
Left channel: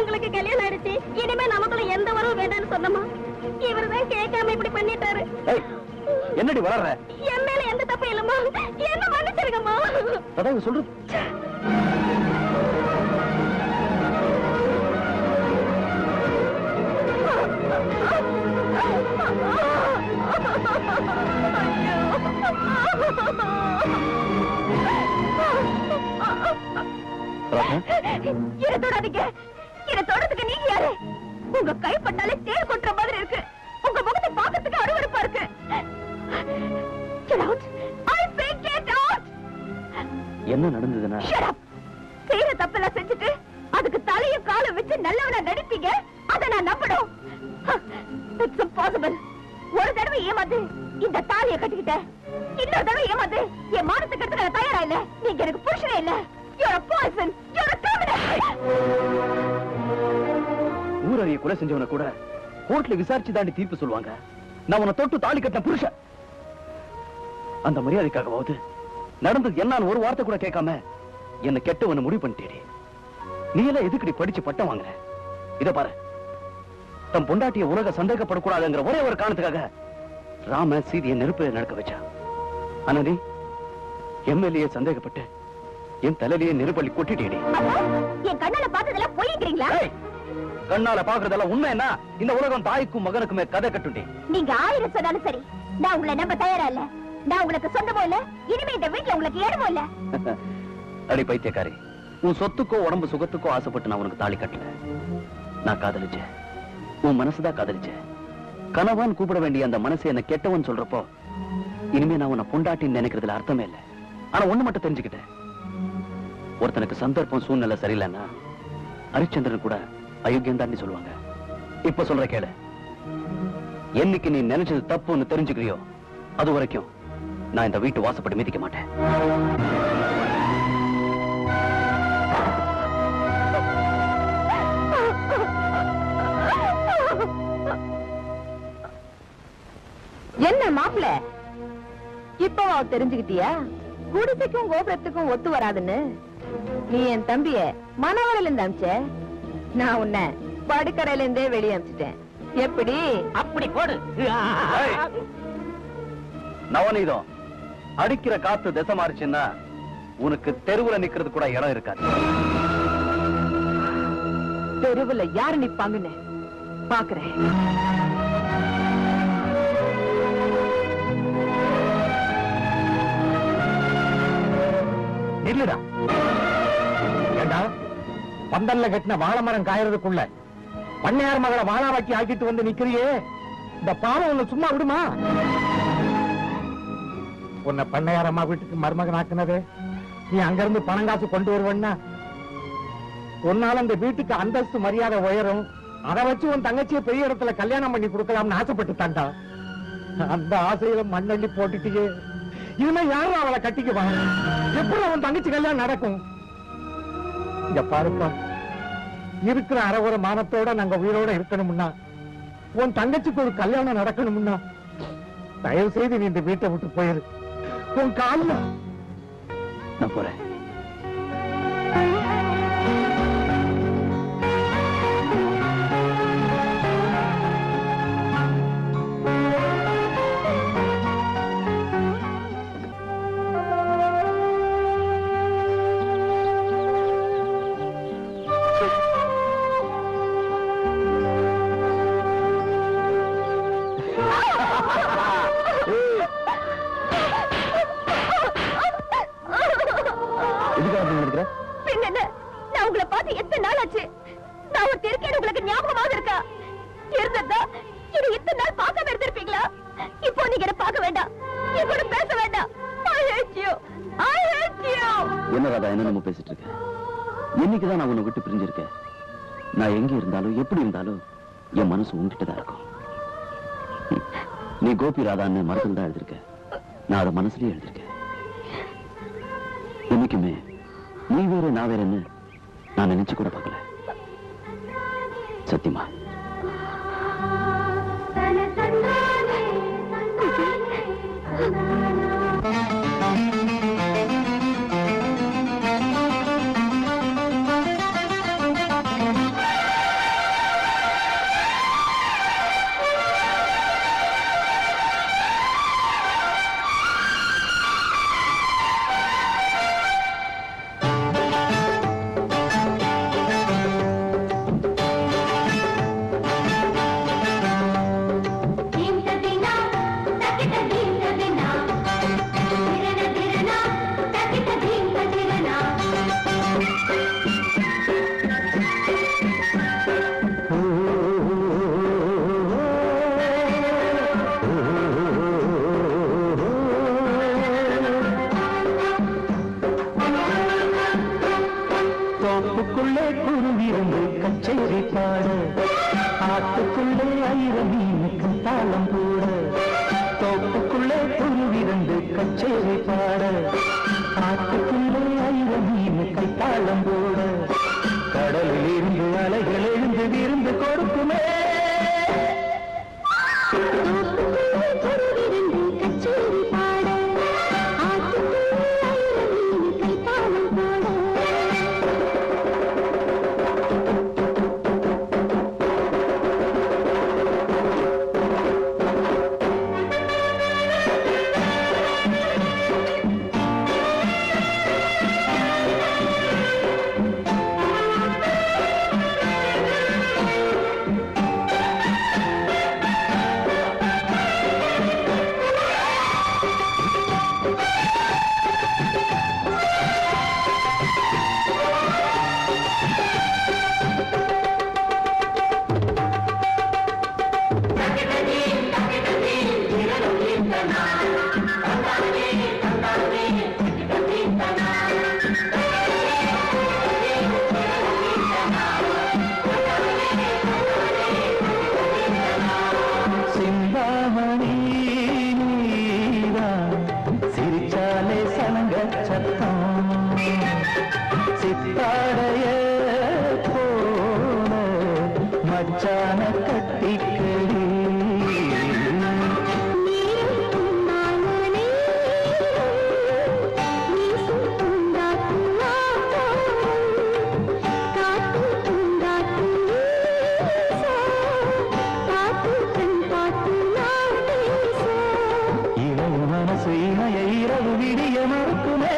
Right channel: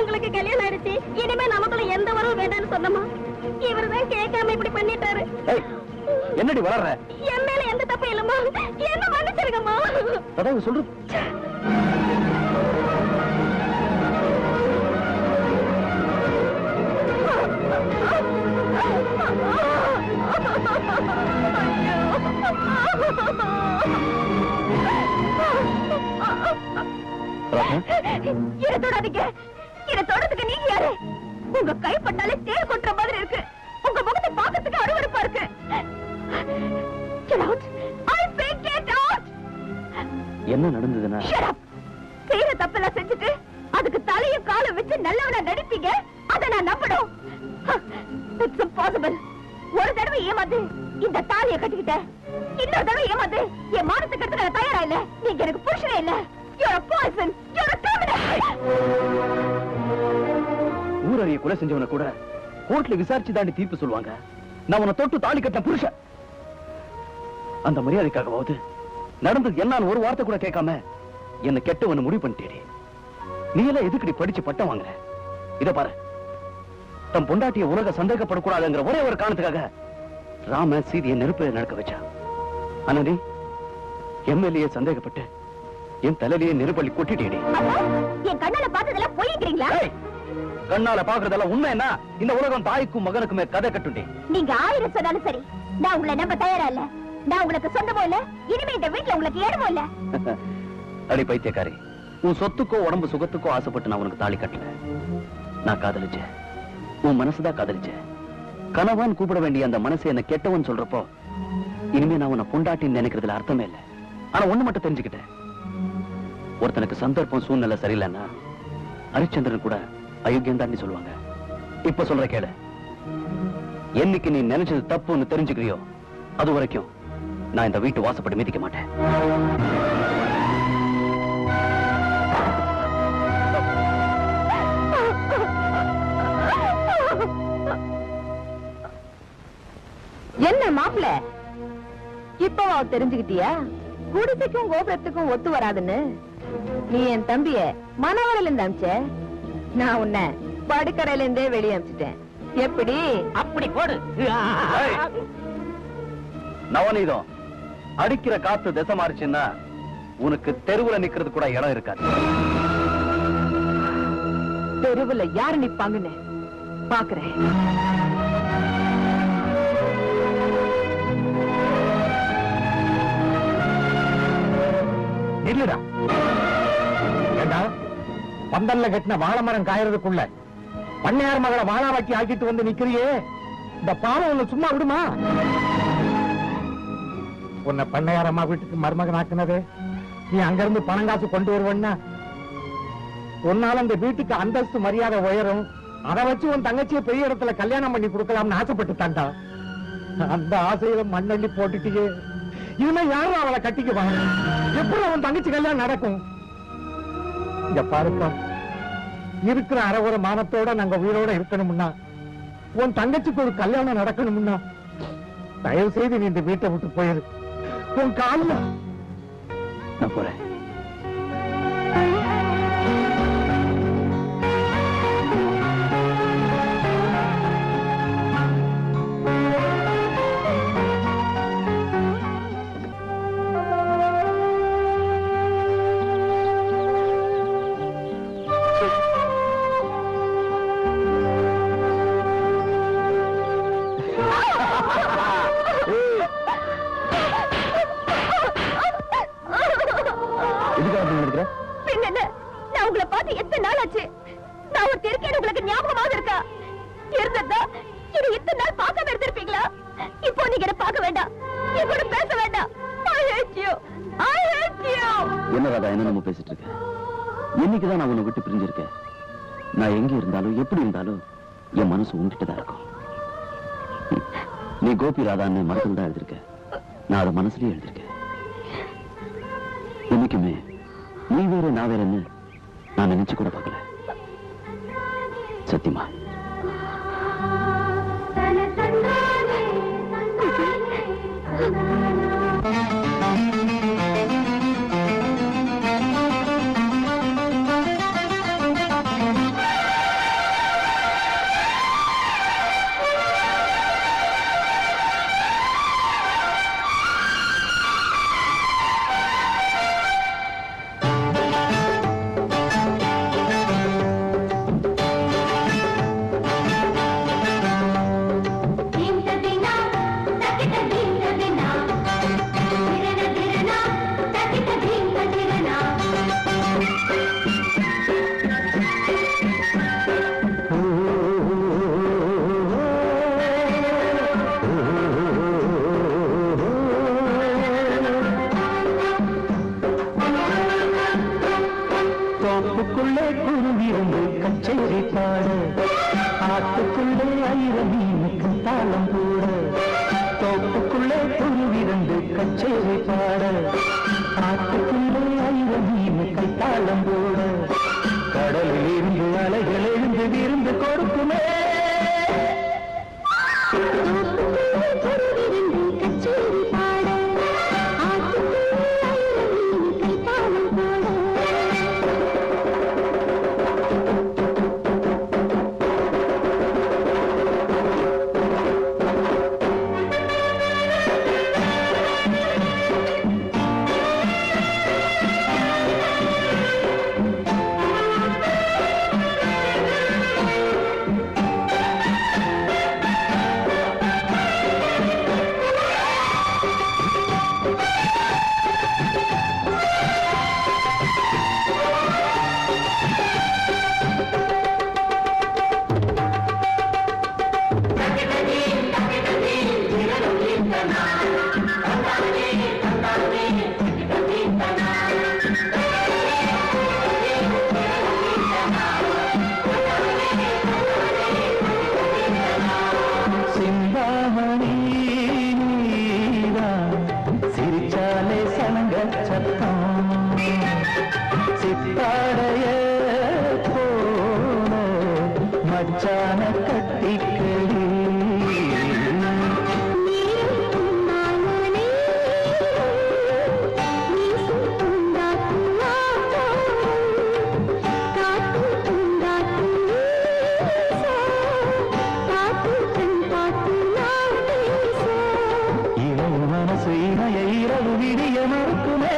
உங்களுக்கு கல்யாணம் ஆயிடுச்சு, இனிமே நமக்குள்ள எந்த வரவும் வேண்டாம்னு சொன்னமா இவருதான் கேட்காம இப்படி பண்ணிட்டாரு. என்னடி வளர்ற? என் மேல எந்த தப்பும் இல்லம்மா, என்ன மன்னிச்சிருங்கம்மா. அதான் சொல்லு. இதை தொடாதீங்க. இதை தொடறதுக்கு நீங்க யாரு? உங்க கைப்பட்டாலே தேர் கொட்டுற மாதிரி இருக்கு. உங்க முகத்தை பார்க்கறதுக்கு அருவருப்பா இருக்கு. Get out. I say get out. என்ன நடந்ததுன்னா? Shut up. செய்யற தப்பெல்லாம் செஞ்சுட்டு அதுக்கு தலையும் காலை வச்சு நல்லவனா நடிப்பீங்க. அதை நான் நம்பணும். It's impossible. ஒரு தடவை ஏமாந்து இந்த தாலியை கட்டிக்கிட்டேன். இன்னொரு தடவை ஏமாந்து என் மானத்துக்கு எடுத்து நான் தயாரா இல்ல. நீங்க எனக்கு புருஷனே இல்ல. You're a poison. You're a criminal. ஊரடியை கொலை செஞ்சவன கூட கோர்ட்ல விசாரிச்சு தாண்டி தீர்ப்பு சொல்லுவாங்க. நான் உன்னை தொட்டு தாலி கட்ட புருஷன். அந்த மரியாதைக்காகவாவது நடந்தது எல்லாம் ஒரு வார்த்தை கூட கேட்காம என்ன கெட்டவன முடிவு பண்ணிட்டேடி. நீ எல்லாம் எதுக்கடி படிச்சு பட்டம் வாங்குற? இத பாரு, தம் பொண்டாட்டிய உலக சந்தேகப்படக்கூடாதுங்கிற ஒரே ஒரு காரணத்துக்காக ராம சீதையை நெருப்பில நடக்க வச்சா. ஆனா நீ எம்எல்ஏ சந்தேகப்பட்டு என் தலையிலேயே நெருப்பள்ளி கொட்டிட்டேடி. என் கண்ணால பார்த்ததெல்லாம் பொய்ங்கிறீங்களா? கண்ணால பாக்குறதெல்லாம் உண்மைன்னா இந்த உலகம் தாய்க்கும் மகனுக்குமே கதை கட்டுண்டி. நீங்க 1000 சொன்னாலும் சரி, நான் உங்களை நம்ப தயாரா இல்ல. நான் உங்களுக்கு சொந்தமோ இல்ல, இனிமே இந்த வீட்டுல உங்களுக்கு இடமோ இல்ல. அடி பைத்தியக்காரி, உன் சொத்துக்கோ உடம்பு சுகத்துக்கோ ஆசைப்பட்டு நான் உனக்கு தாலி கட்டல. நான் காதலிச்சேன், உன் மனசுதான் காதலிச்சேன். கணவன் கூப்பிட வேண்டிய அந்த மனசு என்ன கெட்டவன் சொல்றப்போ இனிமே நான் உன்னை பொண்டாட்டின்னு நினைக்கிறதுல அர்த்தமே இல்லை. ஆனா ஒண்ணு மட்டும் தெரிஞ்சுக்கிட்டேன், ஒருத்தனுக்கு சந்தர்ப்பம் சூழ்நிலை சரியில்லைன்னா ஹரிச்சந்திரன் கூட அயோக்கியம் தான் சொல்லுவாங்க. இப்ப சொல்ற கேளு, என்னைக்கு நீ நினைச்சது தப்புன்னு தெரிஞ்சுக்கிறியோ அது வரைக்கும் நான் இந்த வீட்டு வாசப்படி மிதிக்க மாட்டேன். என்ன மாப்பிள்ள, இப்பவா தெரிஞ்சுக்கிட்டியா குடிசைக்கும் கோபுரத்துக்கும் ஒத்து வராதுன்னு? நீ என் தம்பிய மனவரையில இருந்து அமிச்ச, நான் உன்னை படுக்கரையில இருந்தே வெளியே அமிச்சிட்டேன். எப்படி? அப்படி போடு. நவநீதம், அடிக்கிற காத்து திசை மாறிச்சுன்னா உனக்கு தெருவுல நிக்கிறது கூட இடம் இருக்காது. தெருவுல யாரு நிப்பாங்கன்னு பாக்குறேன். இல்லடா, ஏண்டா பந்தல்ல கட்டின வாழை மரம் காயறதுக்குள்ள பண்ணையார் மகளை வாழாவாக்கி ஆக்கிட்டு வந்து நிக்கிறியே, இந்த பாவம் உன்னை சும்மா விடுமா? உன்னை பண்ணையார் அம்மா வீட்டுக்கு மருமகன் ஆக்குனது நீ அங்கிருந்து பணம் காசு கொண்டு வருவன்னா உன்னால இந்த வீட்டுக்கு அந்தஸ்து மரியாதை உயரும், அதை வச்சு உன் தங்கச்சியை பெரிய இடத்துல கல்யாணம் பண்ணி கொடுக்கலாம்னு ஆசைப்பட்டு தாண்டா. அந்த ஆசையில மண்ணள்ளி போட்டுட்டு இனிமே யாரும் அவளை கட்டிக்குவா? எப்படி அவன் தங்கச்சி கல்யாணம் நடக்கும்? இங்க பாருப்பா, இருக்கிற அறகுற மானத்தோட நாங்க உயிரோட இருக்கணும்னா, உன் தங்கச்சிக்கு ஒரு கல்யாணம் நடக்கணும்னா தயவு செய்து நீ இந்த வீட்டை விட்டு போயிரு. உன் காலில் நான் போறேன். நான் உங்களை பார்த்து எத்தனை நாள் ஆச்சு? நான் ஒரு திருக்கேடு உங்களுக்கு ஞாபகமாக இருக்கா? இருந்ததா இது இத்தனை நாள் பார்க்காம இருந்திருப்பீங்களா? இப்போ நீங்க என்ன பார்க்க வேண்டாம், என் கூட பேச வேண்டாம். I hate you. I hate you. என்ன ராதா என்ன பேசிட்டு இருக்க? இன்னைக்குதான் நான் உன்னை விட்டு பிரிஞ்சிருக்கேன். நான் எங்க இருந்தாலும் எப்படி இருந்தாலும் என் மனசு உங்ககிட்டதான் இருக்கும். நீ கோபி ராதான்னு மரத்துல தான் எழுதிருக்க, நான் அதை மனசுலயே எழுதிருக்கேன். இன்னைக்குமே நீ வேற நான் வேறன்னு நான் நினைச்சு கூட பார்க்கல. சத்தியமா. ஆசைமையை இரவு விடிய மறுக்குமே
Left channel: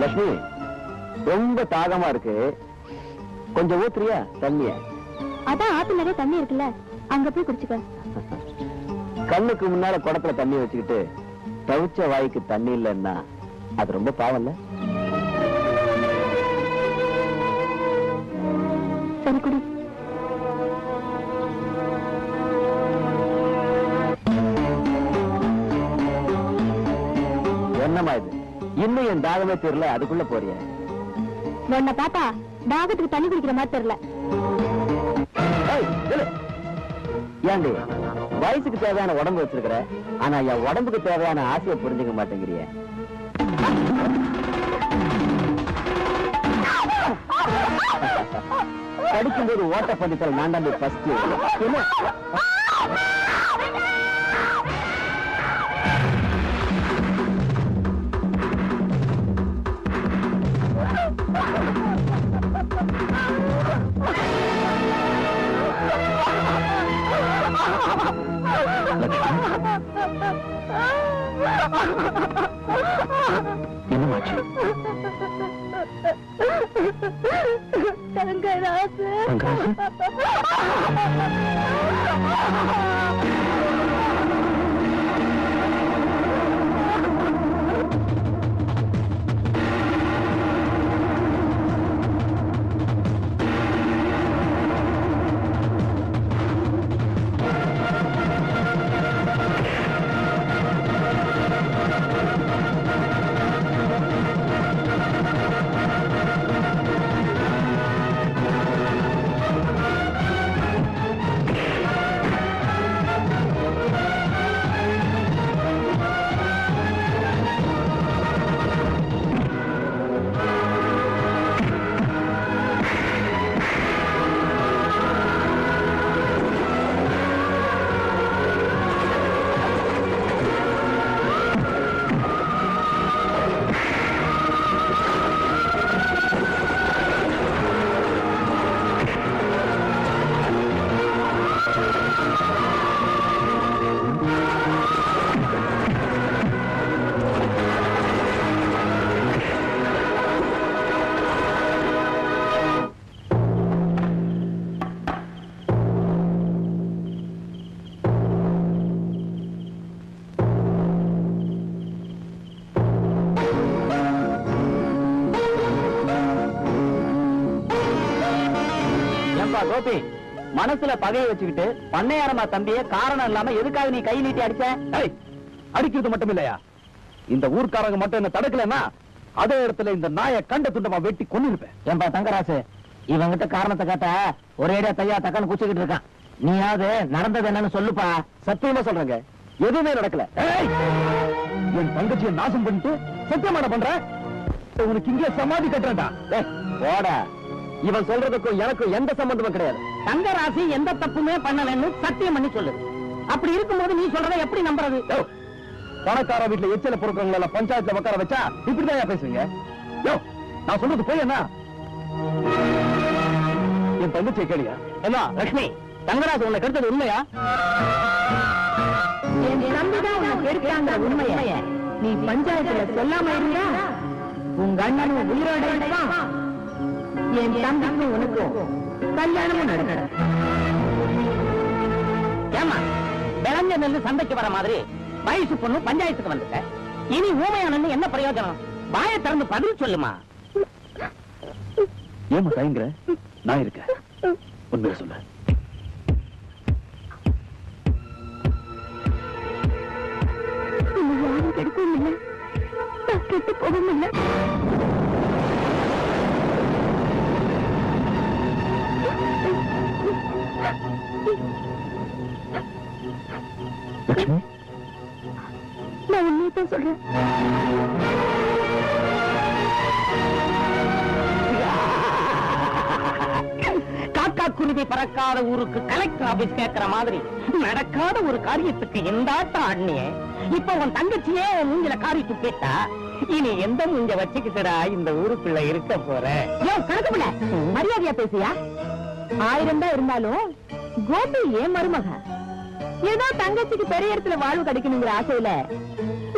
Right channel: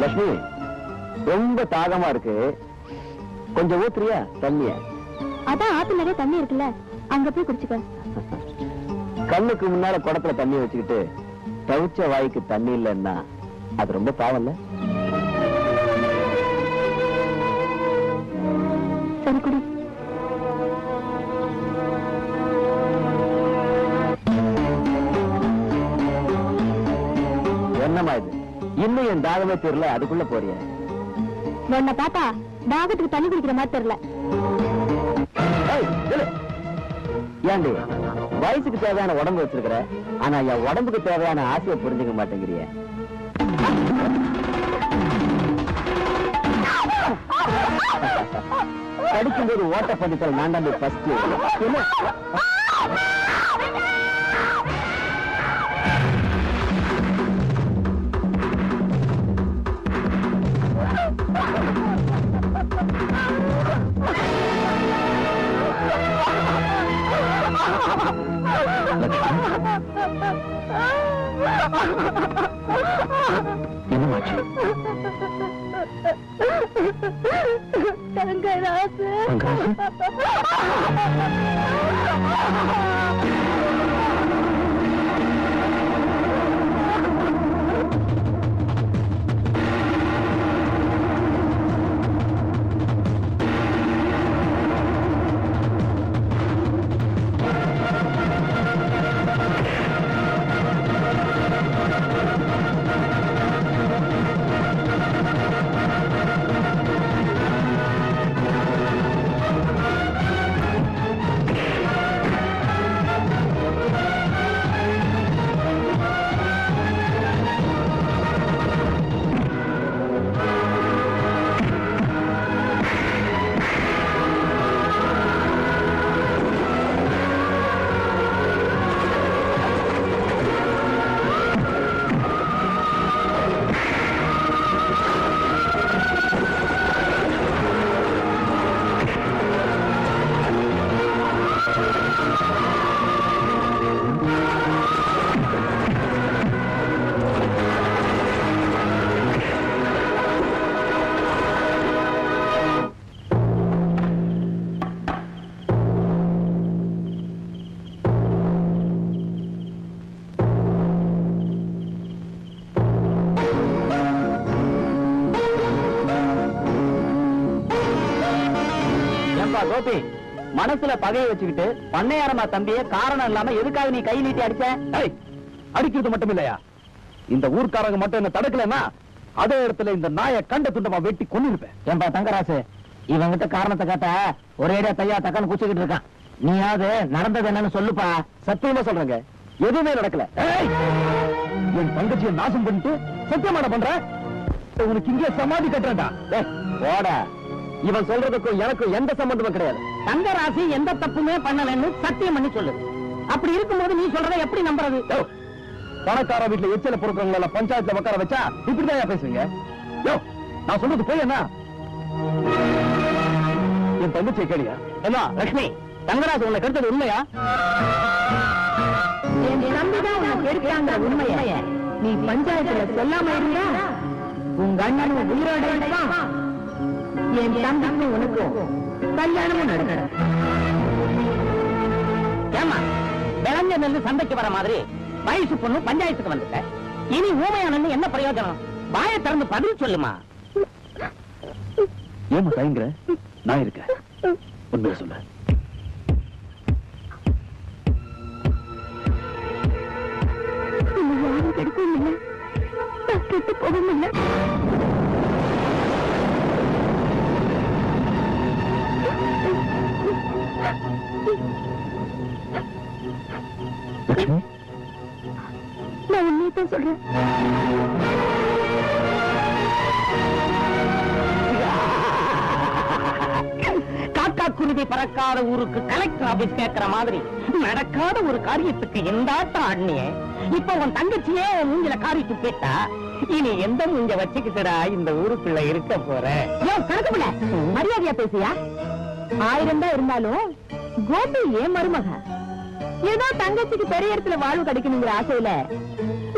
லட்சுமி, ரொம்ப தாகமா இருக்கு, கொஞ்சம் ஊத்துறியா தண்ணிய? அதான் ஆத்து நிறைய தண்ணி இருக்குல்ல, அங்க போய் குடிச்சுக்க. கண்ணுக்கு முன்னால குடத்துல தண்ணி வச்சுக்கிட்டு தவிச்ச வாய்க்கு தண்ணி இல்லைன்னா அது ரொம்ப பாவம் இல்ல? சரி குடி. என்னமா இது, இன்னும் என் தாகமே தெரியல, அதுக்குள்ள போறிய? என்ன பார்த்தா தாகத்துக்கு தண்ணி குடிக்கிற மாதிரி தெரியல. ஏண்டி, வயசுக்கு தேவையான உடம்பு வச்சிருக்கிற, ஆனா என் உடம்புக்கு தேவையான ஆசையை புரிஞ்சுக்க மாட்டேங்கிறிய. படிக்கும்போது ஓட்ட பண்ணிக்கல் நான் தான் ஃபர்ஸ்ட். என்னமாச்சு? தங்கராசு கோபி, மனசுல பகைய வச்சுக்கிட்டு பண்ணையாரமா தம்பிய காரணம் இல்லாம எதுக்காக நீ கை நீட்டி அடிச்ச? அடிக்கிறது மட்டும் இல்லையா, இந்த ஊர்க்காரங்க மட்டும் என்ன தடுக்கலன்னா அதே இடத்துல இந்த நாயை கண்ட துண்டமா வெட்டி கொண்டு இருப்பேன். ஏன்பா தங்கராசு, இவங்கிட்ட காரணத்தை கேட்ட ஒரேடியா தையா தக்கன்னு குச்சிக்கிட்டு இருக்கான். நீயாவது நடந்தது என்னன்னு சொல்லுப்பா. சத்தியமா சொல்றேங்க, எதுவுமே நடக்கல. ஏய், என் தங்கச்சியை நாசம் பண்ணிட்டு சத்தியமான பண்ற, உனக்கு இங்கே சமாதி கட்டுறா. போட, இவன் சொல்றதுக்கும் எனக்கும் எந்த சம்பந்தமும் கிடையாது. தங்கராசி எந்த தப்புமே பண்ணலன்னு சத்தியம் பண்ணி சொல்லு. அப்படி இருக்கும்போது நீ சொல்றத எப்படி நம்புறது? பணக்கார வீட்டுல எச்சில பொறுக்கிறவங்கள பஞ்சாயத்துல உட்கார வச்சா இப்படிதான் பேசுவீங்க? நான் சொல்றது போய் என்ன, என் தங்கச்சியை கேளியா? என்ன லட்சுமி, தங்கராசு உன்னை கருத்தது உண்மையா? உண்மைய நீ பஞ்சாயத்துல சொல்லாம இருந்தா உங்க அண்ணனும் உயிரோட இருப்பான், என் தம்பிக்கும் உனக்கும் கல்யாணமும் நடக்கும். ஏமா விளஞ்ச நெல்லு சந்தைக்கு வர மாதிரி வயசு பொண்ணு பஞ்சாயத்துக்கு வந்துட்ட. இனி ஊமையானு என்ன பிரயோஜனம்? வாயை திறந்து பதில் சொல்லுமா. ஏமா தயங்குற? நான் இருக்கேன், உண்மையை சொல்ல. யாரும் கெடுக்கவும் இல்லை, கெட்டு போகவும் இல்லை. லட்சுமி, நான் உண்மையத்தான் சொல்றேன். காக்கா குருவி பறக்காத ஊருக்கு கலெக்டர் ஆபீஸ் கேட்கிற மாதிரி நடக்காத ஒரு காரியத்துக்கு எந்தாட்டம் ஆடினியே. இப்ப உன் தங்கச்சியே மூஞ்சில காரி துப்பிட்டா, இனி எந்த மூஞ்ச வச்சுக்கிட்டடா இந்த ஊருக்குள்ள இருக்க போற? ஏன் கணக்குல மரியாதையா பேசியா? 1000 தான் இருந்தாலும் கோபி ஏன் மருமக. ஏதோ தங்கச்சிக்கு பெரிய இடத்துல வாழ்வு கிடைக்கணுங்கிற ஆசையில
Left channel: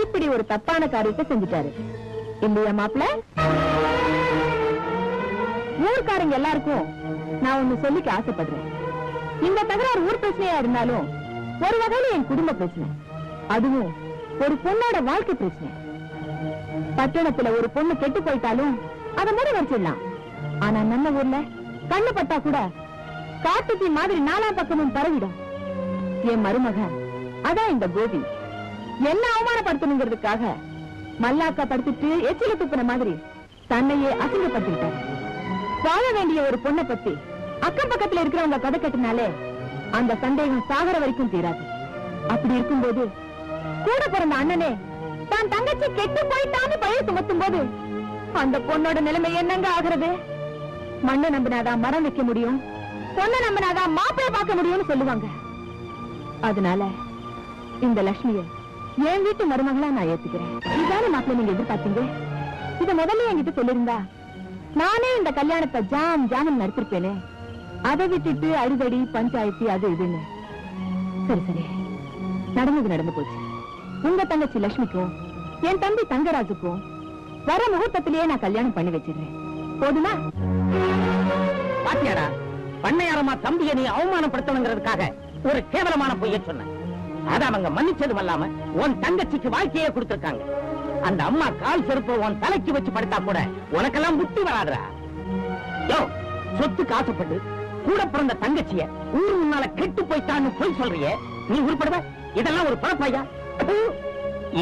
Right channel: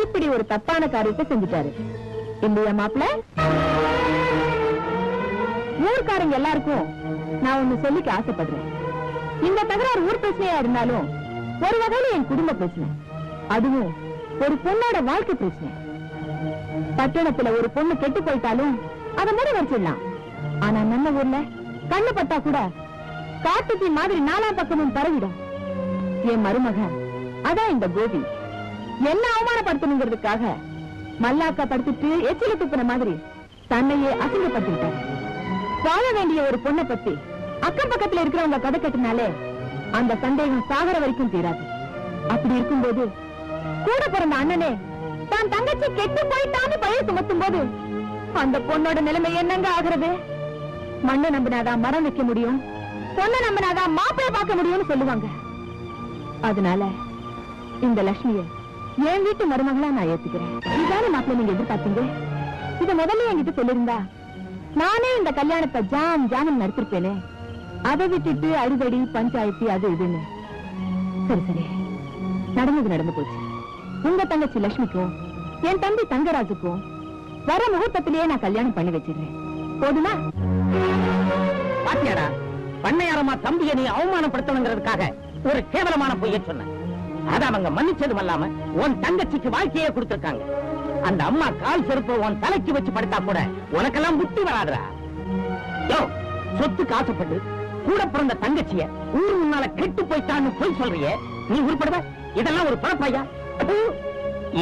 இப்படி ஒரு தப்பான காரியத்தை செஞ்சுட்டாரு இல்லையா மாப்பிள்ள? ஊர்க்காரங்க எல்லாருக்கும் நான் ஒண்ணு சொல்லிக்க ஆசைப்படுறேன். இந்த தகராறு ஊர் பிரச்சனையா இருந்தாலும் ஒரு வகையில என் குடும்ப பிரச்சனை, அதுவும் ஒரு பொண்ணோட வாழ்க்கை பிரச்சனை. பட்டணத்துல ஒரு பொண்ணு கெட்டு போயிட்டாலும் அதை முறை வச்சிடலாம். ஆனா நம்ம ஊர்ல கண்ணு பட்டா கூட காட்டுத்தீ மாதிரி 4 பக்கமும் பரவிடும். என் மருமக அதான் இந்த கோபி என்ன அவமானப்படுத்தணுங்கிறதுக்காக மல்லாக்கா படுத்துட்டு எச்சில துப்புன மாதிரி தன்னையே அசிங்கப்படுத்திட்டார். வாழ வேண்டிய ஒரு பொண்ணை பத்தி அக்கம் பக்கத்துல இருக்கிறவங்க கதை கட்டினாலே அந்த சந்தேகம் சாகர வரைக்கும் தீராது. அப்படி இருக்கும்போது கூட பிறந்த அண்ணனே தான் தங்கச்சி கெட்டு போயிட்டான்னு பையன் சுமத்தும் போது அந்த பொண்ணோட நிலைமை என்னங்க ஆகுறது? மண்ணை நம்பினாதான் மரம் வைக்க முடியும், பொண்ணை நம்பினாதான் மாப்பிள்ளை பார்க்க முடியும்னு சொல்லுவாங்க. அதனால இந்த லட்சுமியை என் வீட்டு மருமகளா நான் ஏத்துக்கிறேன். இதான மாப்பிள்ளை நீங்க எதிர்பார்த்தீங்க? இத முதல்ல என்கிட்ட சொல்லிருந்தா நானே இந்த கல்யாணத்தை ஜாமீன் நடத்திருப்பேனே. அதை விட்டுட்டு அறுபடி பஞ்சாயத்து அது இதுன்னு. சரி சரி, நடந்தது நடந்து போச்சு. உங்க தங்கச்சி லட்சுமிக்கும் என் தம்பி தங்கராஜுக்கும் வர முகூர்த்தத்திலேயே நான் கல்யாணம் பண்ணி வச்சிருக்கேன். போதுமா? பாத்தியாடா, பண்ணையாரமா தம்பியை நீ அவமானப்படுத்தணுங்கிறதுக்காக ஒரு கேவலமான பொய்யை சொன்ன. அத அவங்க மன்னிச்சதும் இல்லாம உன் தங்கச்சிக்கு வாழ்க்கையே கொடுத்திருக்காங்க. அந்த அம்மா கால் செருப்ப உன் தலைக்கு வச்சு படுத்தா கூட உனக்கெல்லாம் புத்தி வராதுடா. யோ, சொத்துக்கு ஆசைப்பட்டு கூட பிறந்த தங்கச்சிய ஊரு முன்னால கெட்டு போய்த்தான்னு போய் சொல்றியே, நீ உருப்படுவ? இதெல்லாம் ஒரு பழப்பையா?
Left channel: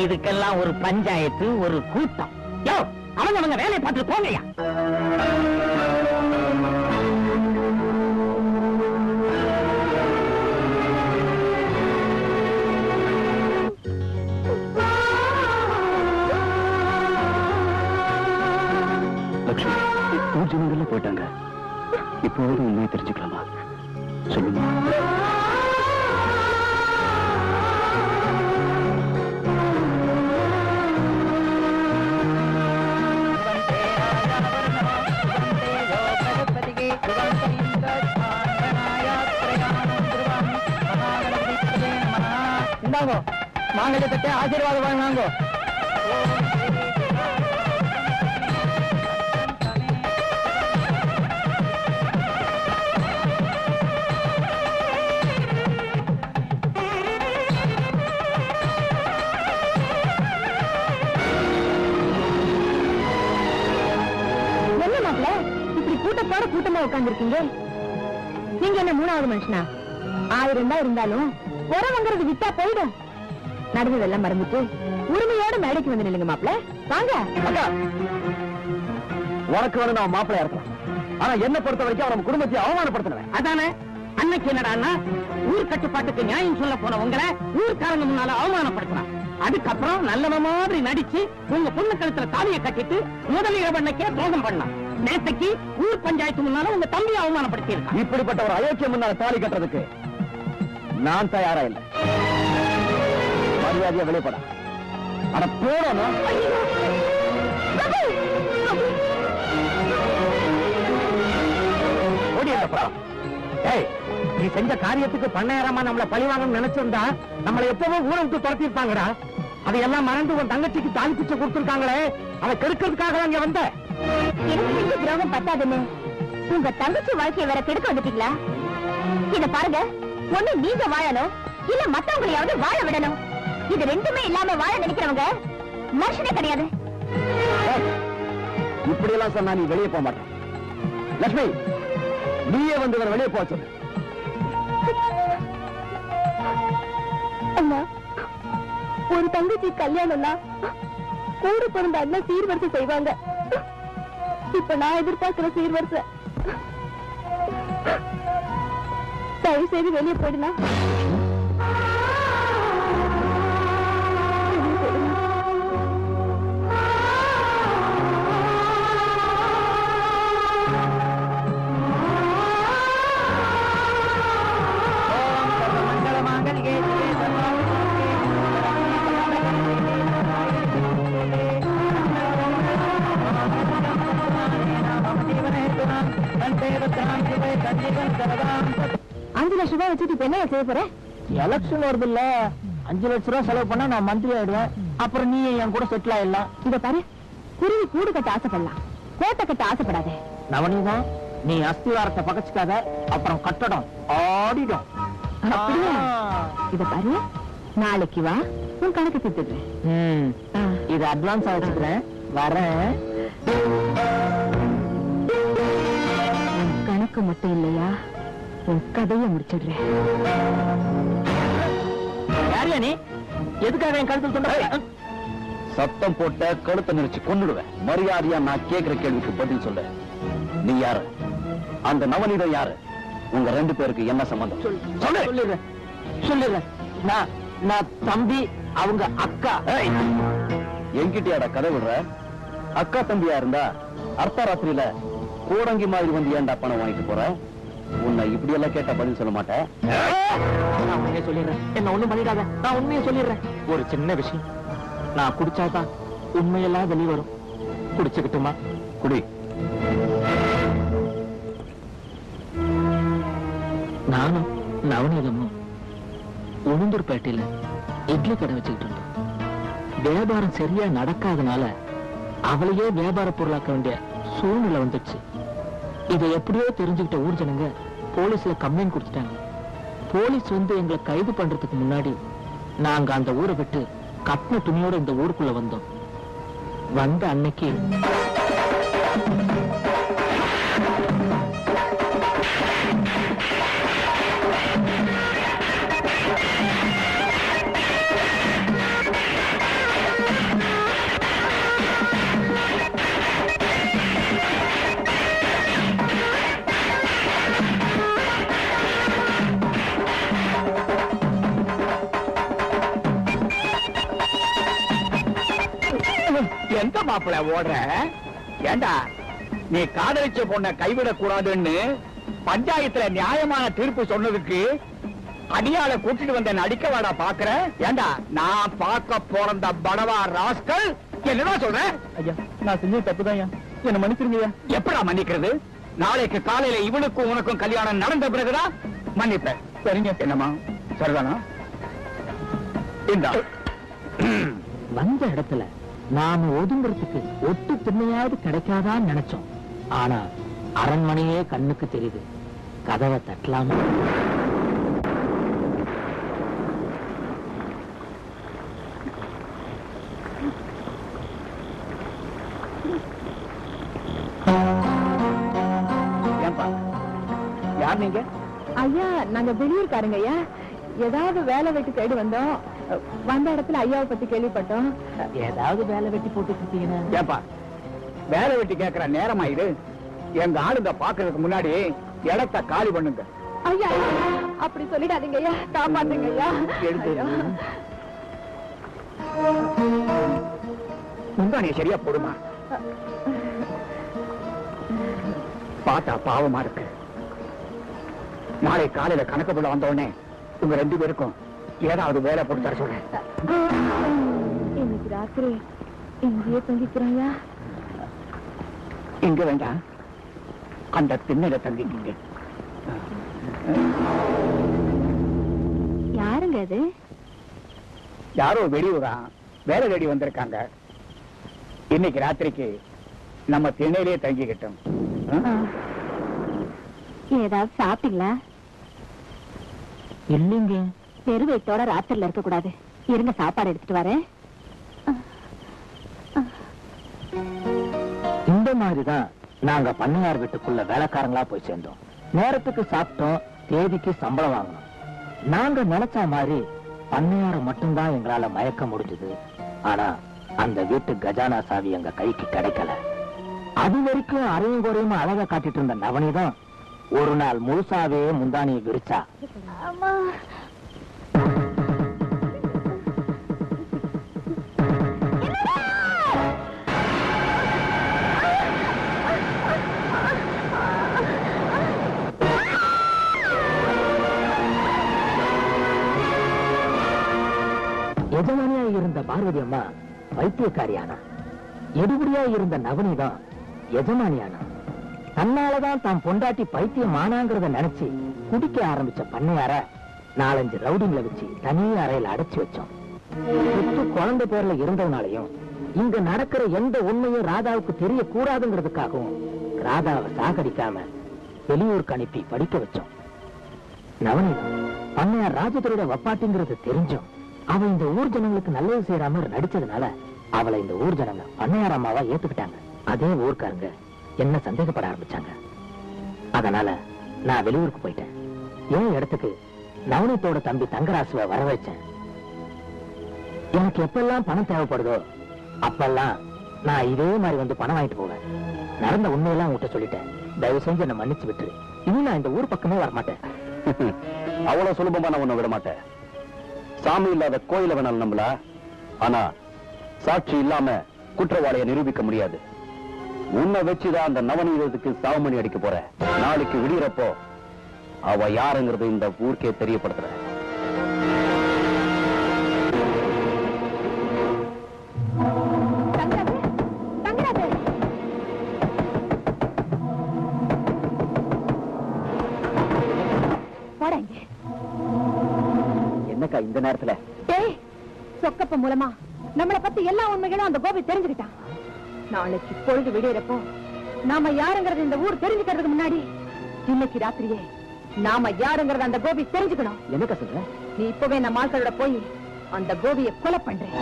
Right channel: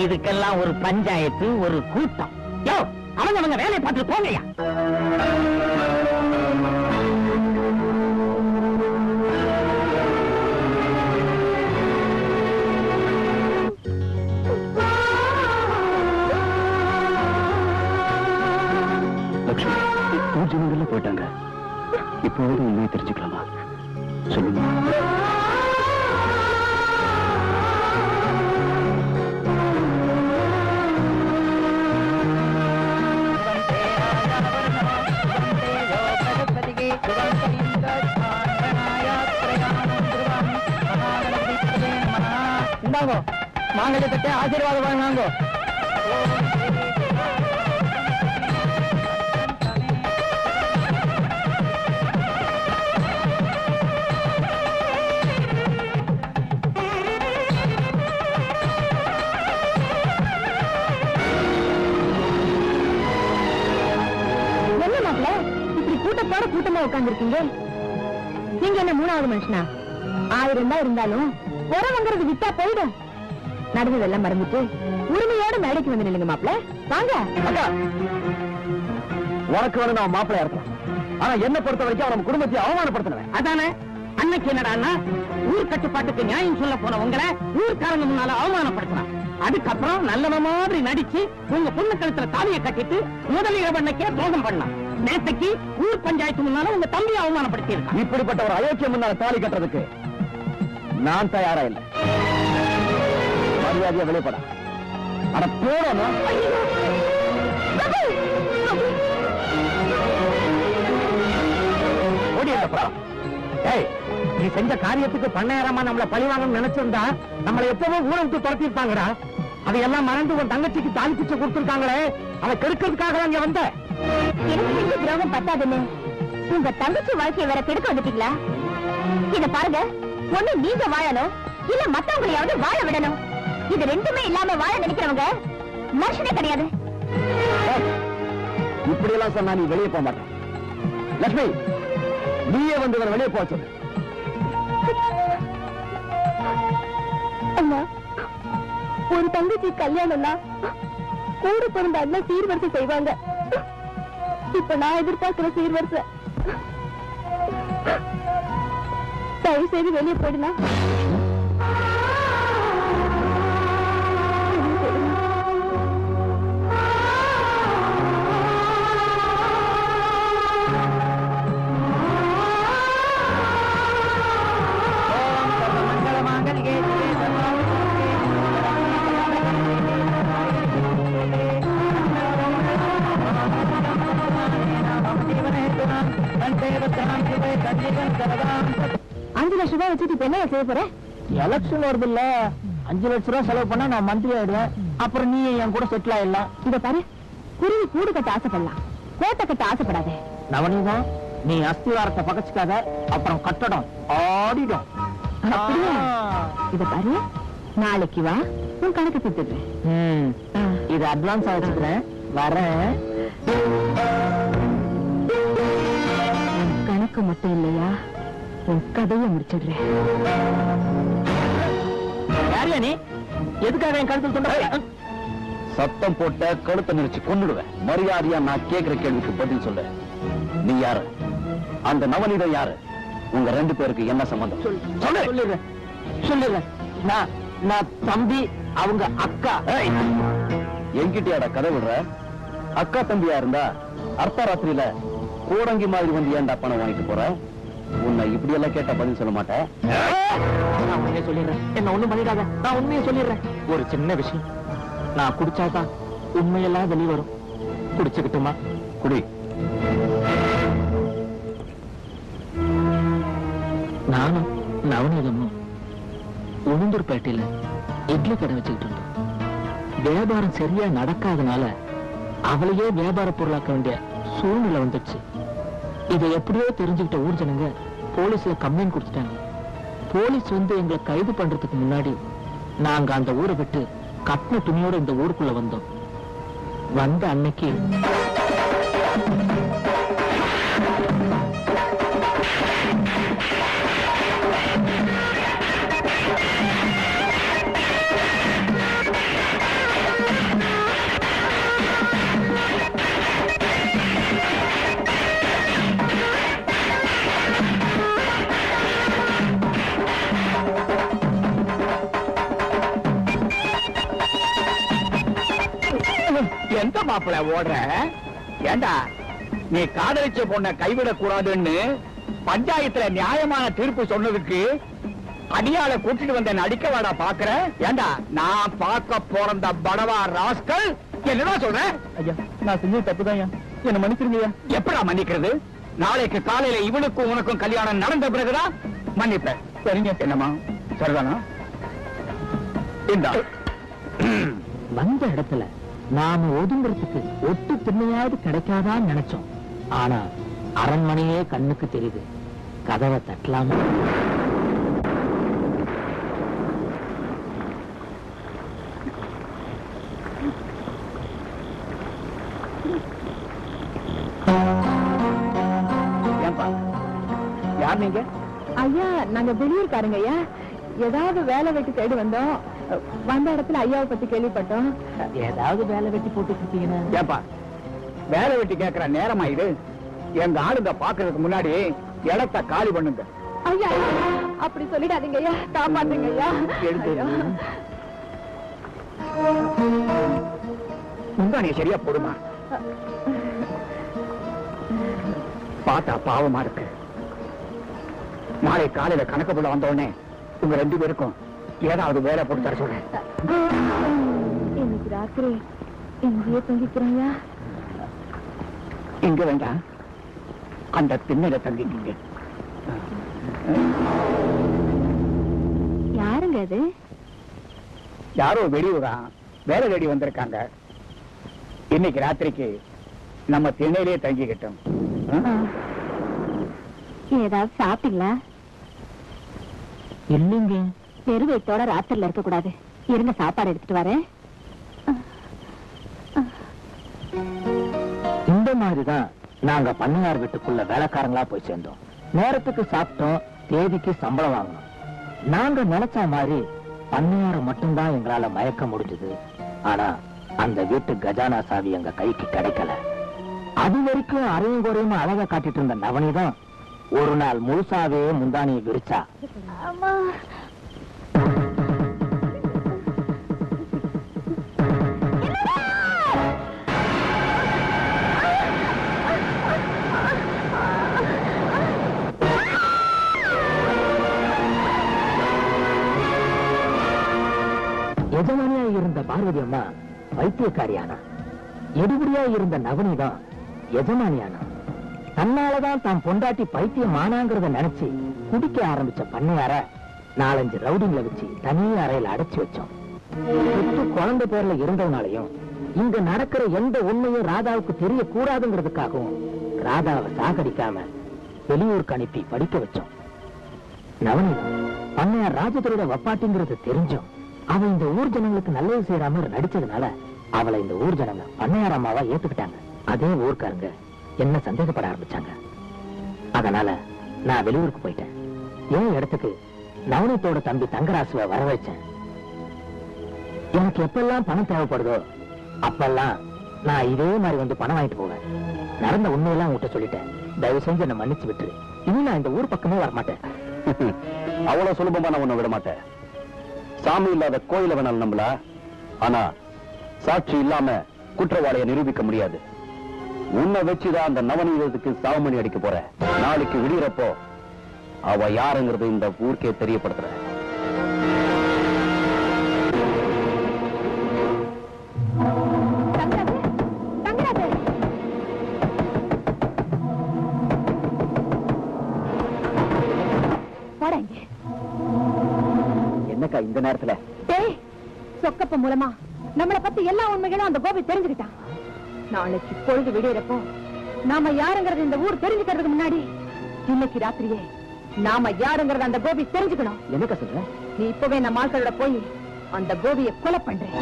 இதுக்கெல்லாம் ஒரு பஞ்சாயத்து, ஒரு கூட்டம். யோ, அவங்க வேலையை பார்த்து போங்கயா. போயிட்டாங்க. இப்போது உண்மையை தெரிஞ்சுக்கலாமா? சொல்லுங்க. மாநிலத்துக்கு ஆசீர்வாதம் வாங்க. கூட்டமா உட்கார்ந்துருக்கீங்க. நீங்க என்ன 3வது மனுஷனா? 1000 தான் இருந்தாலும் உரம் வாங்குறது விட்டா போயிடும். நடந்ததெல்லாம் மறந்துட்டு உரிமையோட மேடைக்கு வந்து நில்லுங்க மாப்பிள்ள. வாங்க. உனக்கு வேணும் நான் மாப்பிள்ளையா இருக்கலாம். ஆனா என்ன பொறுத்த வரைக்கும் அவன் குடும்பத்தை அவமானப்படுத்தினேன். அதானே அன்னைக்கு என்னடா ஊர் கட்டுப்பாட்டுக்கு நியாயம் சொல்ல போன உங்களை ஊர்க்காரங்க முன்னால அவமானப்படுத்தினான். அதுக்கப்புறம் நல்லவ மாதிரி நடிச்சு உங்க பொண்ணு கழுத்துல தாலியை கட்டிட்டு முதல் இரவண்ணைக்கே துரோகம் பண்ணலாம். நேற்றைக்கு ஊர் பஞ்சாயத்து முன்னால உங்க தம்பியை அவமானப்படுத்தி இருக்கான். இப்படிப்பட்ட ஒரு அயோக்கியம் முன்னால தாலி கட்டுறதுக்கு நான் தயாரா இல்லை. மரியாதையா வெளிப்பட. அட போறோம். நீ செஞ்ச காரியத்துக்கு பண்ணையரமா நம்மள பழிவாங்க நினைச்சிருந்தா நம்மளை எப்பவோ ஊரை விட்டு துரத்திருப்பாங்கடா. அதையெல்லாம் மறந்து உன் தங்கச்சிக்கு தாலி பிச்சை கொடுத்திருக்காங்களே, அதை கெடுக்கிறதுக்காக அங்க வந்த துரோகம் பத்தாதுன்னு உங்க தங்கச்சி வாழ்க்கையை வேற கெடுக்க வந்துட்டீங்களா? இத பாருங்க, ஒண்ணு நீங்க வாழணும், இல்ல மத்தவங்களையாவது வாழ விடணும். இது ரெண்டுமே இல்லாம வாழ நினைக்கிறவங்க மனுஷனே கிடையாது. இப்படி எல்லாம் சொன்னா நீ வெளியே போக மாட்டேன். லட்சுமி, நீயே வந்து வெளியே போச்சு. அண்ணா, ஒரு தங்கச்சி கல்யாணம்னா கூட பிறந்த அண்ணன் சீர்வரிசை செய்வாங்க. இப்ப நான் எதிர்பார்க்கிற சீர்வரிசை. தயவு செய்து வெளியே போயிடுனா. ₹5 லட்சம் வச்சுட்டு இப்ப என்ன செய்ய போற? எலெக்ஷன் வருது இல்ல, 5 லட்சம் ரூபாய் செலவு பண்ணா நான் மந்திரி ஆயிடுவேன். அப்புறம் நீ என் கூட செட்டில் ஆயிடலாம். இத பாரு, குருவி கூடு கட்ட ஆசைப்படலாம், கோட்டை கட்ட ஆசைப்படாத. நவனிதா, நீ அஸ்திவாரத்தை பகச்சுக்காத, அப்புறம் கட்டடம் ஆடிடும். அப்படியா? இத பாரு, நாளைக்கு வா, உன் கணக்கு கொடுத்துடுறேன். இது அட்வான்ஸ் ஆச்சுக்கிறேன், வரேன். கணக்கு மட்டும் இல்லையா, உன் கதையை முடிச்சிடுறேன். யாரியா நீ? எதுக்காக என் கருத்து சொல்ற? சத்தம் போட்ட கழுத்தை நெரிச்சு கொண்டுடுவேன். மரியாதையா நான் கேட்கிற கேள்விக்கு பதில் சொல்ல. நீ யாரு? அந்த நவநீதம் யாரு? உங்க 2 பேருக்கு என்ன சம்பந்தம்? சொல்லிடுறேன். நான் தம்பி, அவங்க அக்கா. என்கிட்டயாட கதை விடுற? அக்கா தம்பியா இருந்தா அர்த்தராத்திரியில கூடங்கி மாதிரி வந்து ஏன்டா பணம் வாங்கிட்டு போற? உன்னை இப்படி எல்லாம் கேட்டா பதில் சொல்ல மாட்டேன். நான் உண்மையை சொல்லிடுறேன். என்ன ஒண்ணும் பண்ணிடாத, நான் உண்மையை சொல்லிடுறேன். ஒரு சின்ன விஷயம், நான் குடிச்சாதான் உண்மையெல்லாம் வெளி வரும். குடிச்சுக்கிட்டுமா? குடி. நானும் நவநீதமும் உளுந்தூர்பேட்டையில இட்லி கடை வச்சுக்கிட்டு இருந்தோம். வியாபாரம் சரியா நடக்காதனால அவளையே வியாபார பொருளாக்க வேண்டிய சூழ்நிலை வந்துச்சு. இதை எப்படியோ தெரிஞ்சுக்கிட்ட ஊர் ஜனங்க போலீஸ்ல கம்ப்ளைண்ட் கொடுத்துட்டாங்க. போலீஸ் வந்து எங்களை கைது பண்றதுக்கு முன்னாடி நாங்க அந்த ஊரை விட்டு கட்டின துணியோட இந்த ஊருக்குள்ள வந்தோம். வந்த அன்னைக்கு எந்த மாப்பிள்ள ஓடுற? ஏண்டா, நீ காதலிச்ச பொண்ண கைவிடக் கூடாதுன்னு பஞ்சாயத்துல நியாயமான தீர்ப்பு சொன்னதுக்கு அடியால கூட்டிட்டு வந்த நடிக்க வாடா பாக்குற? ஏண்டா, நான் பார்க்க போறந்த படவா ராஸ்கல், என்னடா சொல்ற? ஐயா, நான் செஞ்ச தப்புதான், என்ன மன்னிச்சிருங்க. எப்படா மன்னிக்கிறது? நாளைக்கு காலையில இவனுக்கும் உனக்கும் கல்யாணம் நடந்த பிறகுதான் மன்னிப்பேன். சரிங்க? என்னமா சரிதானா? இந்த வந்த இடத்துல நாம ஒதுங்குறதுக்கு ஒட்டு திண்ணையாவது கிடைக்காதான்னு நினைச்சோம். ஆனா அரண்மனையே கண்ணுக்கு தெரியுது. கதவை தட்டலாமா? யார் நீங்க? ஐயா, நாங்க வெளியூர்காரங்க ஐயா. ஏதாவது வேலை வெட்டி தேடி வந்தோம். வந்த இடத்துல ஐயாவை பத்தி கேள்விப்பட்டோம். ஏதாவது வேலை வெட்டி போட்டு இருக்கீங்கன்னா? ஏப்பா வேலை வெட்டி கேட்கிற நேரமா இது? எங்க ஆளுங்க பாக்குறதுக்கு முன்னாடி இடத்த காலி பண்ணுங்க. ஐயா அப்படி சொல்லிடாதீங்க ஐயா, காப்பாத்துங்க ஐயா. முந்தானிய சரியா போடுமா? பார்த்தா பாவமா இருக்கு. நாளை காலையில கணக்கு போல வந்த உடனே உங்க 2 பேருக்கும் ஏதாவது வேலை போட்டு தர சொல்றேன். இன்னைக்கு ராத்திரி இங்கேயே தங்கிக்கிறேங்க. இங்க வேண்டாம், அந்த திண்ணையில தங்கிட்டீங்க. யாருங்க அது? யாரோ வெளியூரா வேலை தேடி வந்திருக்காங்க. இன்னைக்கு ராத்திரிக்கு நம்ம திண்ணையிலேயே தங்கிக்கிட்டோம். ஏதாவது சாப்பிட்டீங்களா? இல்லைங்க. பெருவெட்டோட ராத்திரில இருக்க கூடாது. இருங்க, சாப்பாடு எடுத்துட்டு வரேன். இந்த மாதிரிதான் நாங்க பண்ணையார் வீட்டுக்குள்ள வேலைக்காரங்களா போய் சேர்ந்தோம். நேரத்துக்கு சாப்பிட்டோம், தேதிக்கு சம்பளம் வாங்கணும். நாங்க நினைச்ச மாதிரி பண்ணையார மட்டும்தான் எங்களால மயக்க முடிஞ்சது. ஆனா அந்த வீட்டு கஜானா சாவி எங்க கைக்கு கிடைக்கல. அது வரைக்கும் அரையும் குறையும் அழகா காட்டிட்டு இருந்த நவனிதான் ஒரு நாள் முழுசாவே முந்தானியை விரிச்சா. எஜமானியா இருந்த பார்வதி அம்மா வைத்தியக்காரியானா, எடுபடியா இருந்த நவனிதான் எஜமானியானா. தன்னாலதான் தான் பொண்டாட்டி பைத்தியம் ஆனாங்கிறத நினைச்சு குடிக்க ஆரம்பிச்ச பண்ணையார 4-5 ரவுடிங்களை வச்சு தனியா அறையில அடைச்சு வச்சோம். குழந்தை பேர்ல இருந்ததுனாலையும் இங்க நடக்கிற எந்த உண்மையும் ராதாவுக்கு தெரியக்கூடாதுங்கிறதுக்காகவும் ராதாவை சாகடிக்காம வெளியூருக்கு அனுப்பி படிக்க வச்சோம். நவனி பண்ணையார் ராஜதுரோட வப்பாட்டிங்கிறது தெரிஞ்சும் அவ இந்த ஊர் ஜனங்களுக்கு நல்லது செய்யற மாதிரி நடிச்சதுனால அவளை இந்த ஊர் ஜனங்க பண்ணையார் அம்மாவா ஏத்துக்கிட்டாங்க. அதே ஊர்க்காரங்க என்ன சந்தேகப்பட ஆரம்பிச்சாங்க. அதனால நான் வெளியூருக்கு போயிட்டேன். என் இடத்துக்கு நவனத்தோட தம்பி தங்கராசுவை வர வச்சேன். எனக்கு எப்பெல்லாம் பணம் தேவைப்படுதோ அப்பெல்லாம் நான் இதே மாதிரி வந்து பணம் வாங்கிட்டு போவேன். நடந்த உண்மையெல்லாம் உங்ககிட்ட சொல்லிட்டேன். தயவு செஞ்சு என்ன மன்னிச்சு விட்டுரு. இன்னும் நான் இந்த ஊர் பக்கமே வரமாட்டேன். அவ்வளவு சுலபமா நான் உன்னை விட மாட்டேன். சாமி இல்லாத கோயில வேணாலும் நம்பல, ஆனா சாட்சி இல்லாம குற்றவாளியை நிரூபிக்க முடியாது. உன்னை வச்சுதான் அந்த நவநீதத்துக்கு சாவுமணி அடிக்க போற. நாளைக்கு விடுறப்போ அவ யாருங்கிறது இந்த ஊருக்கே தெரியப்படுத்துற. என்னக்கா இந்த நேரத்துல? சொக்கப்ப மூலமா நம்மளை பத்தி எல்லா உண்மைகளும் அந்த கோபி தெரிஞ்சுக்கிட்டான். நாளைக்கு பொழுது விடியறப்போ நாம யாருங்கிறது இந்த ஊர் தெரிஞ்சுக்கிறதுக்கு முன்னாடி இன்னைக்கு ராத்திரியே நாம யாருங்கிறத அந்த கோபி தெரிஞ்சுக்கணும். என்னக்கா சொல்ற? நீ இப்பவே நம்ம ஆட்களோட போய் அந்த கோபியை கொலை பண்றேன்,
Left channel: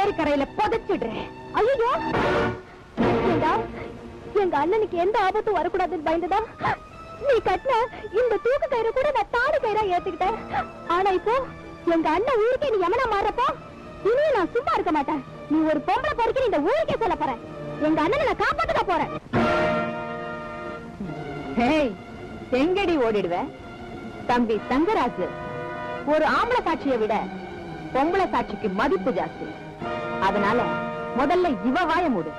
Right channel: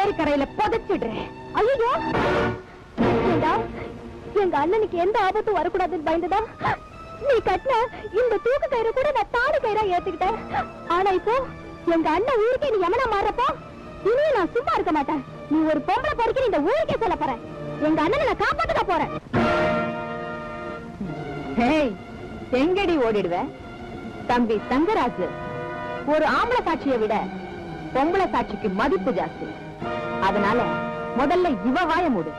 ஏரிக்கரையில புதைச்சிடுறேன். ஐயோ, எங்க அண்ணனுக்கு எந்த ஆபத்தும் வரக்கூடாதுன்னு பயந்துதா நீ கட்டின இந்த தூக்கு கயிறு கூட நான் தாடு கயிறா ஏத்துக்கிட்டேன். ஆனா இப்போ எங்க அண்ணன் ஊருக்கே நீ எமனா மாறப்போ இனியும் நான் சும்மா இருக்க மாட்டேன். நீ ஒரு பொம்பளை பொறுக்க இந்த ஊருக்கே சொல்ல போற. எங்க அண்ணனை நான் காப்பாத்துக்க போறேன். எங்கடி ஓடிடுவ? தம்பி தங்கராஜு ஒரு ஆம்பளை சாட்சியை விட பொம்பளை சாட்சிக்கு மதிப்பு ஜாஸ்தி. அதனால முதல்ல இவ வாய மூடு.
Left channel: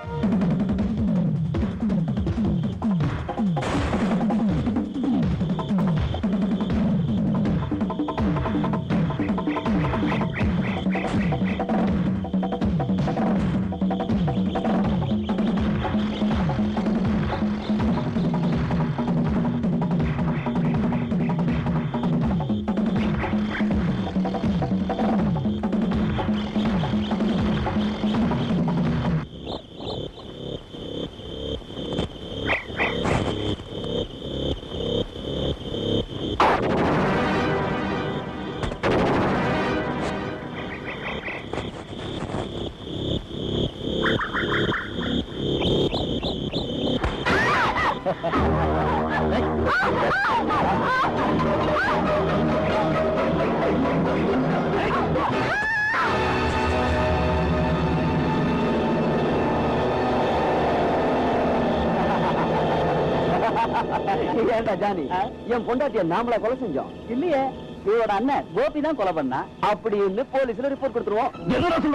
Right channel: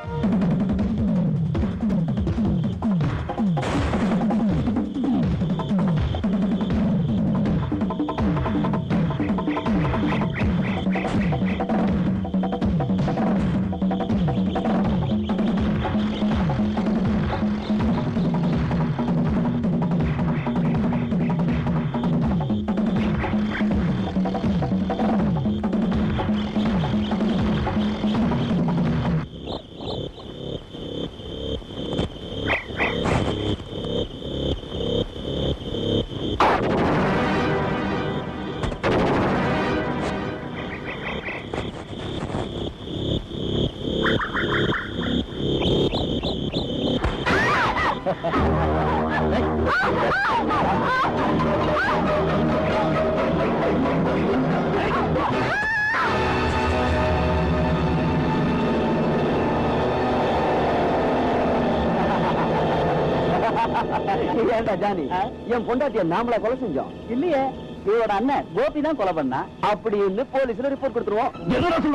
ஏண்டா ஜானி, என் பொண்டாட்டிய நாமளா கொலை செஞ்சோம் இல்லையே, இவரோட அண்ணன் கோபி தான் கொலை பண்ணா. அப்படின்னு போலீஸ்ல ரிப்போர்ட் கொடுத்துருவோம்.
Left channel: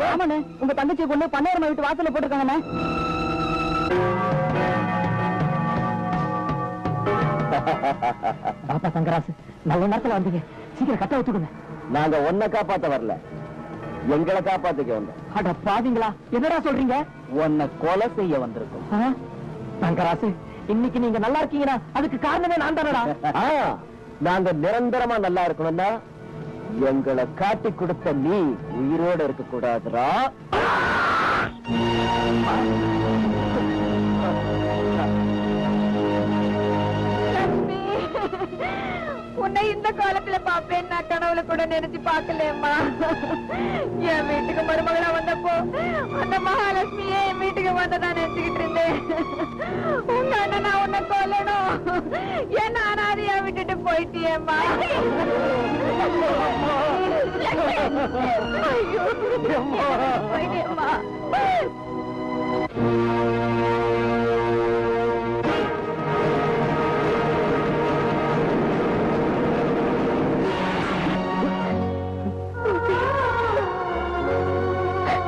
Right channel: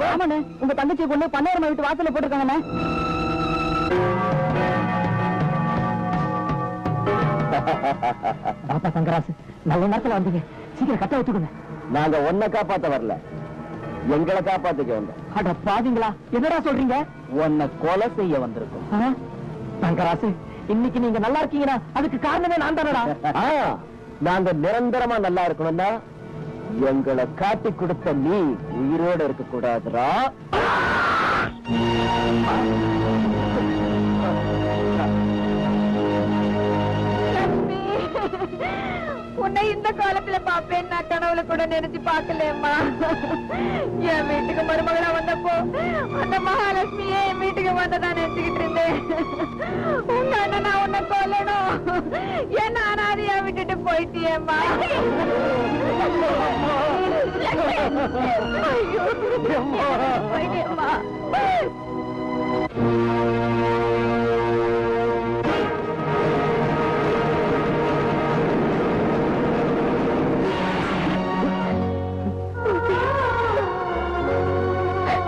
ஆமாண்ணே, உங்க தங்கச்சி பொண்ணு பன்னாயிரம் வீட்டு வாசல்ல போட்டுருக்காங்கண்ணே. பாப்பா சங்கராசு, நல்ல நேரத்துல வந்தீங்க, சீக்கிரம் கட்ட வச்சுக்கோங்க. நாங்க ஒன்ன காப்பாத்த வரல, எங்களை காப்பாத்துக்க வந்தோம். அட பாதிங்களா, என்னடா சொல்றீங்க? உன்னை கொலை செய்ய வந்திருக்கோம். சங்கராசு, இன்னைக்கு நீங்க நல்லா இருக்கீங்கன்னா அதுக்கு காரணமே நான் தானடா. நாங்க நிரந்தரமா நல்லா இருக்கணும்னா எங்களை காட்டி கொடுத்த நீ உயிரோட இருக்க கூடாதுரா. உன்னை இந்த காலத்துல பாப்பேன் நான் கனவுல கூட நினைச்சு பாக்கலேம்மா. என் வீட்டுக்கு மருமகளா வந்தப்போ அந்த மகாலட்சுமியே என் வீட்டுக்கு வந்ததா நினைச்சுக்கிட்டு இருந்தேன். உங்க அண்ணனை உன்னை கொல்லணும், என்ன அனாதையா விட்டுட்டு போயிட்டியேம்மா. ஐயோ, போயிட்டேம்மா.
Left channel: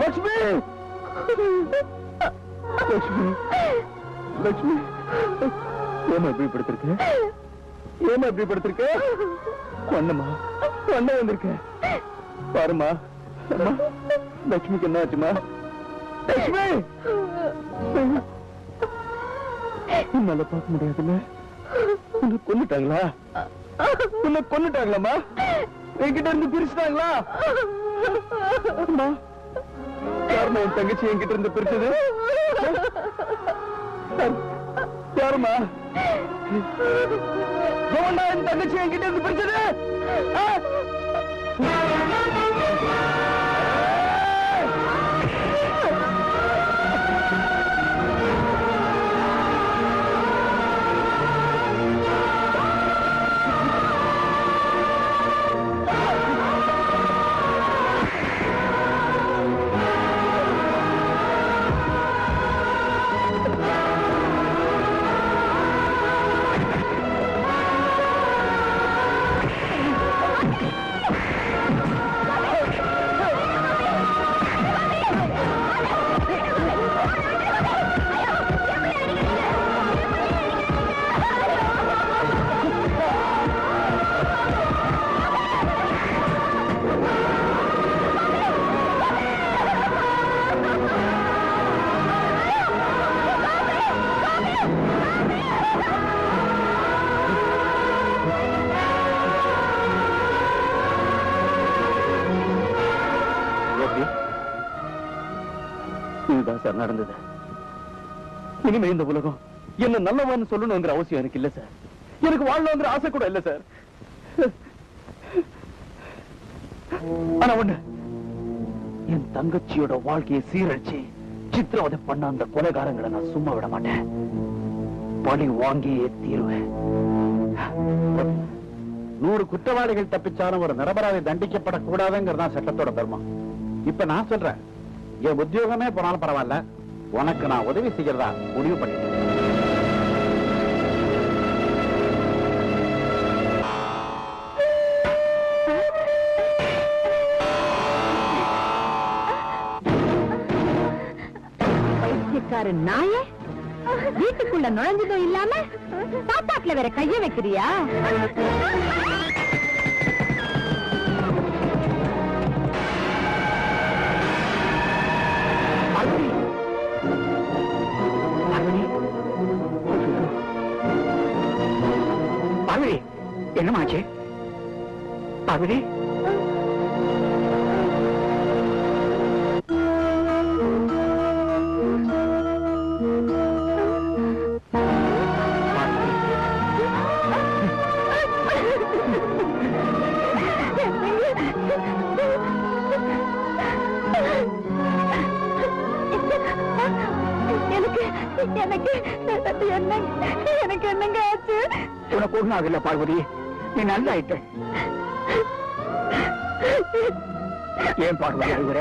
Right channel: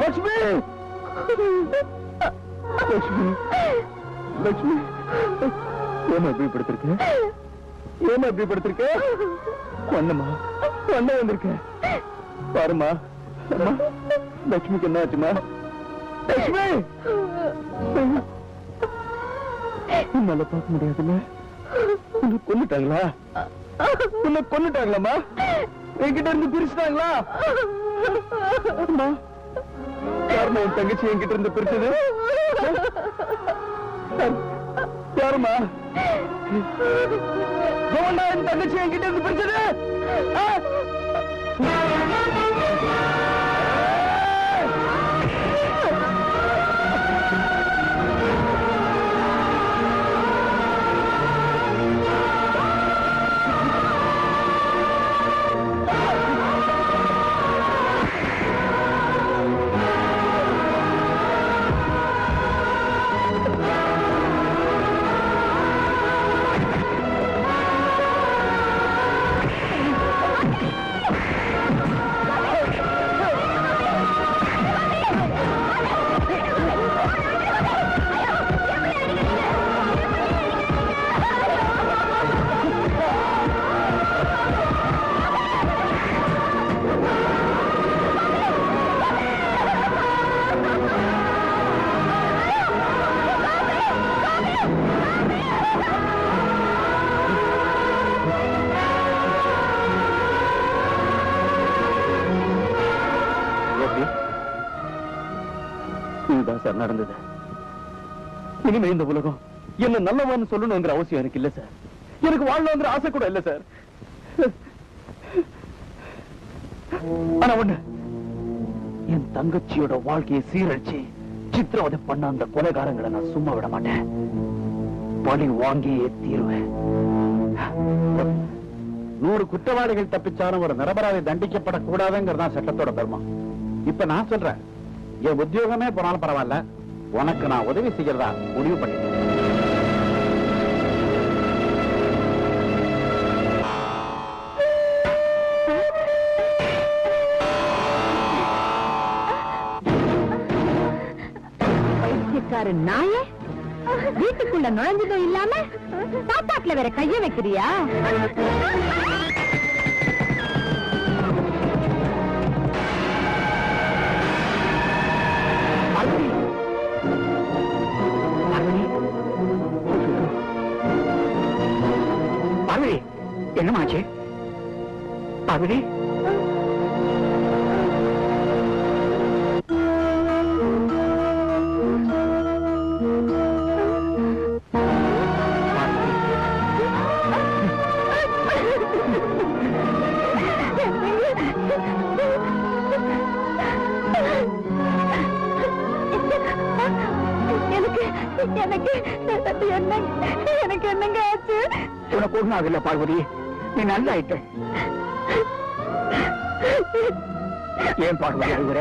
லட்சுமி, லட்சுமி, லட்சுமி, ஏமா இப்படி படுத்திருக்க? ஏமா இப்படி படுத்திருக்க? ஒண்ணுமா, ஒண்ணு வந்திருக்க பாருமா. லட்சுமிக்கு என்ன ஆச்சுமா? லட்சுமி, உன்னால பார்க்க முடியாதுல்ல? உன்னை கொன்னுட்டாங்களா? உன்னை கொன்னுட்டாங்களாமா? என்கிட்ட இருந்து பிரிச்சுட்டாங்களா? யாருமா என் தங்கச்சி என்கிட்ட இருந்து பிரிச்சது? யாருமா என் தங்கச்சி என்கிட்ட இருந்து பிரிச்சது? இதுதான் சார் நடந்தது. இனிமே இந்த உலகம் என்ன நல்லவான்னு சொல்லணுங்கிற அவசியம் எனக்கு இல்ல சார். எனக்கு வாழணுங்கிற ஆசை கூட இல்ல சார். ஆனா ஒண்ணு, என் தங்கச்சியோட வாழ்க்கையை சீரழிச்சு சித்திரவதை பண்ண அந்த கொலைகாரங்களை நான் சும்மா விட மாட்டேன். பழி வாங்கியே தீருவேன். 100 குற்றவாளிகள் தப்பிச்சாலும் ஒரு நிரபராதி தண்டிக்கப்படக்கூடாதுங்கிறதா சட்டத்தோட பெருமா. இப்ப நான் சொல்றேன், என் உத்தியோகமே போனாலும் பரவாயில்ல, உனக்கு நான் உதவி செய்யறதா முடிவு பண்ணிட்டேன். நாய வீட்டுக்குள்ள நுழைஞ்சதே இல்லாம சாப்பாட்டுல வேற கைய வைக்கிறியா? என்னமாச்சு பகுதி? எனக்கு என்னங்க ஆச்சு? உனக்கு ஒண்ணும் ஆகல பார்வதி, நீ நல்லா ஆயிட்ட. ஏன் பார்வதி அழுகுற?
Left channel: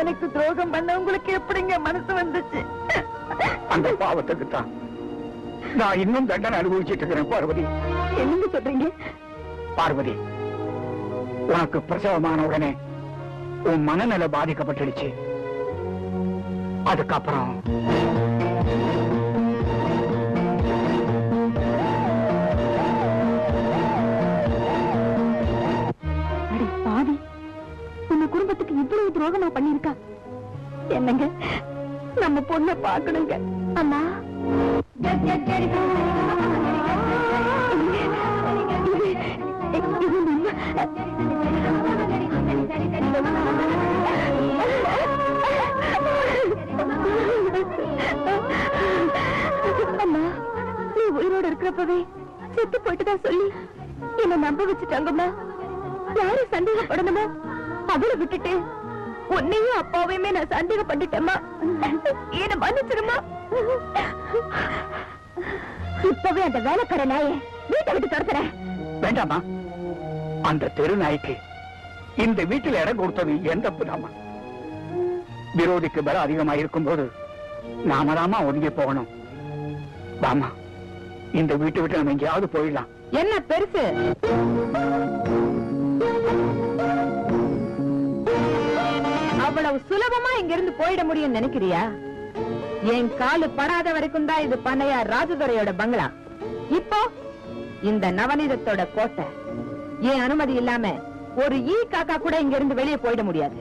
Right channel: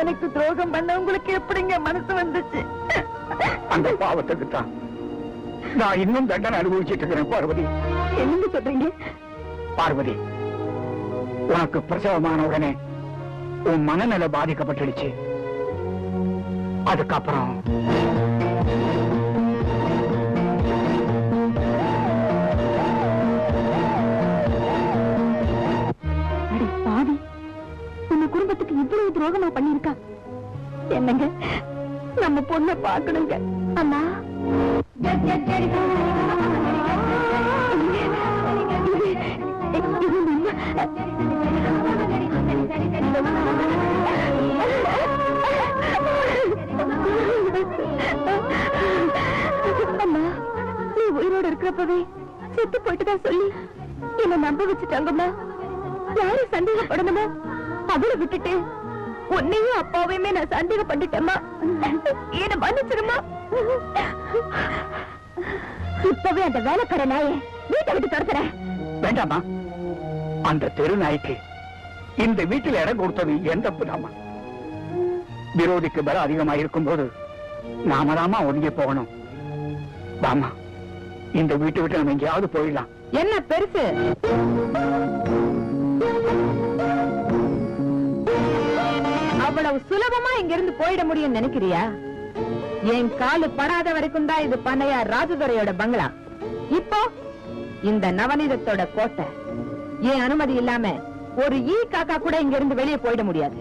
எனக்கு துரோகம் பண்ண உங்களுக்கு எப்படிங்க மனசு வந்துச்சு? அந்த பாவத்துக்கு தான் நான் இன்னும் தண்டனை அனுபவிச்சுட்டு இருக்கிறேன் பார்வதி. என்னங்க சொல்றீங்க? பார்வதி, உனக்கு பிரசவமான உடனே உன் மனநல பாதிக்கப்பட்டுடுச்சு. அதுக்கப்புறம் பாதி உங்க குடும்பத்துக்கு இவ்வளவு துரோகமா பண்ணிருக்கா. என்னங்க, நம்ம பொண்ணை பார்க்கணுங்க. அம்மா, அம்மா, நீ உயிரோடு இருக்கிறப்பவே செத்து போயிட்டுதான் சொல்லி என்ன நம்ப வச்சுட்டாங்கம்மா. யாரும் சந்தேகப்படணுமா அதுல விட்டுட்டு உன்னையும் அப்பாவையுமே நான் சந்தேகம் பண்ணிட்டேம்மா. என்ன மன்னிச்சிருமா. இப்பவே அந்த வேலைக்கார நாயை வீட்டை விட்டு துரத்துறேன். வேண்டாமா, அந்த தெரு நாய்க்கு இந்த வீட்டில் இடம் கொடுத்தது எந்த தப்புதாமா? விரோதிக்கு பலம் அதிகமா இருக்கும் போது நாம தாமா ஒதுங்கி போகணும். வாமா, இந்த வீட்டை விட்டு நம்ம எங்கேயாவது போயிடலாம். என்ன பெருசு? அவ்வளவு சுலபமா இங்க இருந்து போயிட முடியும் நினைக்கிறியா? என் காலு படாத வரைக்கும் தான் இது பண்ணையார் ராஜதுரையோட பங்களா. இப்போ இந்த நவநீதத்தோட கோட்டை. என் அனுமதி இல்லாம ஒரு ஈ காக்கா கூட இங்க இருந்து வெளியே போயிட முடியாது.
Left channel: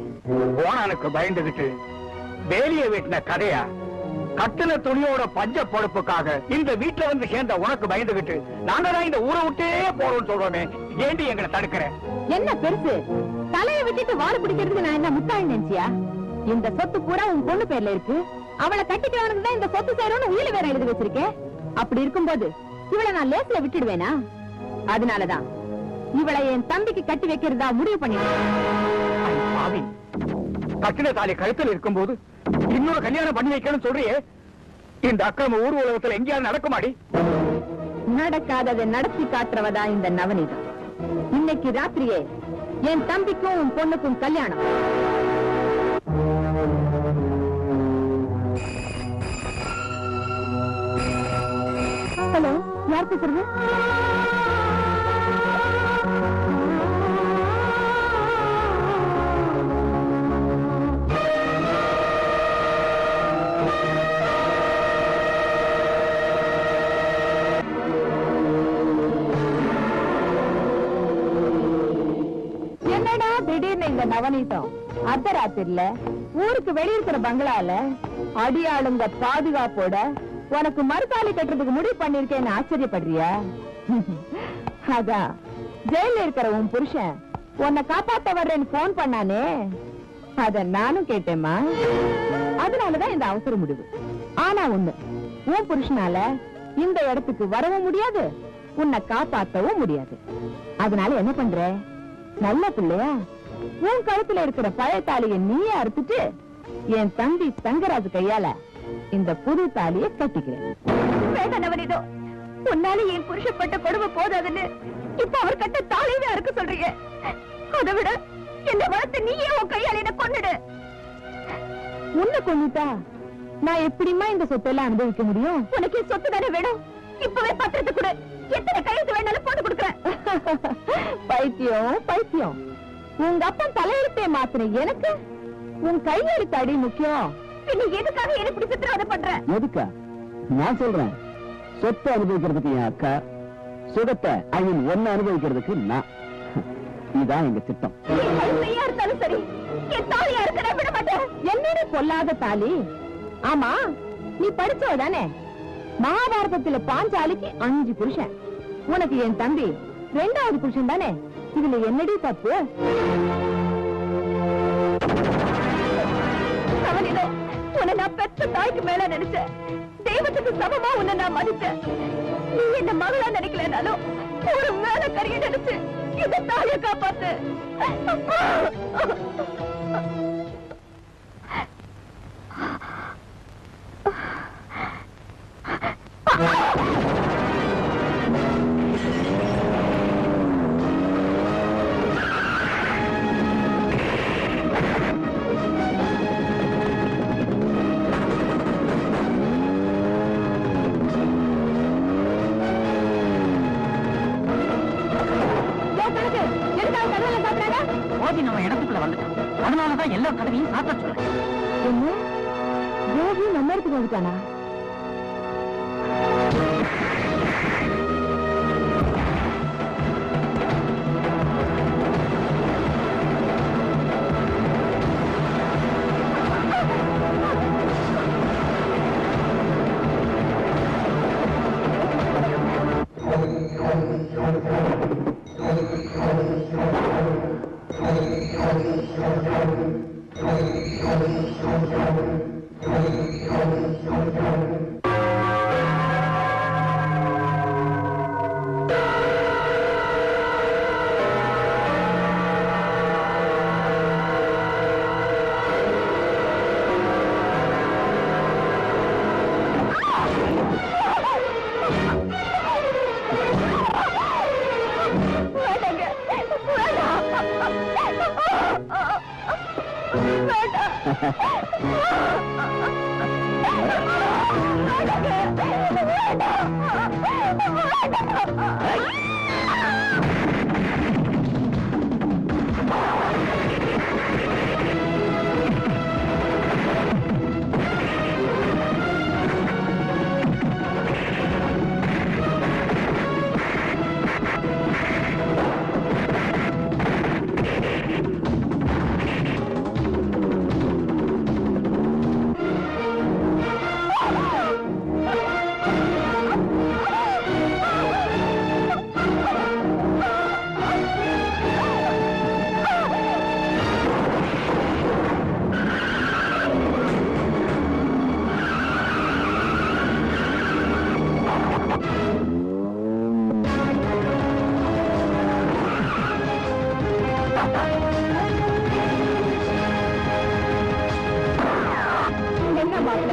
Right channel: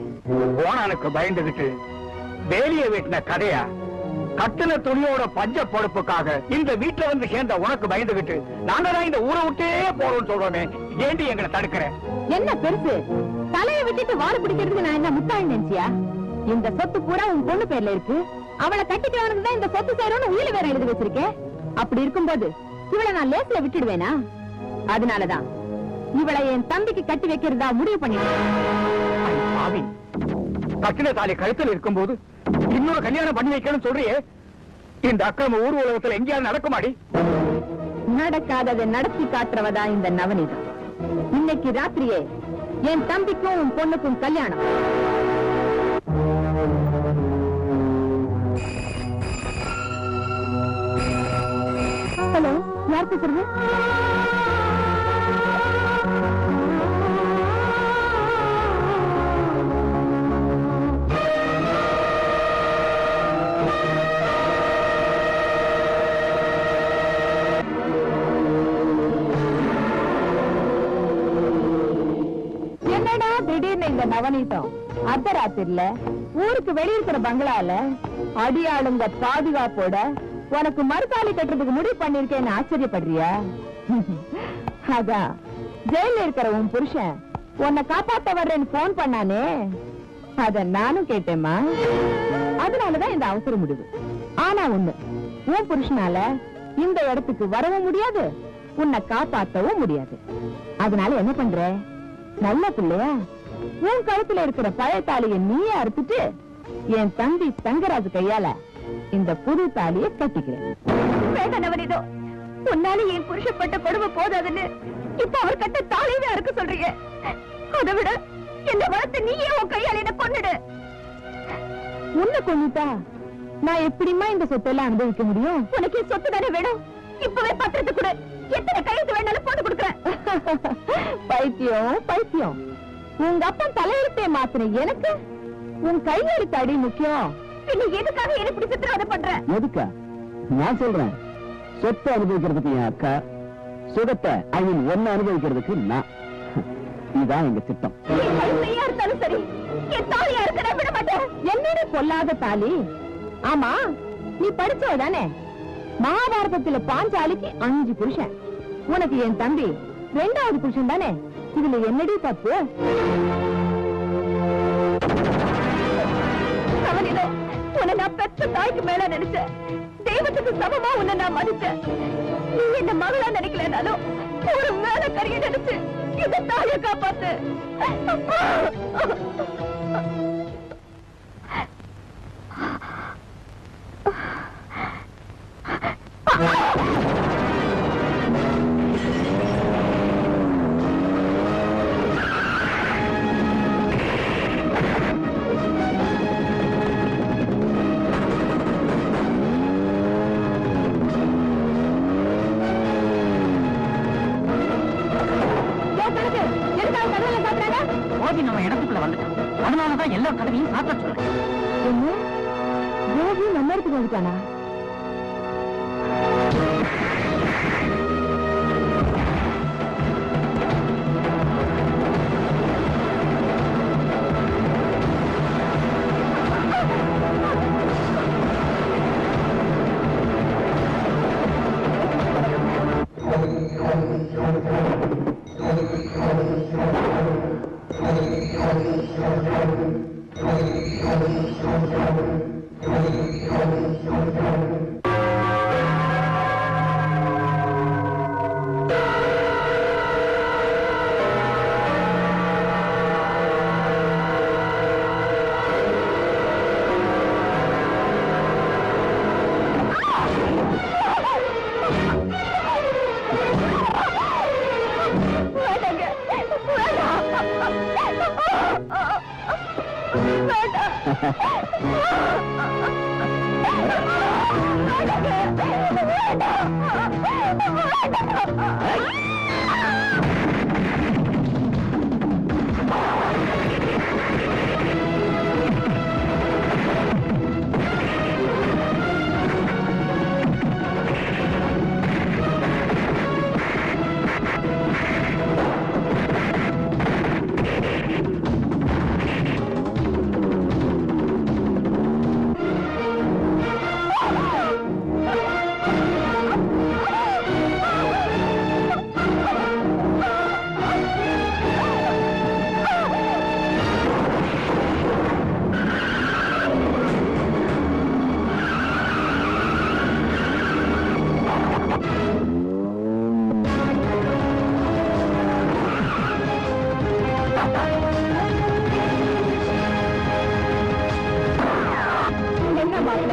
போனானுக்கு பயந்துகிட்டு வேலியை வெட்டின கதையா? கட்டுன துணியோட பஞ்ச பொறுப்புக்காக இந்த வீட்டுல வந்து சேர்ந்த உனக்கு பயந்துகிட்டு நாங்க தான் இந்த ஊரை விட்டே போறோம்னு சொல்றோமே, ஏண்டி எங்களை தடுக்கிற? என்ன பெருசு? தலையை விட்டுட்டு வாழ பிடிக்கிறதுக்கு நான் என்ன முட்டாள் நினைச்சியா? இந்த சொத்து பூரா உன் பொண்ணு பேர்ல இருக்கு. அவளை கட்டிட்டவனுக்கு தான் இந்த சொத்து சேரோட உயிரை வேற எழுதி வச்சிருக்கேன். அப்படி இருக்கும்போது இவளை நான் லேஸ்ல விட்டுடுவேனா? அதனாலதான் இவளை என் தம்பிக்கு கட்டி வைக்கிறதா முடிவு பண்ணிடுவேன். கட்டின தாலி கழுத்தில் இருக்கும் போது இன்னொரு கல்யாணம் பண்ணி வைக்கணும்னு சொல்றியே, இந்த அக்கிரம ஊர் உலகத்துல எங்கேயாவது நடக்குமாடி? நடக்காததை நடத்தி காட்டுறவதா இந்த நவநீதம். இன்னைக்கு ராத்திரியே என் தம்பிக்கும் உன் பொண்ணுக்கும் கல்யாணம். ஹலோ, யார் பேசுறது? என்னடா திடீர்னு இந்த நவநீதம் அர்த்தராத்திரில ஊருக்கு வெளியிருக்கிற பங்களால அடியாளுங்க பாதுகாப்போட உனக்கு மறுத்தாலி கட்டுறதுக்கு முடிவு பண்ணிருக்கேன்னு ஆச்சரியப்படுறியா? அதான் ஜெயில இருக்கிற உன் புருஷன் உன்னை காப்பாத்த வர்றேன்னு போன் பண்ணானே, அத நானும் கேட்டேம்மா. அதனாலதான் இந்த அவசர முடிவு. ஆனா ஒண்ணு, உன் புருஷனால இந்த இடத்துக்கு வரவும் முடியாது, உன்னை காப்பாற்றவும் முடியாது. அதனால என்ன பண்ற? நல்ல பிள்ளையா உன் கழுத்துல இருக்கிற பழைய தாலியை நீயே அறுத்துட்டு என் தம்பி தங்கராஜு கையால இந்த புது தாலியை கட்டிக்கிறேன். உன்னால என் புருஷப்பட்ட கொடுமை போதாதுன்னு இப்ப அவர் கட்ட தாலிதான் இருக்க சொல்றீங்க. அதை விட என்ன வளர்த்து நீயே உன் கையால என்ன கொன்னுடு. உன்னை கொன்னுட்டா நான் எப்படிமா இந்த சொத்தெல்லாம் அனுபவிக்க முடியும்? உனக்கு சொத்து தானே வேணும். இப்பவே பத்திரத்தை கொடு, எத்தனை கையெழுத்து வேணாலும் போட்டு கொடுக்குறேன். பைத்தியம் பைத்தியம், உங்க அப்பா தலையெழுத்தை மாத்திர எனக்கு உன் கையெழுத்து அடி முக்கியம். எதுக்காக என்ன இப்படி சித்திரவதை பண்ற? எதுக்கா? நான் சொல்றேன், சொத்தை அனுபவிக்கிறதுக்கு என் அக்கா, சுகத்தை ஒன்னு அனுபவிக்கிறதுக்கு நான். இதுதான் எங்க திட்டம். இருந்தாலும் சரி, என் தாலியா இருக்க விட மாட்டேன். என்னோட கொல்லாத தாலி. ஆமா, நீ படிச்சவ தானே? மகாபாரதத்துல பாஞ்சாலிக்கு 5 புருஷன், உனக்கு என் தம்பி 2வது புருஷன் தானே? இதுல என்னடி தப்பு? உன்னை நான் பெற்ற தாய்க்கு மேல நினைச்சேன். தெய்வத்துக்கு சமமா உன்னை நான் மதிச்சேன். நீ என்ன மகளா நினைக்கலனாலும் ஒரு மேல கரிய நினைச்சு இந்த தாயை காப்பாத்து. ஜோதி நம்ம இடத்துக்கு வந்துட்டானா?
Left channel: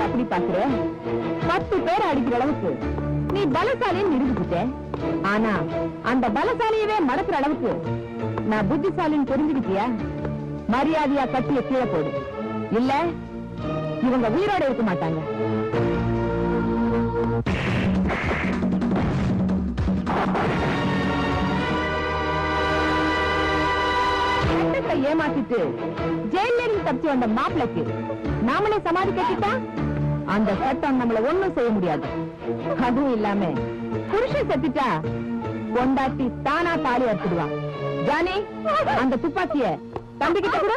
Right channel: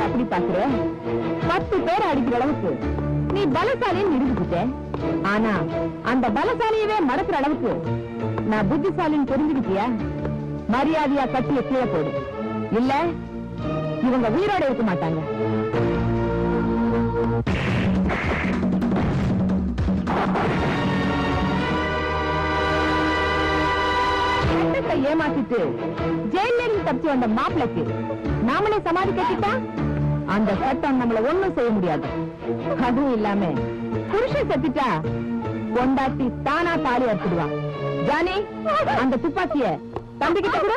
அப்படி பாக்குற 10 பேர் அடிக்கிற அளவுக்கு நீ பலசாலின்னு நிரூபிச்சுட்ட. ஆனா அந்த பலசாலியவே மடக்கிற அளவுக்கு நான் புத்திசாலின்னு தெரிஞ்சுக்கிட்டியா? மரியாதையா கட்டிய கீழே போடு, இல்ல இவங்க உயிரோட இருக்க மாட்டாங்க. ஏமாத்திட்டு ஜெயில இருந்து தப்பிச்சு வந்த மாப்பிளைக்கு நாமளே சமாதி கட்டிட்டா அந்த சட்டம் நம்மள ஒண்ணும் செய்ய முடியாது. அதுவும் இல்லாம புருஷன் செத்துட்டா பொண்டாட்டி தானா தாலி எடுத்துடுவான். ராணி, அந்த துப்பாக்கிய தம்பிக்கிட்ட கூட.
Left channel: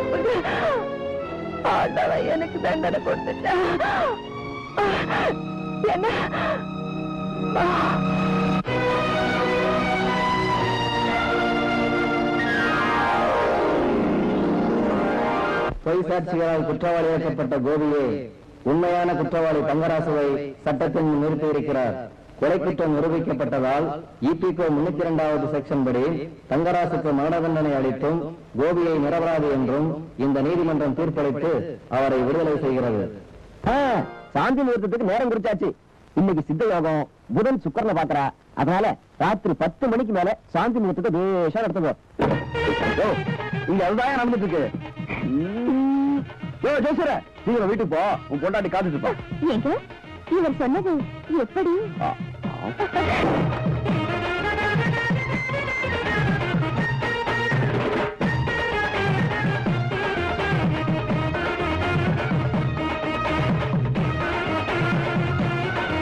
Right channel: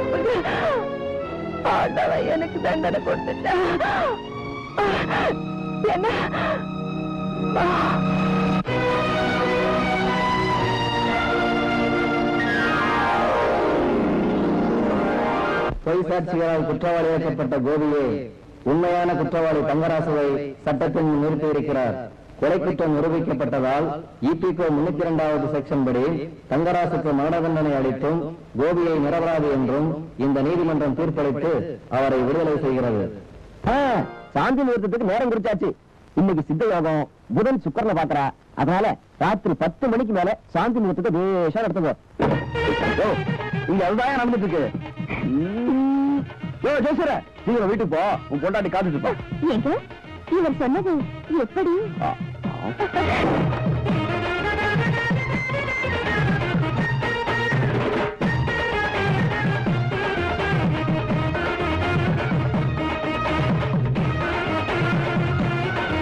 தப்புங்க. ஆண்டவன் எனக்கு தண்டனை கொடுத்துட்டா. என்ன பொய் சாட்சிகளால் குற்றவாளியாக்கப்பட்ட கோபியை உண்மையான குற்றவாளி தங்கராசுவை சட்டத்தின் முன் நிறுத்தியிருக்கிறார். கொலை குற்றம் நிரூபிக்கப்பட்டதால் இபிகோ 302வது செக்ஷன் படி தங்கராசுக்கு மரண தண்டனை அளித்தும் கோபியை நிரபராதி என்றும் இந்த நீதிமன்றம் தீர்ப்பளித்து அவரை விடுதலை செய்கிறது. சாந்தி முகூர்த்தத்துக்கு நேரம் குறிச்சாச்சு. இன்னைக்கு சித்த யோகம், புதன் சுக்கரனை பாக்குறா. அதனால ராத்திரி 10 மணிக்கு மேல சாந்தி முகூர்த்தத்தை பேஷா எடுத்துக்கோ. இங்க அதுதான் நடந்துட்டு இருக்கு. நீங்க வீட்டுக்கு போ, உன் பொண்டாட்டி காத்துட்டு போ. இவர் சொன்னது எப்படி?